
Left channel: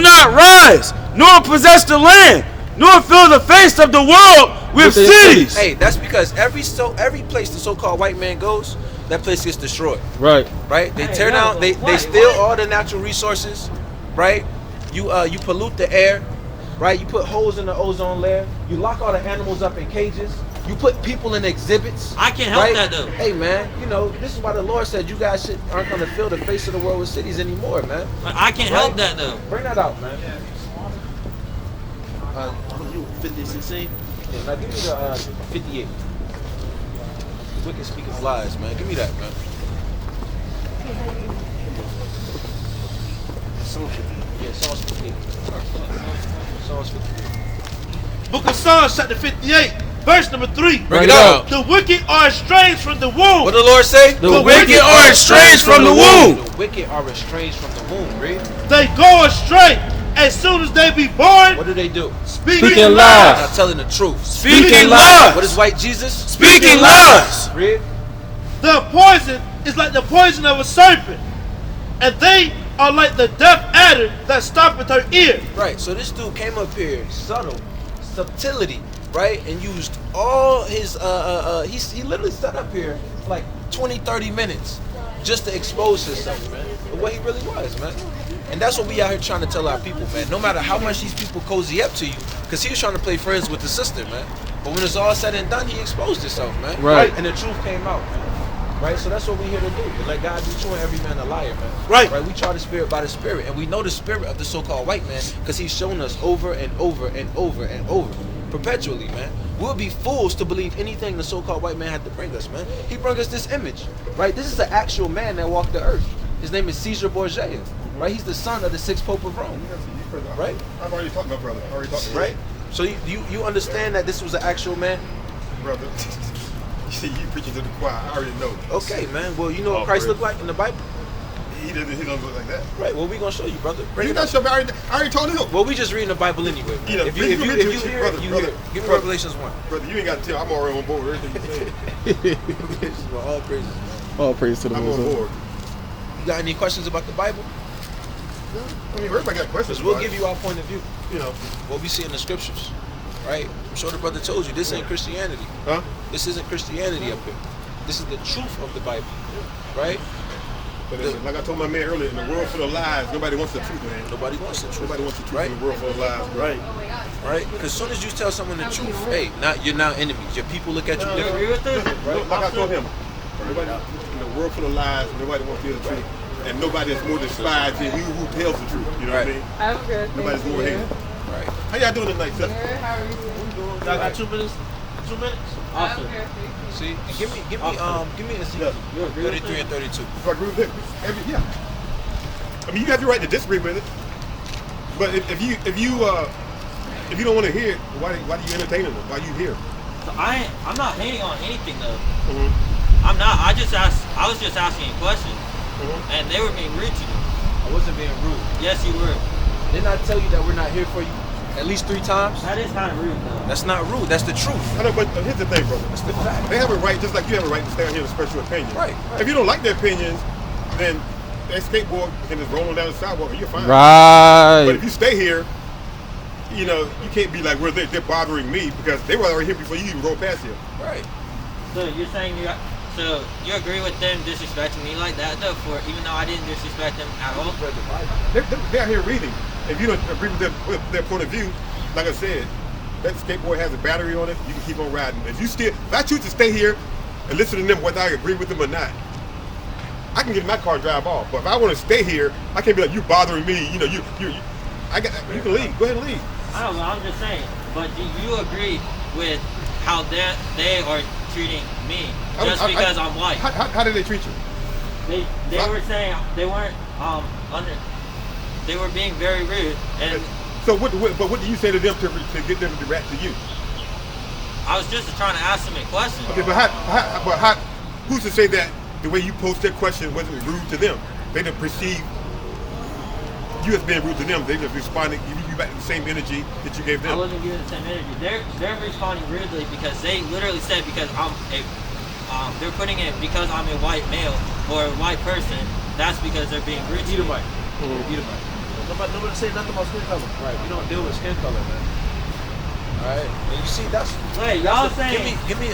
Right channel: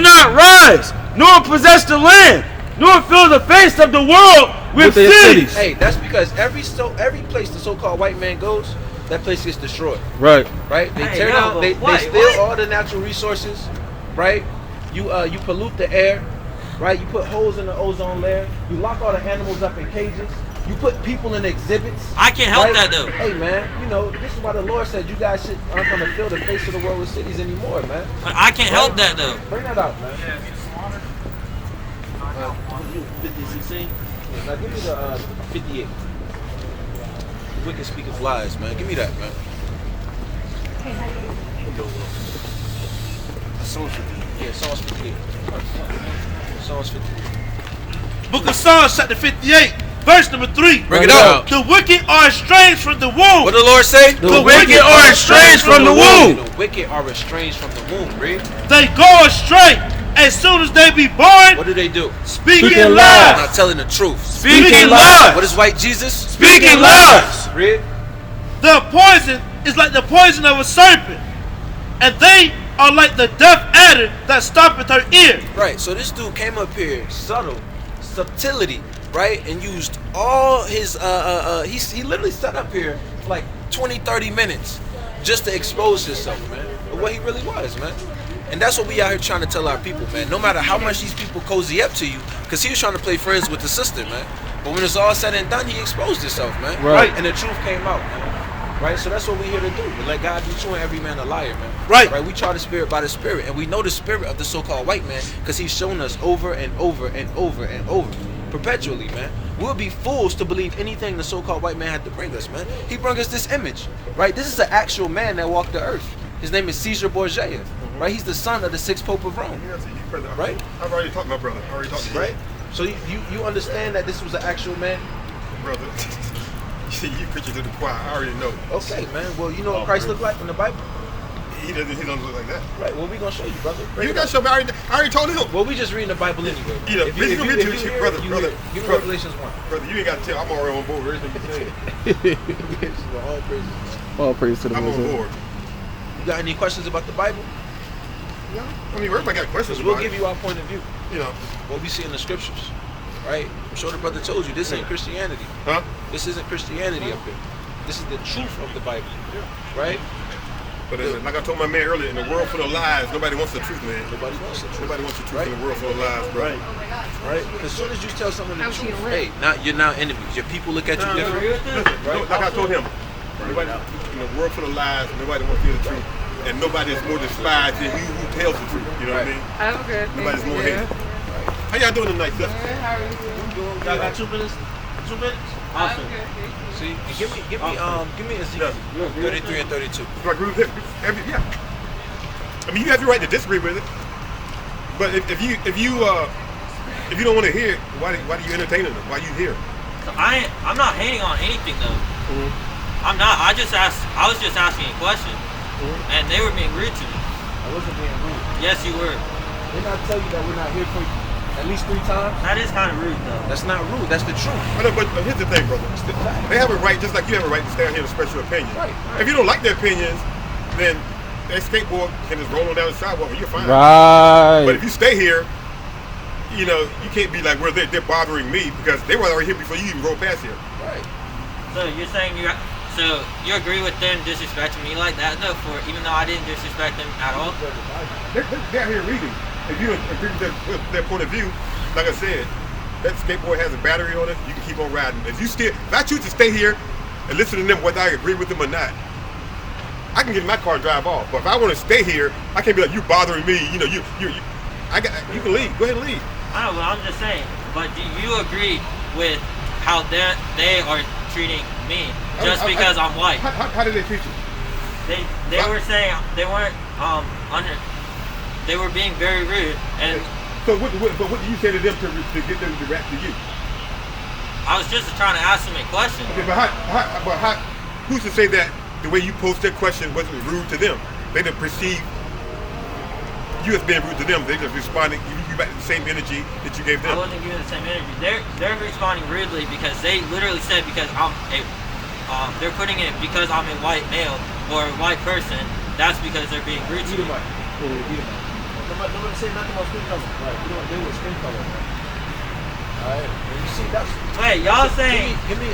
not rise, nor possess the land, nor fill the face of the world with cities. Hey, that's because every place the so-called white man goes, that place gets destroyed. Right. Right? They Hey, tear no, down. but They what? steal all the natural resources. Right? You pollute the air. Right? You put holes in the ozone layer. You lock all the animals up in cages. You put people in exhibits. I can't help right? that though. Hey man, you know this is why the Lord said you guys aren't going to fill the face of the world with cities anymore, man. But I can't help that though. Bring that out, man. You 50, 16? Now give me the 58. The wicked speaketh lies, man. Give me that, man. Psalms 58. Yeah, Psalms 58. Psalms 58. Book of Psalms, chapter 58, verse number 3. Bring it out. The wicked are estranged from the womb. What the Lord say? The wicked are estranged from the womb. The wicked are estranged from the womb, read. They go astray as soon as they be born. What do? Speaking Speaking lies. Not telling the truth. Speaking lies. What is white Jesus? Speaking lies. Read. The poison is like the poison of a serpent, and they are like the deaf adder that stoppeth her ear. Right, so this dude came up here, subtlety, right? And used all his, he literally sat up here for like 20, 30 minutes just to expose himself, man, of what he really was, man. And that's what we out here trying to tell our people, man. No matter how much these people cozy up to you, because he was trying to play friends with the sister, man. But when it's all said and done, he exposed himself, man. Right. And the truth came out, man. Right, so that's what we're here to do. To let God be true and every man a liar, man. Right. Right. We try the spirit by the spirit, and we know the spirit of the so-called white man because he's shown us over and over and over and over, perpetually, man. We'll be fools to believe anything the so-called white man had to bring us, man. He brought us this image, right? This is an actual man that walked the earth. His name is Caesar Borgia, right? He's the son of the 6th Pope of Rome, right? I've already talked to my brother. I already talked to him. Right. So you understand that this was an actual man, Brother. You preaching to the choir. I already know. Okay, man. Well, you know what Christ looked like in the Bible. He doesn't look like that. Right. Well, we gonna show you, brother. You got to show me. I already told him. Well, we just reading the Bible anyway. You know, If you hear, brother. give me Revelations 1. Brother, you ain't got to tell. I'm already on board with everything you're saying. All praises. All praise to the I'm Most on High. board. You got any questions about the Bible? No, I mean, everybody got questions. We'll about give it. you our point of view. You know, What we see in the scriptures. Right? I'm sure the brother told you this ain't Christianity. huh? This isn't Christianity up here. This is the truth of the Bible. Right? But like I told my man earlier, in the world full of lies, nobody wants the truth, man. Nobody wants the truth. Nobody wants the truth Right? in the world full of lies, bro. Right? As soon as you tell someone the truth, hey, you're now enemies. Your people look at you different. Right? Like I told him, nobody, in a world full of lies, nobody wants to hear the truth. And nobody is more despised than he who tells the truth. You know what I mean? I'm good. Nobody's more hated. How y'all doing tonight, sister? How are you doing? Y'all got 2 minutes? 2 minutes? I'm good. See, give me Ezekiel 33 and 32. I agree with him. Yeah. I mean, you have your right to disagree with it, but if you don't want to hear it, why do you entertain it? Why you here? I'm not hating on anything though. I'm not. I was just asking a question, and they were being rude to me. I wasn't being rude. Yes, you were. Didn't I tell you that we're not here for you at least 3 times? That is kind of rude though. That's not rude. That's the truth. I know, but here's the thing, brother. They have a right, just like you have a right to stand here and express your opinion. Right. If you don't like their opinions, then that skateboard can just roll on down the sidewalk and you're fine. Right. But if you stay here you know, you can't be like, well, they're bothering me because they were already here before you even rolled past here. Right. So you're saying so you agree with them disrespecting me like that though, for even though I didn't disrespect them at all? They're out here reading. If you don't agree with their point of view, like I said, that skateboard has a battery on it. You can keep on riding. If I choose to stay here and listen to them, whether I agree with them or not, I can get in my car and drive off. But if I want to stay here, I can't be like, you bothering me. You know, you can leave. Go ahead and leave. I know, but I'm just saying. But do you agree with how they are treating me just because I'm white? How did they treat you? They were saying they weren't they were being very rude. And so what do you say to them to get them to react to you? I was just trying to ask them a question. Okay, but who's to say that the way you posed their question wasn't rude to them? They didn't perceive you as being rude to them. They just responded, giving you back the same energy that you gave them. I wasn't giving the same energy. They're responding rudely because they literally said because they're putting it because I'm a white male or a white person. That's because they're being rude to me. Nobody say nothing about skin color. Right. We don't deal with skin color, man. Alright. You see, that's. Wait, y'all saying? Give me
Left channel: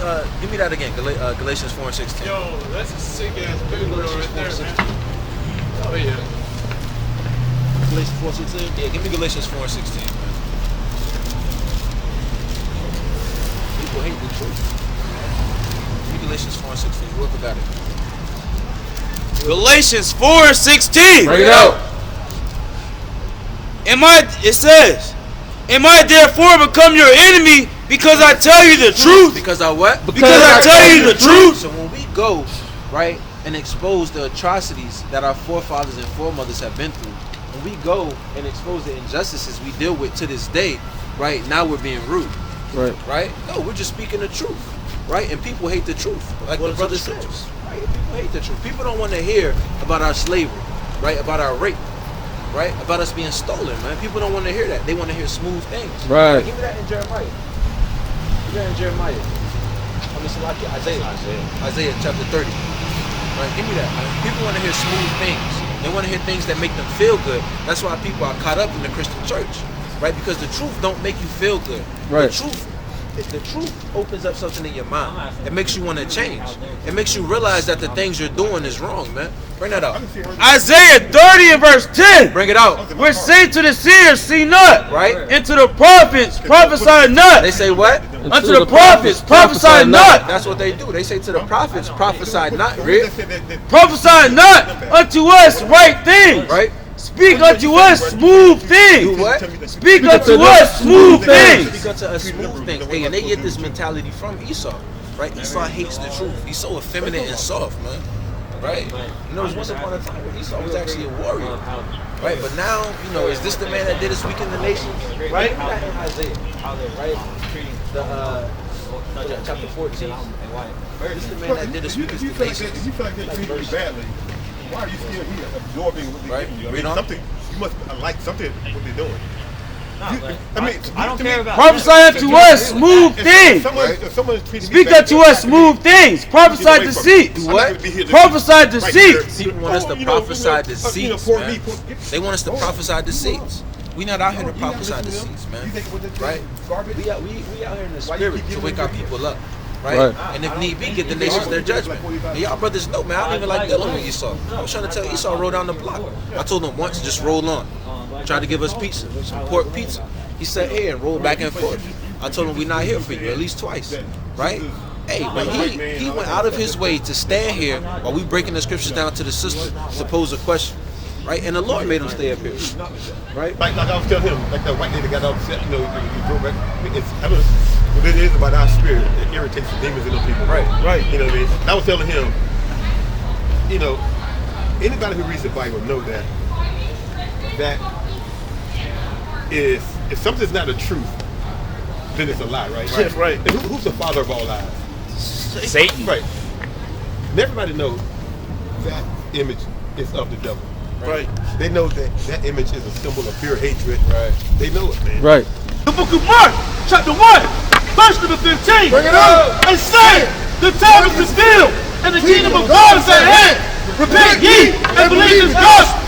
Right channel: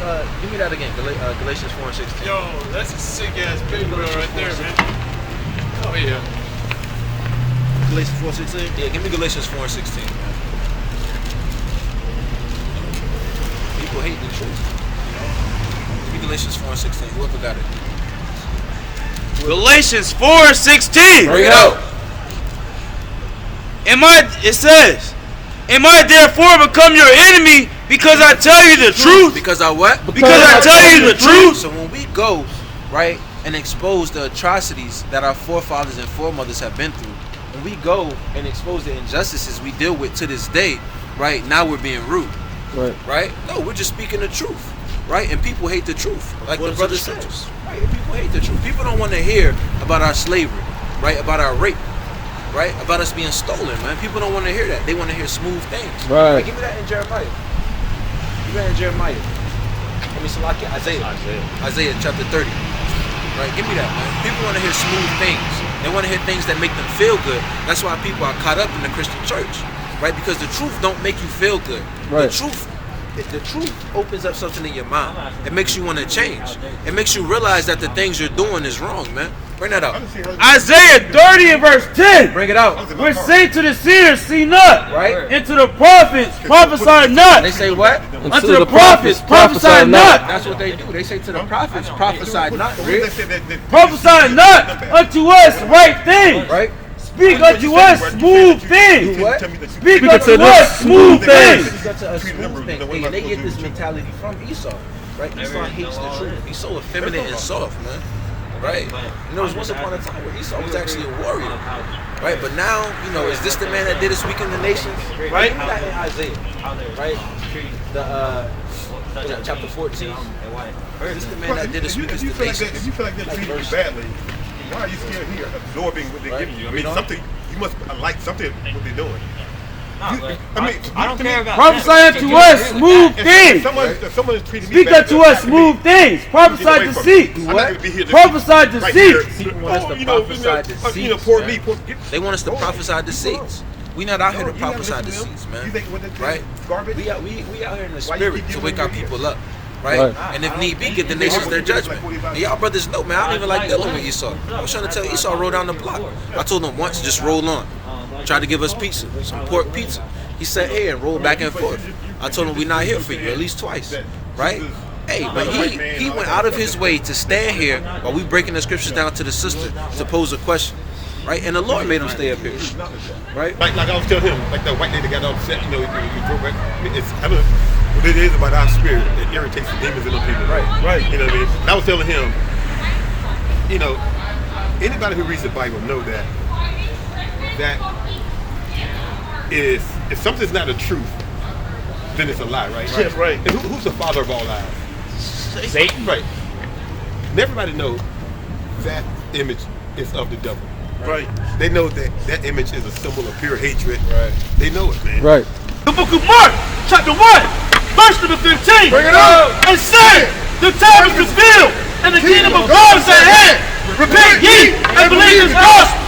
that again. Galatians 4:16. Yo, that's a sick ass video right there, man. Oh yeah. Galatians 4:16. Yeah, give me Galatians 4:16, man. People hate the truth. Give me Galatians 4:16. Whoever got it. Galatians 4:16. Bring it out. It says, am I therefore become your enemy because I tell you the truth? Because I what? Because I tell you the truth. So when we go, right, and expose the atrocities that our forefathers and foremothers have been through, when we go and expose the injustices we deal with to this day, right, now we're being rude. Right? No, we're just speaking the truth. Right? And people hate the truth. Like the brother says. Right? People hate the truth. People don't want to hear about our slavery, right? About our rape. Right? About us being stolen, man. People don't want to hear that. They want to hear smooth things. Right. Give me that in Jeremiah. Give me that in Jeremiah. I mean, so like Isaiah chapter 30. Right? Give me that, man. People want to hear smooth things. They want to hear things that make them feel good. That's why people are caught up in the Christian church. Right? Because the truth don't make you feel good. Right. The truth opens up something in your mind. It makes you want to change. It makes you realize that the things you're doing is wrong, man. Bring that out. Isaiah 30 and verse 10. Bring it out. Which say to the seers, see not. Right. And to the prophets, prophesy not. They say what? Unto the prophets, prophesy not. That's what they do. They say to the prophets, prophesy not. Prophesy not unto us right things. Right. Speak unto us smooth things. Speak unto us smooth things. Speak unto us smooth things. And they get this mentality from Esau. Right? Esau hates the truth. He's so effeminate and soft, man. Right? And there was once upon a time where Esau was actually a warrior. Right? But now, you know, is this the man that did us weaken the nations? Right? Give me that in Isaiah. Right? The chapter 14. This is the man that did us weaken the nations. If you feel like they're treating you badly, why are you still here absorbing what they're giving you? I mean, something, you must like something what they're doing. I don't care about prophesy unto us smooth things. Speak unto us smooth things. Prophesy deceits. Prophesy deceits. People want us to prophesy deceits. They want us to prophesy deceits. We not out here to prophesy deceits, man. Right? We out here in the spirit to wake our people up. Right? And if need be, give the nations their judgment. And y'all brothers know, man, I don't even like dealing with Esau. I was trying to tell Esau, roll down the block. I told him once, just roll on. Tried to give us pizza, some pork pizza. He sat here and rolled back and forth. I told him, we're not here for you, at least twice. Right? Hey, but he went out of his way to stand here while we breaking the scriptures down to the sister to pose a question. Right? And the Lord made him stay up here. Right? Like I was telling him, like that white lady got upset, you know, you broke back. I don't know what it is about our spirit. It irritates the demons in those people. Right. You know what I mean? And I was telling him, you know, anybody who reads the Bible know that is, if something's not a truth, then it's a lie, right? Yeah, right. And who's the father of all lies? Satan. Right. And everybody knows that image is of the devil. Right. They know that image is a symbol of pure hatred. Right. They know it, man. Right. The book of Mark, chapter 1, verse number 15. Bring it up. And say, the time is fulfilled, and the kingdom of God is at hand. Repent ye and believe in the gospel.